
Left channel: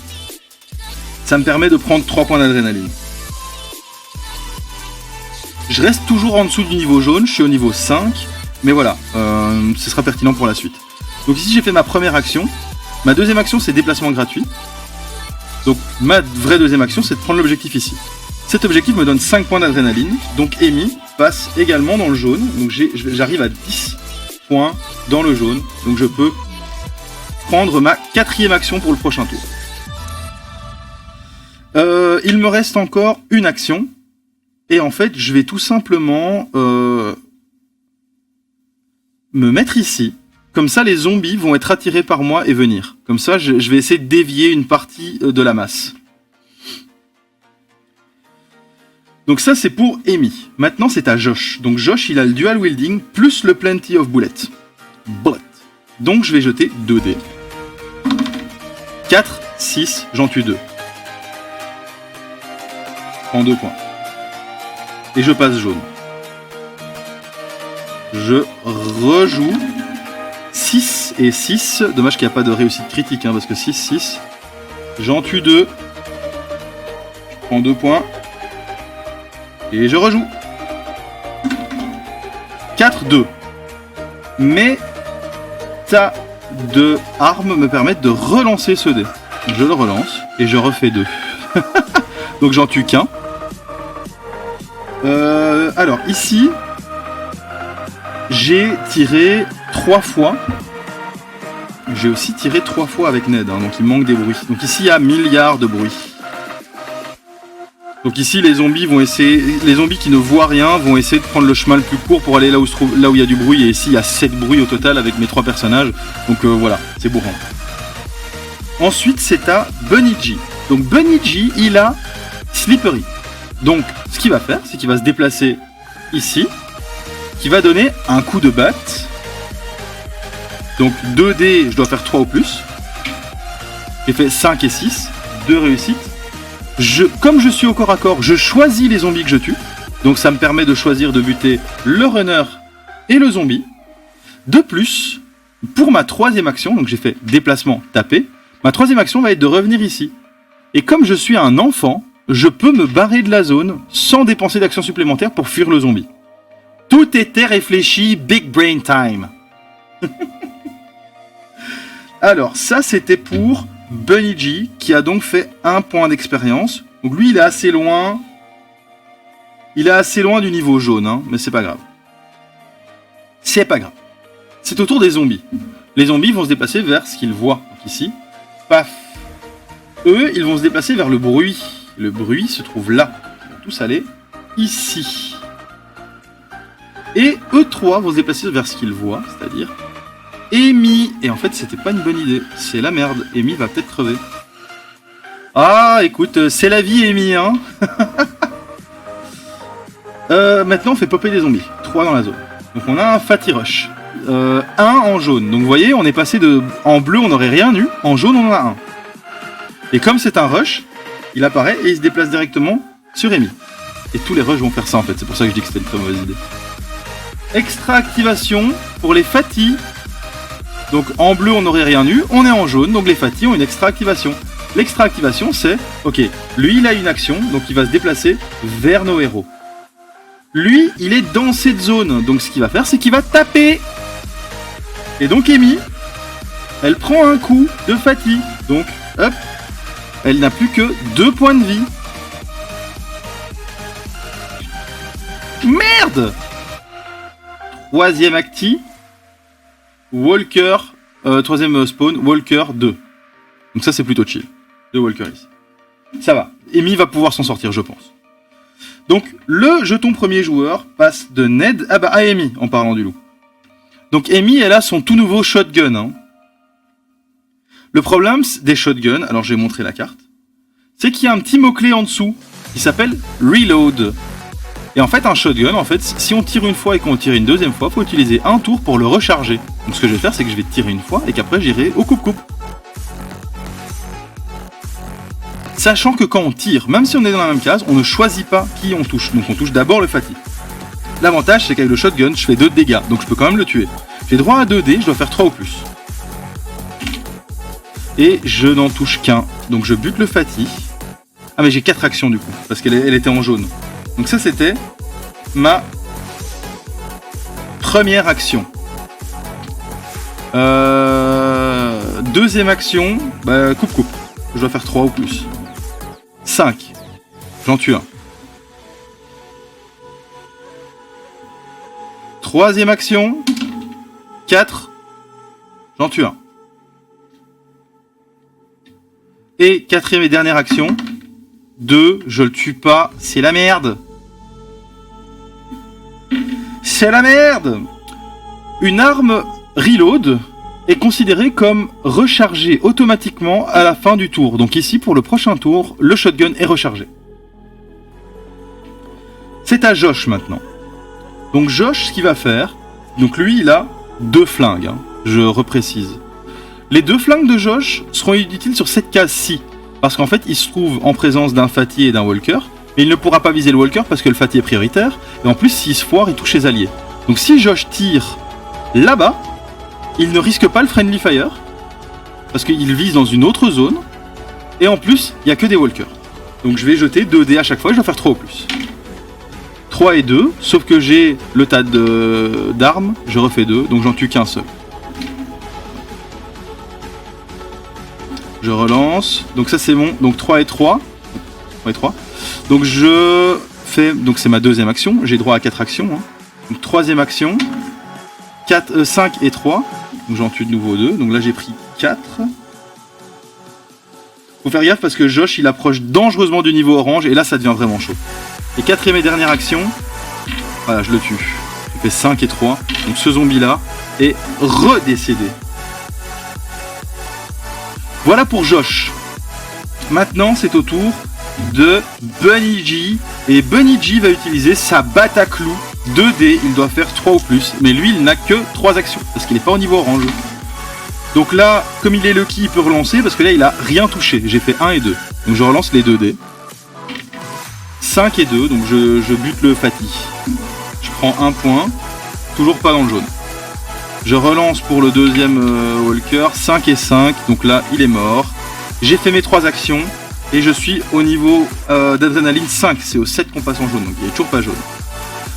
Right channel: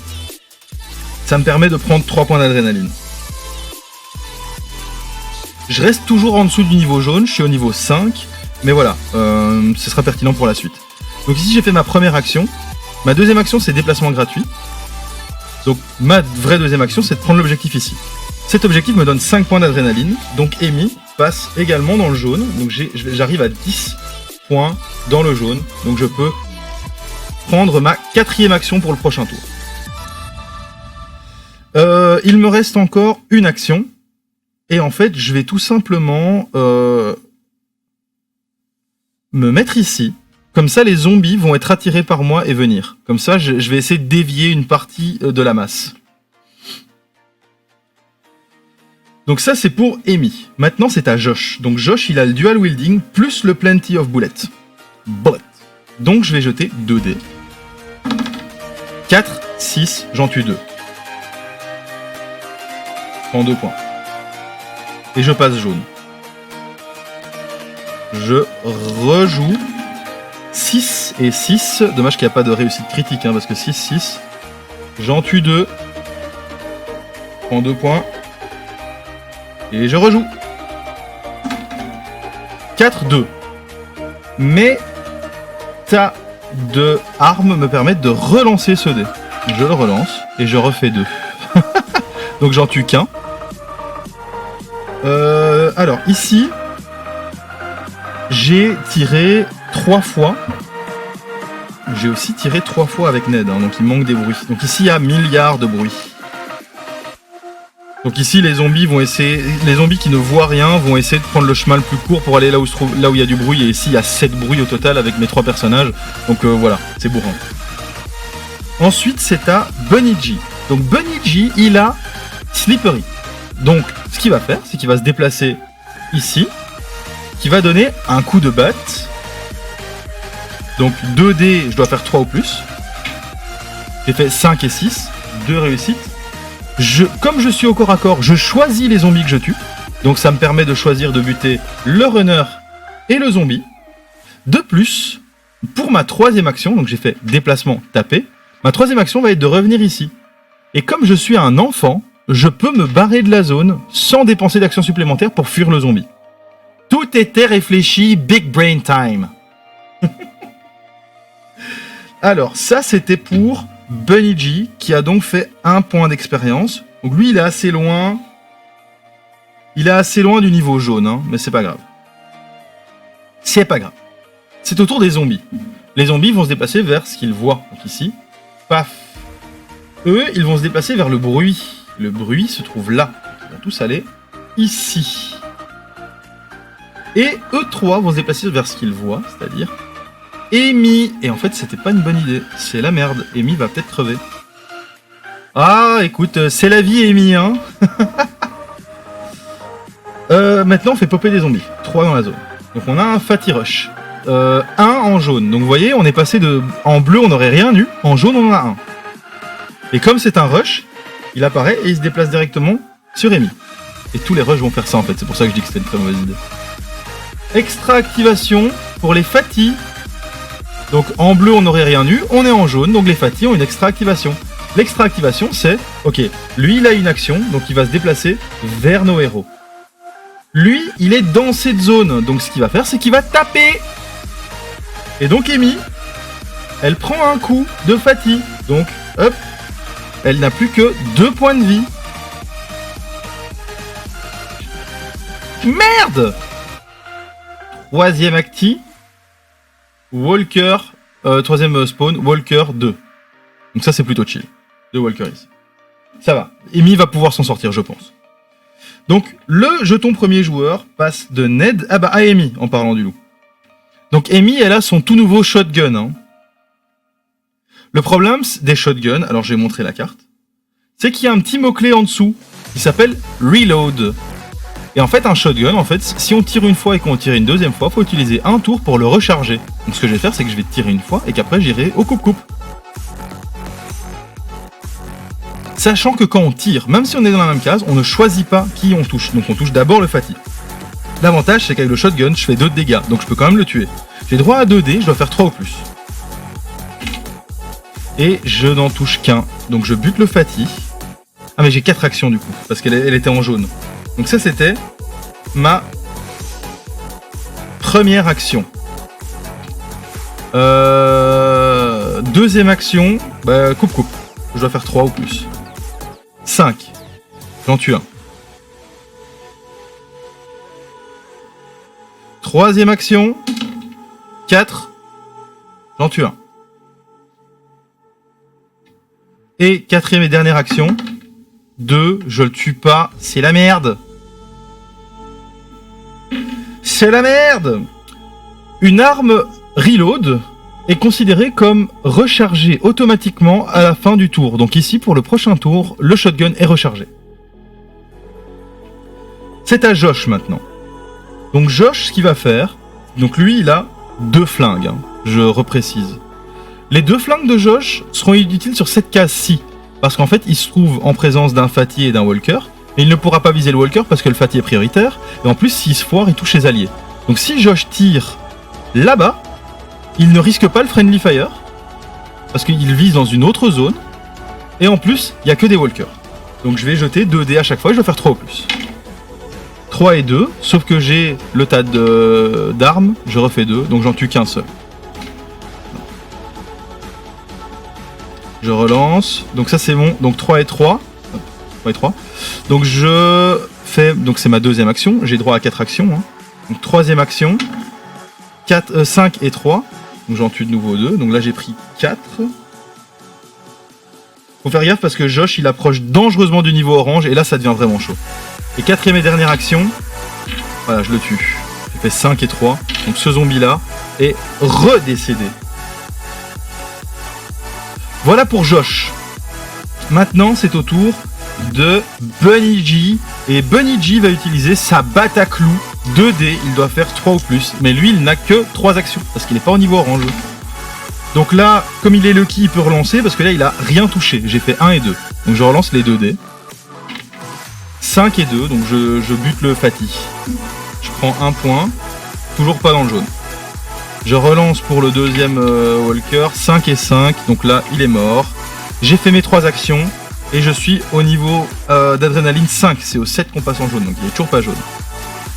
Ça me permet de prendre 3 points d'adrénaline. Je reste toujours en dessous du niveau jaune, je suis au niveau 5, mais voilà, ce sera pertinent pour la suite. Donc ici j'ai fait ma première action, ma deuxième action c'est déplacement gratuit. Donc ma vraie deuxième action c'est de prendre l'objectif ici. Cet objectif me donne 5 points d'adrénaline, donc Amy passe également dans le jaune, donc j'arrive à 10 points dans le jaune, donc je peux prendre ma 4e action pour le prochain tour. Il me reste encore une action, et en fait je vais tout simplement me mettre ici, comme ça les zombies vont être attirés par moi et venir. Comme ça je vais essayer de dévier une partie de la masse. Donc ça c'est pour Amy. Maintenant c'est à Josh. Donc Josh il a le dual wielding plus le plenty of bullets. Donc je vais jeter 2 dés. 4, 6, j'en tue 2. Je prends 2 points. Et je passe jaune. Je rejoue 6 et 6. Dommage qu'il n'y a pas de réussite critique, hein, parce que 6. J'en tue 2. Je prends 2 points. Et je rejoue. 4-2. Mais tas de armes me permettent de relancer ce dé. Je le relance et je refais 2. Donc j'en tue qu'un. Alors ici, j'ai tiré 3 fois. J'ai aussi tiré 3 fois avec Ned, hein, donc il manque des bruits. Donc ici il y a milliards de bruits. Donc ici les zombies vont essayer, les zombies qui ne voient rien vont essayer de prendre le chemin le plus court pour aller là où il y a du bruit. Et ici il y a 7 bruits au total avec mes 3 personnages. Donc voilà, c'est bourrin. Ensuite c'est à Bunny G. Donc Bunny G il a Slippery. Donc ce qu'il va faire c'est qu'il va se déplacer ici, qui va donner un coup de batte. Donc 2 dés, je dois faire 3 ou plus. J'ai fait 5 et 6, 2 réussites. Comme je suis au corps à corps, je choisis les zombies que je tue. Donc ça me permet de choisir de buter le runner et le zombie. De plus, pour ma 3e action, donc j'ai fait déplacement, taper, ma 3e action va être de revenir ici. Et comme je suis un enfant, je peux me barrer de la zone sans dépenser d'action supplémentaire pour fuir le zombie. Tout était réfléchi, big brain time. Alors ça c'était pour Bunny G, qui a donc fait 1 point d'expérience. Donc lui, il est assez loin. Il est assez loin du niveau jaune, hein, mais c'est pas grave. C'est pas grave. C'est au tour des zombies. Les zombies vont se déplacer vers ce qu'ils voient. Donc ici, paf. Eux, ils vont se déplacer vers le bruit. Le bruit se trouve là. Ils vont tous aller ici. Et eux 3 vont se déplacer vers ce qu'ils voient, c'est-à-dire Amy. Et en fait, c'était pas une bonne idée. C'est la merde. Amy va peut-être crever. Ah, écoute, c'est la vie, Amy, hein. Maintenant, on fait popper des zombies. 3 dans la zone. Donc, on a un Fatty Rush. 1 en jaune. Donc, vous voyez, on est passé de... En bleu, on n'aurait rien eu. En jaune, on en a 1. Et comme c'est un rush, il apparaît et il se déplace directement sur Amy. Et tous les rushs vont faire ça, en fait. C'est pour ça que je dis que c'était une très mauvaise idée. Extra activation pour les Fatty. Donc en bleu on n'aurait rien eu, on est en jaune, donc les Fatty ont une extra activation. L'extra activation c'est, ok, lui il a une action, donc il va se déplacer vers nos héros. Lui il est dans cette zone, donc ce qu'il va faire c'est qu'il va taper. Et donc Amy, elle prend un coup de Fatty, donc hop, elle n'a plus que 2 points de vie. Merde! 3e acti. Walker, 3e spawn, Walker 2. Donc ça c'est plutôt chill. 2 Walker ici. Ça va. Amy va pouvoir s'en sortir, je pense. Donc le jeton premier joueur passe de Ned à Amy, en parlant du loup. Donc Amy, elle a son tout nouveau shotgun. Hein. Le problème des shotguns, alors je vais montrer la carte, c'est qu'il y a un petit mot-clé en dessous qui s'appelle Reload. Et en fait, un shotgun, si on tire une fois et qu'on tire une deuxième fois, il faut utiliser un tour pour le recharger. Donc ce que je vais faire, c'est que je vais tirer une fois et qu'après j'irai au coupe-coupe. Sachant que quand on tire, même si on est dans la même case, on ne choisit pas qui on touche. Donc on touche d'abord le Fatty. L'avantage, c'est qu'avec le shotgun, je fais 2 de dégâts, donc je peux quand même le tuer. J'ai droit à 2 dés, je dois faire 3 ou plus. Et je n'en touche qu'un. Donc je bute le Fatty. Ah mais j'ai 4 actions du coup, parce qu'elle était en jaune. Donc ça c'était ma première action. Deuxième action, coupe-coupe. Je dois faire 3 ou plus. 5. J'en tue un. Troisième action. 4. J'en tue un. Et quatrième et dernière action. 2. Je le tue pas. C'est la merde. C'est la merde. Une arme reload est considérée comme rechargée automatiquement à la fin du tour. Donc ici, pour le prochain tour, le shotgun est rechargé. C'est à Josh maintenant. Donc Josh, ce qu'il va faire... Donc lui, il a 2 flingues, hein, je reprécise. Les 2 flingues de Josh seront utiles sur cette case-ci. Parce qu'en fait, il se trouve en présence d'un Fatty et d'un Walker. Mais il ne pourra pas viser le Walker parce que le Fatty est prioritaire. Et en plus, s'il se foire, il touche les alliés. Donc si Josh tire là-bas, il ne risque pas le Friendly Fire, parce qu'il vise dans une autre zone, et en plus, il n'y a que des walkers. Donc je vais jeter 2 dés à chaque fois, et je dois faire 3 au plus. 3 et 2, sauf que j'ai le tas d'armes, je refais 2, donc j'en tue qu'un seul. Je relance, donc ça c'est bon, donc 3 et 3. 3 et 3. Donc je fais, donc c'est ma deuxième action, j'ai droit à 4 actions. Hein. Donc troisième action, 5 et 3, donc j'en tue de nouveau 2, donc là j'ai pris 4. Faut faire gaffe parce que Josh il approche dangereusement du niveau orange et là ça devient vraiment chaud. Et quatrième et dernière action, voilà je le tue. J'ai fait 5 et 3, donc ce zombie là est redécédé. Voilà pour Josh. Maintenant c'est au tour de Bunny G. Et Bunny G va utiliser sa Bataclou 2D, il doit faire 3 ou plus. Mais lui il n'a que 3 actions parce qu'il n'est pas au niveau orange. Donc là, comme il est lucky, il peut relancer parce que là il a rien touché. J'ai fait 1 et 2. Donc je relance les 2 dés. 5 et 2, donc je bute le Fatih. Je prends 1 point. Toujours pas dans le jaune. Je relance pour le deuxième Walker. 5 et 5, donc là il est mort. J'ai fait mes 3 actions. Et je suis au niveau d'adrénaline 5. C'est au 7 qu'on passe en jaune, donc il est toujours pas jaune.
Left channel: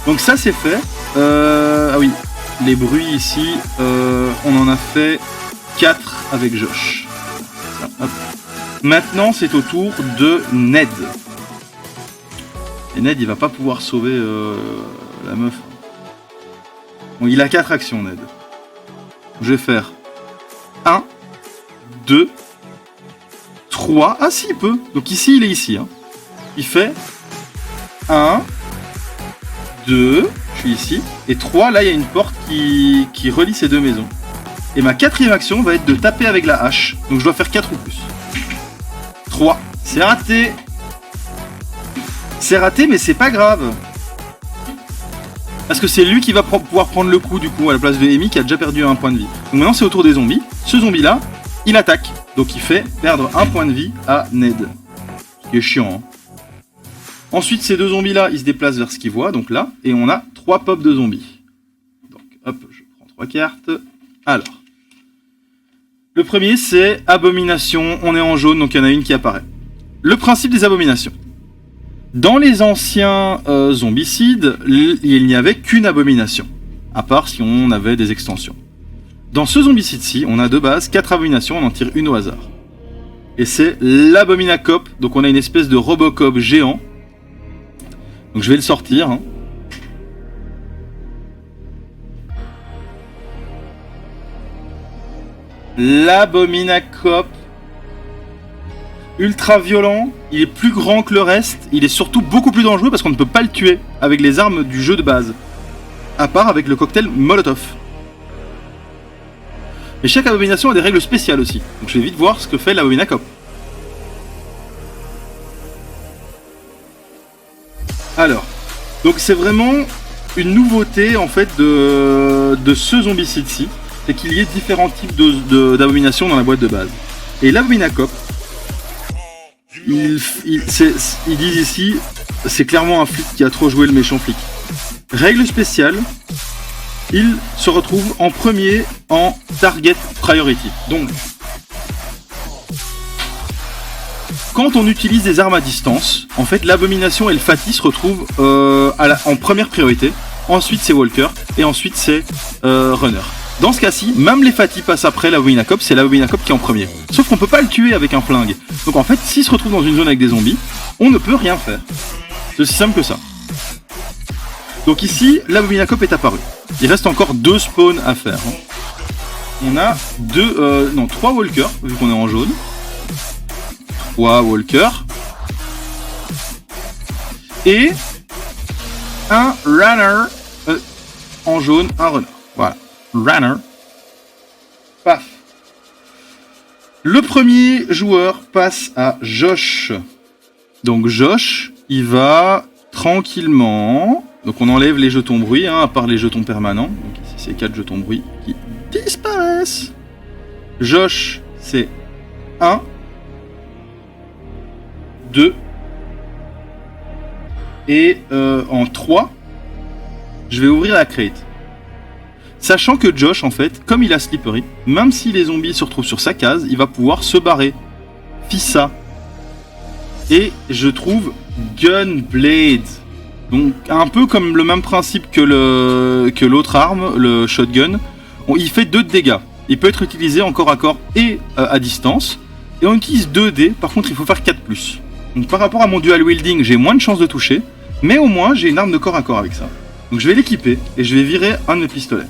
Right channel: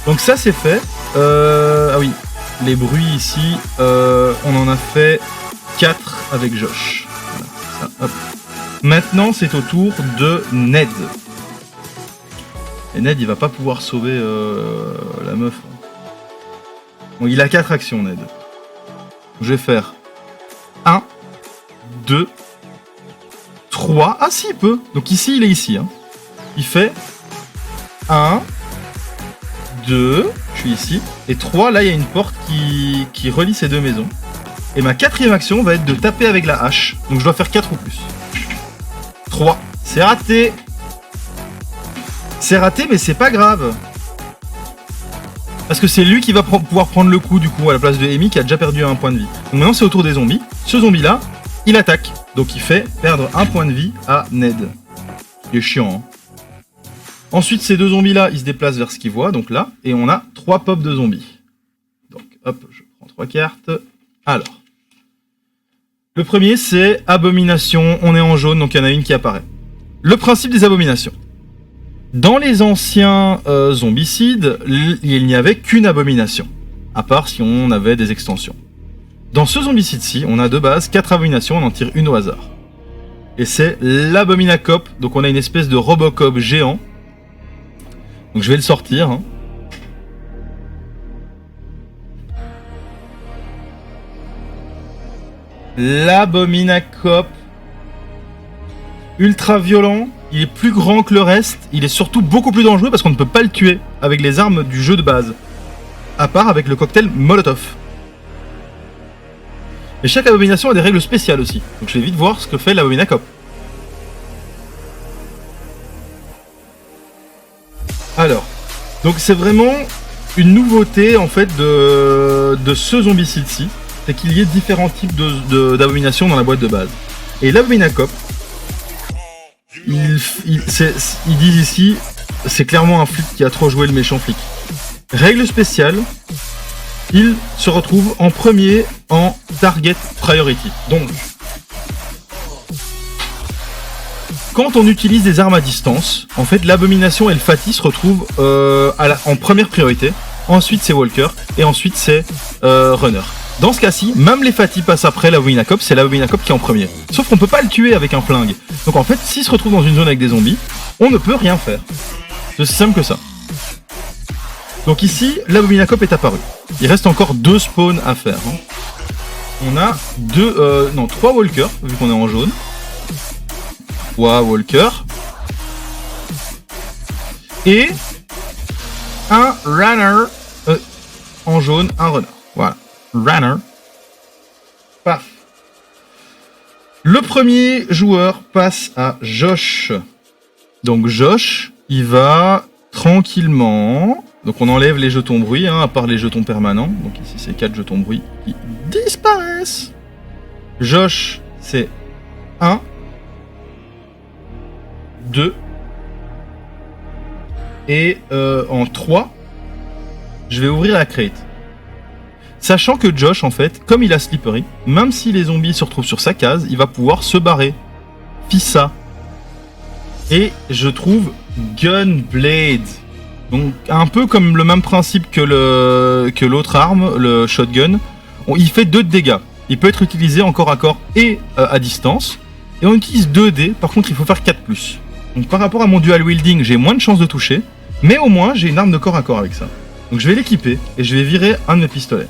Donc ça c'est fait. Ah oui, les bruits ici, on en a fait 4 avec Josh. Voilà, ça, hop. Maintenant, c'est au tour de Ned. Et Ned, il va pas pouvoir sauver la meuf. Bon, il a 4 actions, Ned. Je vais faire 1, 2, 3. Ah si, il peut. Donc ici, il est ici. Hein. Il fait 1, 2, je suis ici. Et 3, là, il y a une porte qui relie ces deux maisons. Et ma quatrième action va être de taper avec la hache. Donc je dois faire 4 ou plus. 3. C'est raté. C'est raté, mais c'est pas grave. Parce que c'est lui qui va pouvoir prendre le coup, du coup, à la place de Amy, qui a déjà perdu un point de vie. Donc maintenant, c'est au tour des zombies. Ce zombie-là, il attaque. Donc il fait perdre un point de vie à Ned. Ce qui est chiant, hein. Ensuite, ces deux zombies-là, ils se déplacent vers ce qu'ils voient, donc là. Et on a 3 pops de zombies. Donc, hop, je prends 3 cartes. Alors. Le premier, c'est Abomination. On est en jaune, donc il y en a une qui apparaît. Le principe des abominations. Dans les anciens zombicides, il n'y avait qu'une abomination. À part si on avait des extensions. Dans ce zombicide-ci, on a de base 4 abominations, on en tire une au hasard. Et c'est l'Abominacop, donc on a une espèce de Robocop géant. Donc je vais le sortir. Hein. L'Abominacop. Ultra violent, il est plus grand que le reste, il est surtout beaucoup plus dangereux parce qu'on ne peut pas le tuer avec les armes du jeu de base. À part avec le cocktail Molotov. Et chaque abomination a des règles spéciales aussi. Donc je vais vite voir ce que fait l'Abominacop. Alors, donc c'est vraiment une nouveauté en fait de ce zombicide-ci. C'est qu'il y ait différents types d'abominations dans la boîte de base. Et l'Abominacop, ils disent ici, c'est clairement un flic qui a trop joué le méchant flic. Règle spéciale, il se retrouve en premier en target priority. Donc, quand on utilise des armes à distance, en fait, l'abomination et le Fatih se retrouvent en première priorité. Ensuite, c'est Walker et ensuite, c'est Runner. Dans ce cas-ci, même les Fatih passent après l'Abominacop, c'est l'Abominacop qui est en premier. Sauf qu'on peut pas le tuer avec un flingue. Donc en fait, s'il se retrouve dans une zone avec des zombies, on ne peut rien faire. C'est aussi simple que ça. Donc ici, l'Abominacop est apparu. Il reste encore 2 spawns à faire. On a 3 Walkers, vu qu'on est en jaune. 3 Walkers. Et un Runner en jaune, un Runner. Voilà. Runner. Paf. Le premier joueur passe à Josh. Donc Josh, il va tranquillement. Donc on enlève les jetons bruit, hein, à part les jetons permanents. Donc ici c'est 4 jetons bruit qui disparaissent. Josh, c'est 1, 2 et en 3, je vais ouvrir la crate. Sachant que Josh, en fait, comme il a Slippery, même si les zombies se retrouvent sur sa case, il va pouvoir se barrer. Fissa. Et je trouve Gunblade. Donc un peu comme le même principe que l'autre arme, le shotgun. Il fait 2 de dégâts. Il peut être utilisé en corps à corps et à distance. Et on utilise 2 dés, par contre il faut faire 4+. Donc par rapport à mon dual wielding, j'ai moins de chances de toucher. Mais au moins j'ai une arme de corps à corps avec ça. Donc je vais l'équiper et je vais virer un de mes pistolets.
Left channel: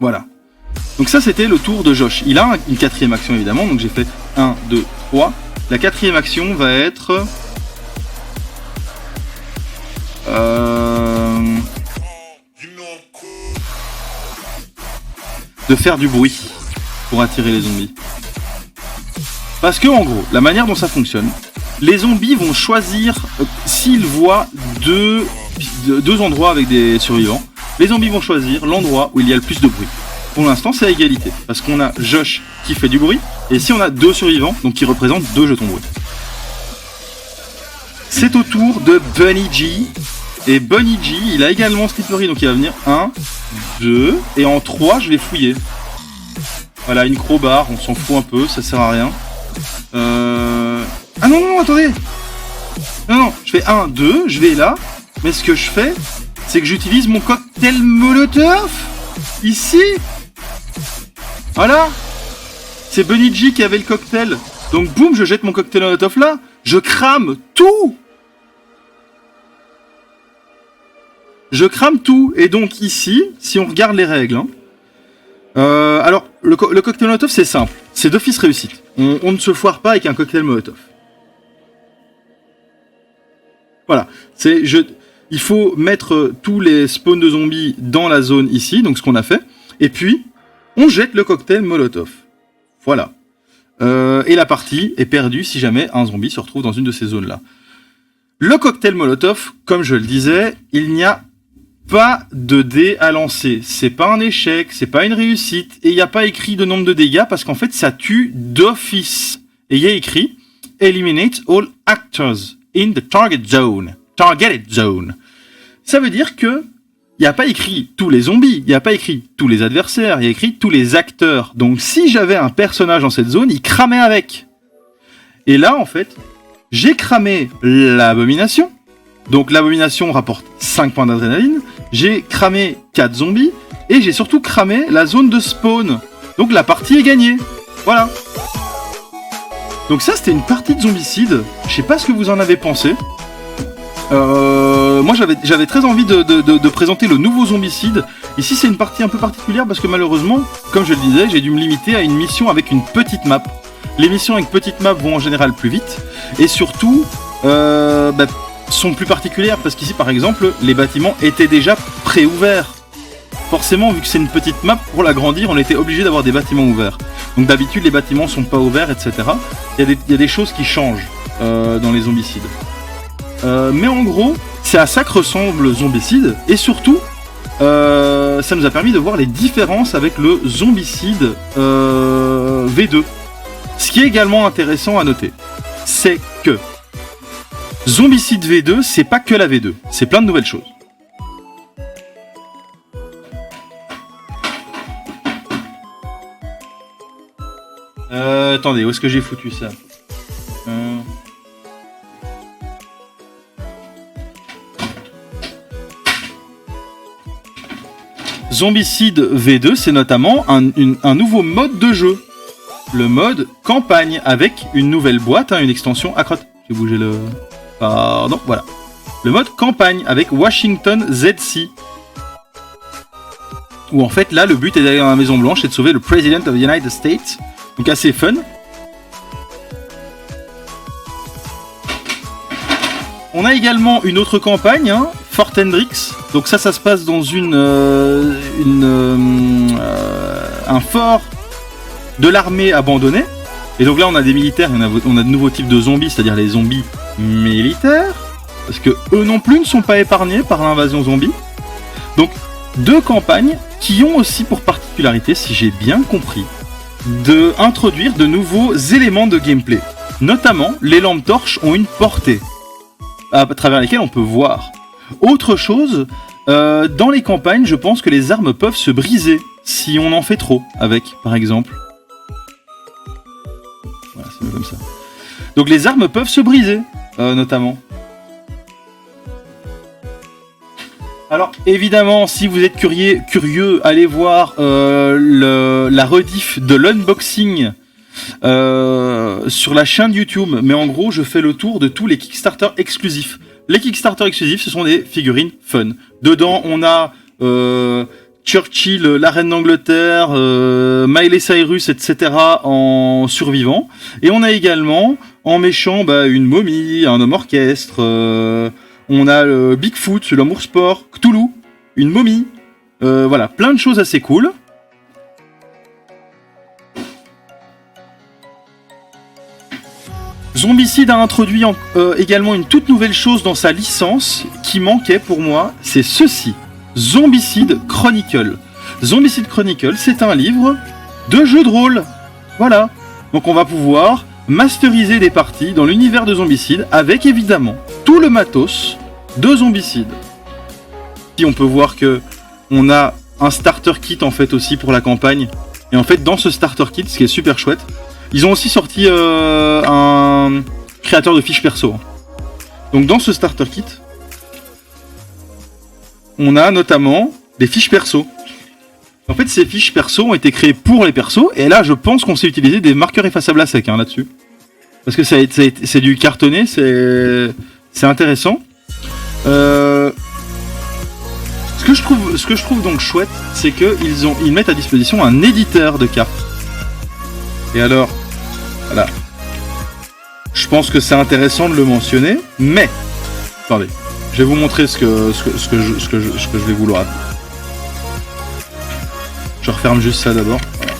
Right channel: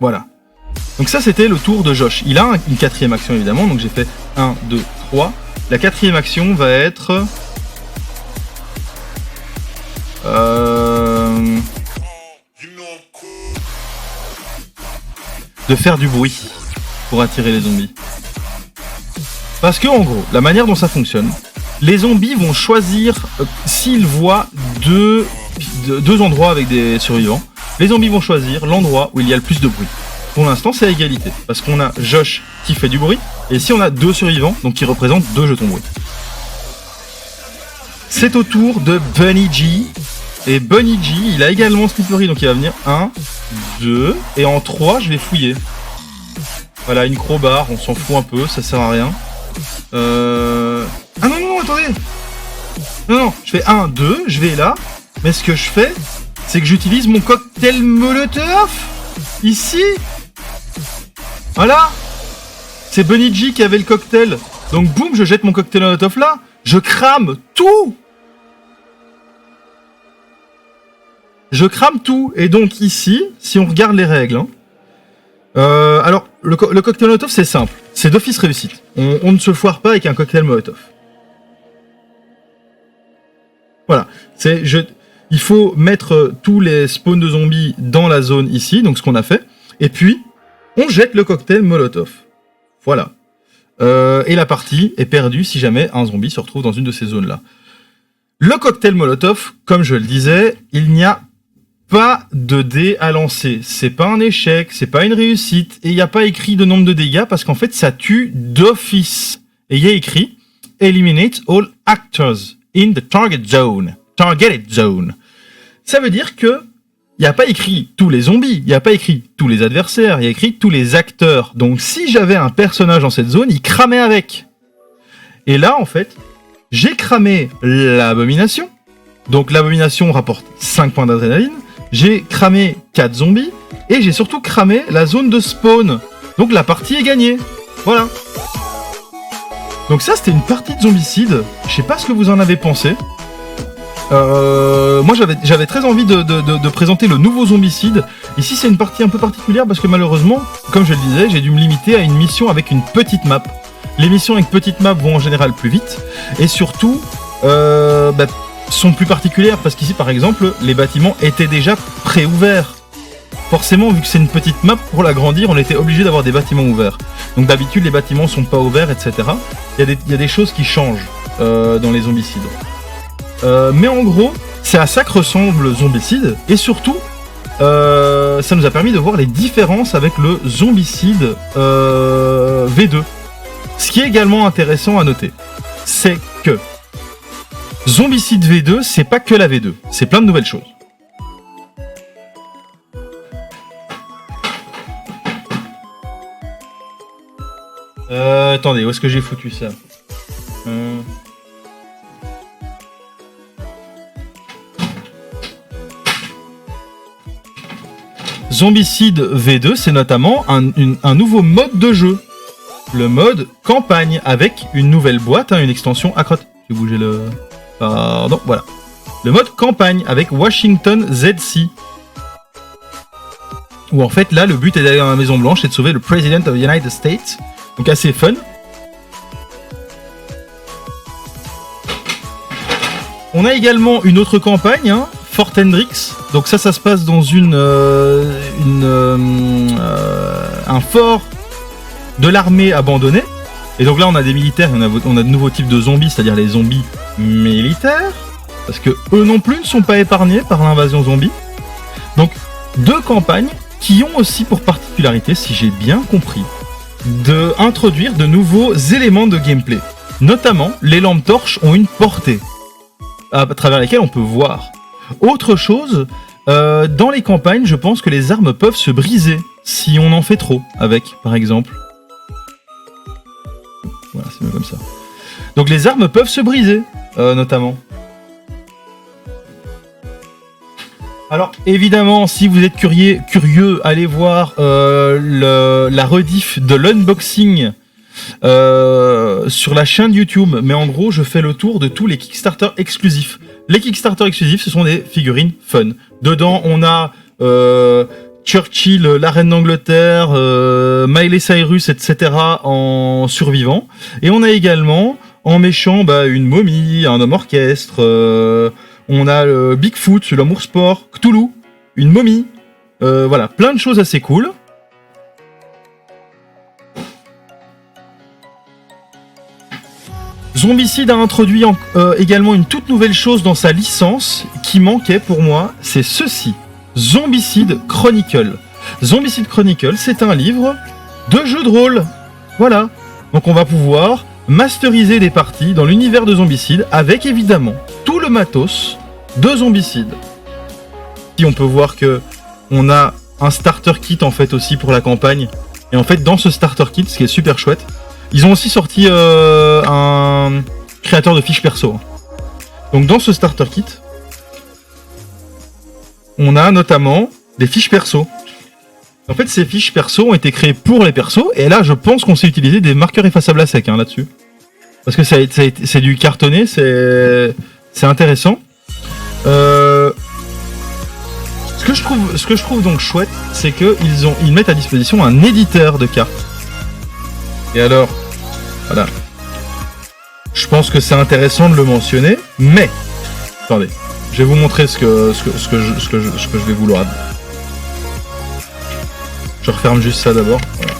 Voilà. Donc ça c'était le tour de Josh. Il a une 4ème action évidemment, donc j'ai fait 1, 2, 3. La 4ème action va être... de faire du bruit pour attirer les zombies. Parce que en gros, la manière dont ça fonctionne, les zombies vont choisir s'ils voient deux endroits avec des survivants. Les zombies vont choisir l'endroit où il y a le plus de bruit. Pour l'instant, c'est à égalité. Parce qu'on a Josh qui fait du bruit. Et si on a 2 survivants, donc qui représentent 2 jetons bruit. C'est au tour de Bunny G. Et Bunny G, il a également Slippery. Donc il va venir 1, 2. Et en 3, je vais fouiller. Voilà, une crowbar. On s'en fout un peu. Ça sert à rien. Ah non, attendez. Non, je fais 1, 2. Je vais là. Mais ce que je fais, c'est que j'utilise mon cocktail Molotov. Ici. Voilà. C'est Bunny G qui avait le cocktail. Donc boum, je jette mon cocktail Molotov là. Je crame tout. Je crame tout. Et donc ici, si on regarde les règles... alors, le cocktail Molotov, c'est simple. C'est d'office réussite. On ne se foire pas avec un cocktail Molotov. Voilà. Il faut mettre tous les spawns de zombies dans la zone ici, donc ce qu'on a fait. Et puis, on jette le cocktail Molotov. Voilà. Et la partie est perdue si jamais un zombie se retrouve dans une de ces zones-là. Le cocktail Molotov, comme je le disais, il n'y a pas de dés à lancer. C'est pas un échec, c'est pas une réussite, et il n'y a pas écrit de nombre de dégâts parce qu'en fait, ça tue d'office. Et il y a écrit « Eliminate all actors in the targeted zone ». Ça veut dire que il n'y a pas écrit tous les zombies, il n'y a pas écrit tous les adversaires, il y a écrit tous les acteurs. Donc si j'avais un personnage dans cette zone, il cramait avec. Et là, en fait, j'ai cramé l'abomination. Donc l'abomination rapporte 5 points d'adrénaline. J'ai cramé 4 zombies. Et j'ai surtout cramé la zone de spawn. Donc la partie est gagnée. Voilà. Donc ça, c'était une partie de zombicide. Je sais pas ce que vous en avez pensé. Moi j'avais très envie de présenter le nouveau zombicide. Ici c'est une partie un peu particulière parce que malheureusement, comme je le disais, j'ai dû me limiter à une mission avec une petite map. Les missions avec petite map vont en général plus vite et surtout sont plus particulières parce qu'ici par exemple les bâtiments étaient déjà préouverts. Forcément, vu que c'est une petite map, pour l'agrandir on était obligé d'avoir des bâtiments ouverts. Donc d'habitude les bâtiments sont pas ouverts, etc. Il y a des choses qui changent dans les zombicides. Mais en gros, c'est à ça que ressemble Zombicide, et surtout, ça nous a permis de voir les différences avec le Zombicide V2. Ce qui est également intéressant à noter, c'est que Zombicide V2, c'est pas que la V2, c'est plein de nouvelles choses. Attendez, où est-ce que j'ai foutu ça ? Zombicide V2, c'est notamment un nouveau mode de jeu. Le mode campagne, avec une nouvelle boîte, une extension... Ah, crotte, j'ai bougé le... Pardon, voilà. Le mode campagne, avec Washington ZC. Où en fait, là, le but est d'aller dans la Maison Blanche et de sauver le President of the United States. Donc assez fun. On a également une autre campagne, Fort Hendricks. Donc ça se passe dans un fort de l'armée abandonné. Et donc là, on a des militaires, on a de nouveaux types de zombies, c'est-à-dire les zombies militaires, parce que eux non plus ne sont pas épargnés par l'invasion zombie. Donc 2 campagnes qui ont aussi pour particularité, si j'ai bien compris, d'introduire de nouveaux éléments de gameplay. Notamment, les lampes torches ont une portée à travers lesquelles on peut voir. Autre chose, dans les campagnes, je pense que les armes peuvent se briser si on en fait trop avec, par exemple. Voilà, c'est mieux comme ça. Donc les armes peuvent se briser, notamment. Alors évidemment, si vous êtes curieux, allez voir la rediff de l'unboxing sur la chaîne YouTube. Mais en gros, je fais le tour de tous les Kickstarter exclusifs. Les Kickstarter exclusifs, ce sont des figurines fun. Dedans, on a Churchill, la reine d'Angleterre, Miley Cyrus, etc. en survivant. Et on a également, en méchant, une momie, un homme orchestre. On a Bigfoot, l'amour sport, Cthulhu, une momie. Voilà, plein de choses assez cool. Zombicide a introduit également une toute nouvelle chose dans sa licence qui manquait pour moi, c'est ceci. Zombicide Chronicle. Zombicide Chronicle, c'est un livre de jeu de rôle. Voilà. Donc on va pouvoir masteriser des parties dans l'univers de Zombicide avec évidemment tout le matos de Zombicide. Si on peut voir que on a un starter kit en fait aussi pour la campagne. Et en fait dans ce starter kit, ce qui est super chouette, ils ont aussi sorti un créateur de fiches perso. Donc dans ce starter kit, on a notamment des fiches perso. En fait, ces fiches perso ont été créées pour les persos, et là, je pense qu'on sait utiliser des marqueurs effaçables à sec là-dessus. Parce que c'est du cartonné, c'est intéressant. Ce que je trouve donc chouette, c'est qu'ils mettent à disposition un éditeur de cartes. Et alors, voilà. Je pense que c'est intéressant de le mentionner, mais attendez, je vais vous montrer ce que je vais vouloir. Je referme juste ça d'abord. Voilà.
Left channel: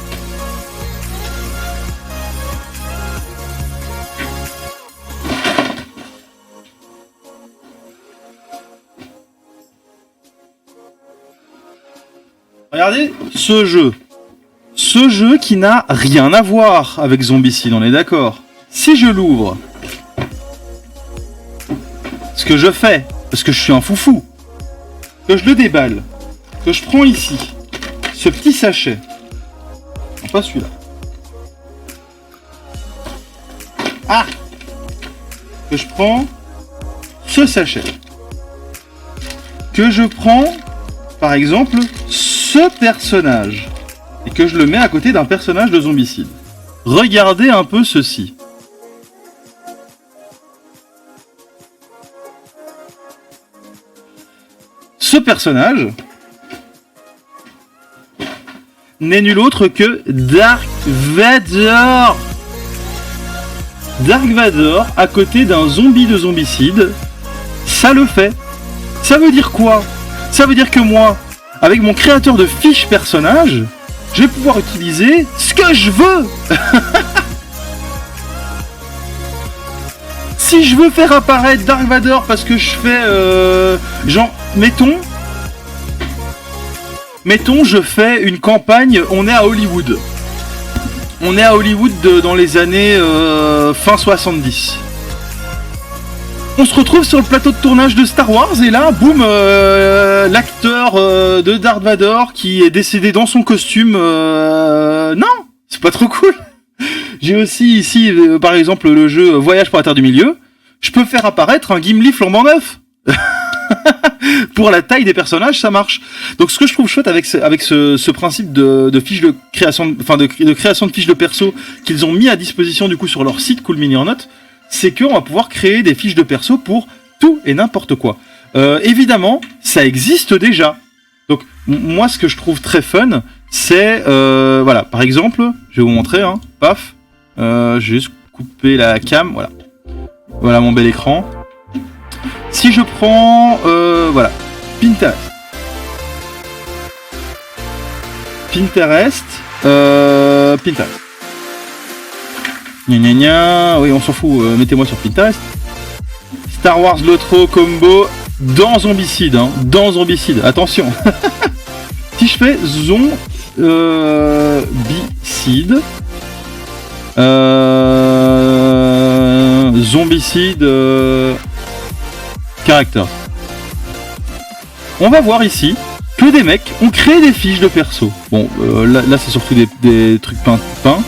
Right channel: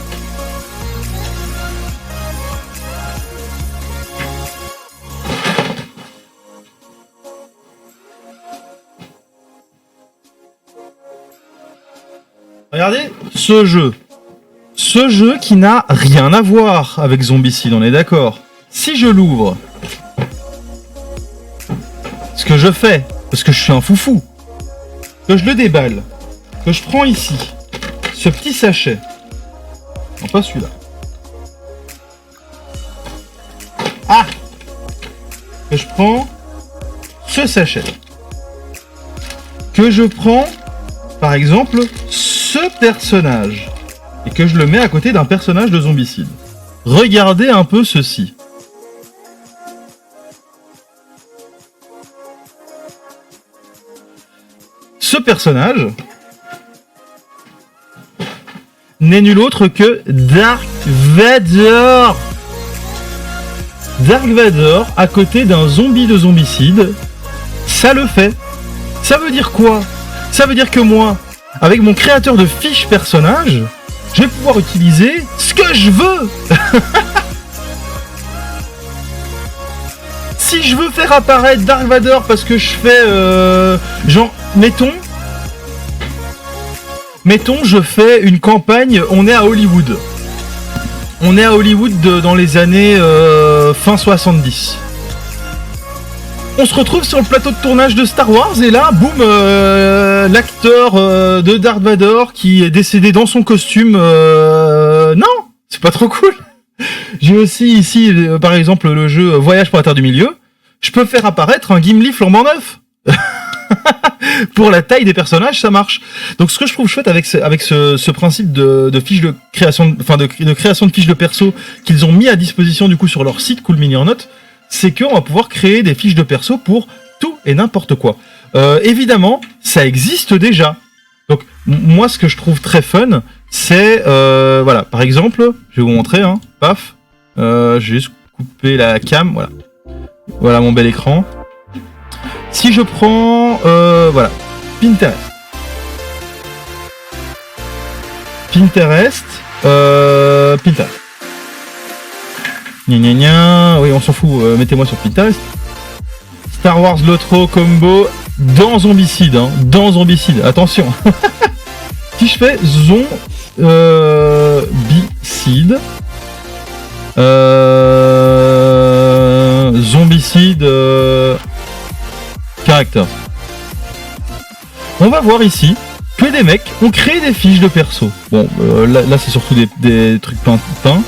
Regardez ce jeu. Ce jeu qui n'a rien à voir avec Zombicide, on est d'accord. Si je l'ouvre, ce que je fais, parce que je suis un foufou, que je le déballe, que je prends ici, ce petit sachet, non pas celui-là. Ah, que je prends ce sachet, que je prends, par exemple, ce personnage, et que je le mets à côté d'un personnage de Zombicide. Regardez un peu ceci. Ce personnage n'est nul autre que Dark Vador. Dark Vador à côté d'un zombie de Zombicide, ça le fait. Ça veut dire quoi? Ça veut dire que moi, avec mon créateur de fiches personnage, je vais pouvoir utiliser ce que je veux. Si je veux faire apparaître Dark Vador parce que je fais genre, mettons, je fais une campagne, on est à Hollywood. On est à Hollywood dans les années fin 70. On se retrouve sur le plateau de tournage de Star Wars et là, boum, l'acteur de Darth Vader qui est décédé dans son costume. Non, c'est pas trop cool. J'ai aussi ici, par exemple, le jeu Voyage pour la Terre du Milieu. Je peux faire apparaître un Gimli flambant neuf. Pour la taille des personnages, ça marche. Donc, ce que je trouve chouette avec ce principe de fiches de création, enfin de création de fiches de perso qu'ils ont mis à disposition du coup sur leur site Cool Mini or Not, c'est qu'on va pouvoir créer des fiches de perso pour tout et n'importe quoi. Évidemment, ça existe déjà. Donc, moi, ce que je trouve très fun, c'est voilà. Par exemple, je vais vous montrer. Hein, paf. Je vais juste couper la cam. Voilà. Voilà mon bel écran. Si je prends, voilà, Pinterest. Pinterest. Gna gna gna, oui on s'en fout, mettez-moi sur Pinterest. Star Wars Lotro Combo dans Zombicide, hein, dans Zombicide, attention. Si je fais Zombicide, Zombicide, Characters. on va voir ici que des mecs ont créé des fiches de perso. Bon, là c'est surtout des trucs peints,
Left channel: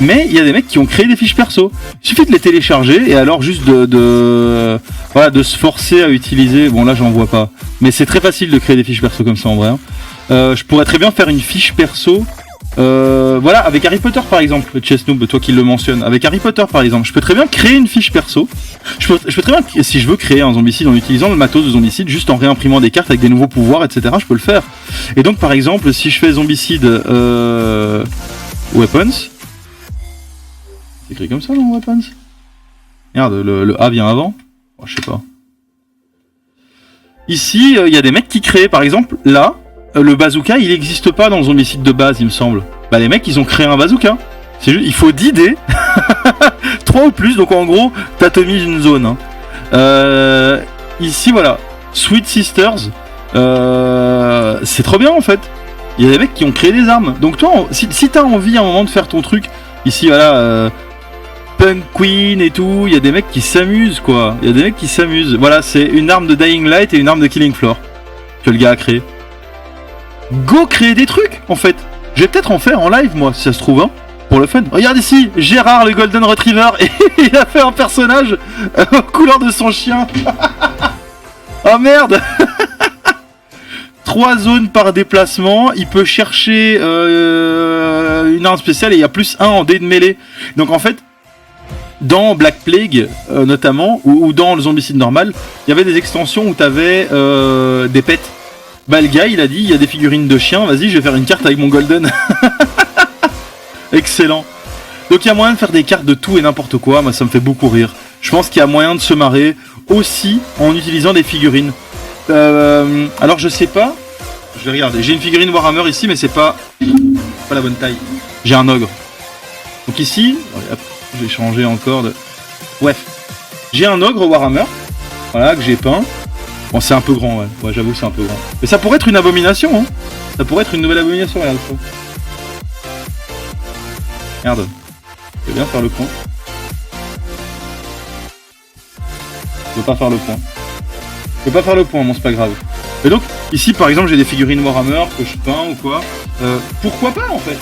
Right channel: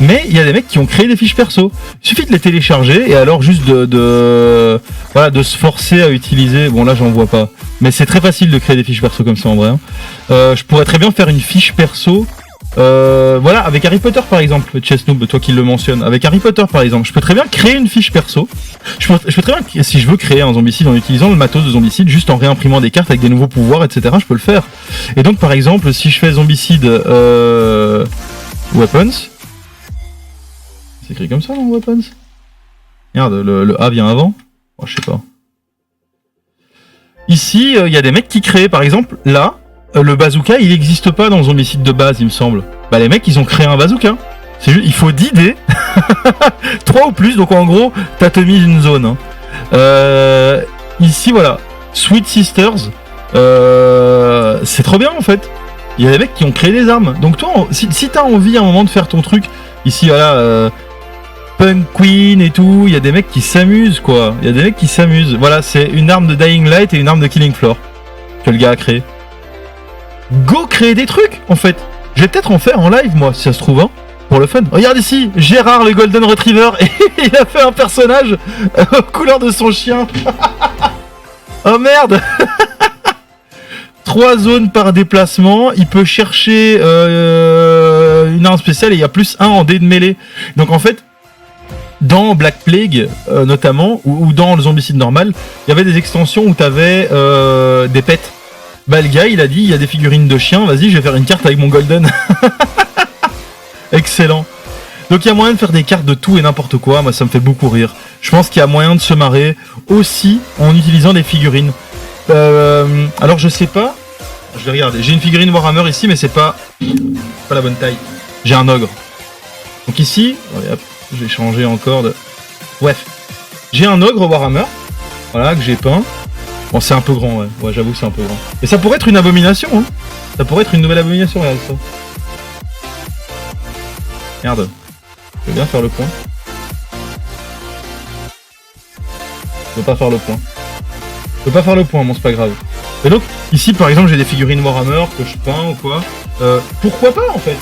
mais il y a des mecs qui ont créé des fiches perso. Il suffit de les télécharger et alors juste de se forcer à utiliser. Bon là j'en vois pas, mais c'est très facile de créer des fiches perso comme ça en vrai. Hein. Je pourrais très bien faire une fiche perso. Voilà, avec Harry Potter par exemple, Chessnoob, toi qui le mentionnes, avec Harry Potter par exemple, je peux très bien créer une fiche perso. Je peux très bien, si je veux créer un zombicide en utilisant le matos de zombicide, juste en réimprimant des cartes avec des nouveaux pouvoirs, etc., je peux le faire. Et donc par exemple, si je fais zombicide weapons, c'est écrit comme ça non, weapons. Merde, le A vient avant. Oh, je sais pas. Ici, il y a des mecs qui créent, par exemple, là. Le bazooka, il n'existe pas dans le zombicide de base, il me semble. Bah les mecs, ils ont créé un bazooka. C'est juste, il faut 10 dés, 3 ou plus, donc en gros, t'atomises une zone. Hein. Ici, voilà, Sweet Sisters, c'est trop bien en fait. Il y a des mecs qui ont créé des armes. Donc toi, si t'as envie à un moment de faire ton truc, ici, voilà, Punk Queen et tout, il y a des mecs qui s'amusent, quoi. Il y a des mecs qui s'amusent. Voilà, c'est une arme de Dying Light et une arme de Killing Floor que le gars a créé. Go créer des trucs en fait. Je vais peut-être en faire en live moi si ça se trouve hein, pour le fun. Regarde ici, Gérard le Golden Retriever et il a fait un personnage aux couleurs de son chien. Oh merde. 3 zones par déplacement, il peut chercher une arme spéciale et il y a +1 en dés de mêlée. Donc en fait, dans Black Plague notamment, ou dans le zombicide normal, il y avait des extensions où t'avais des pets. Bah le gars il a dit il y a des figurines de chiens, vas-y je vais faire une carte avec mon golden. Excellent. Donc il y a moyen de faire des cartes de tout et n'importe quoi, moi ça me fait beaucoup rire. Je pense qu'il y a moyen de se marrer aussi en utilisant des figurines. Alors je sais pas, je vais regarder, j'ai une figurine Warhammer ici mais c'est pas la bonne taille. J'ai un ogre. Donc ici, hop, j'ai changé encore de... Bref, j'ai un ogre Warhammer, voilà que j'ai peint. Bon, c'est un peu grand, ouais, j'avoue, c'est un peu grand. Mais ça pourrait être une abomination, hein. Ça pourrait être une nouvelle abomination, regarde ça. Merde. Je vais bien faire le point. Je peux pas faire le point. Je peux pas faire le point, bon, c'est pas grave. Et donc, ici, par exemple, j'ai des figurines Warhammer que je peins ou quoi. Pourquoi pas, en fait?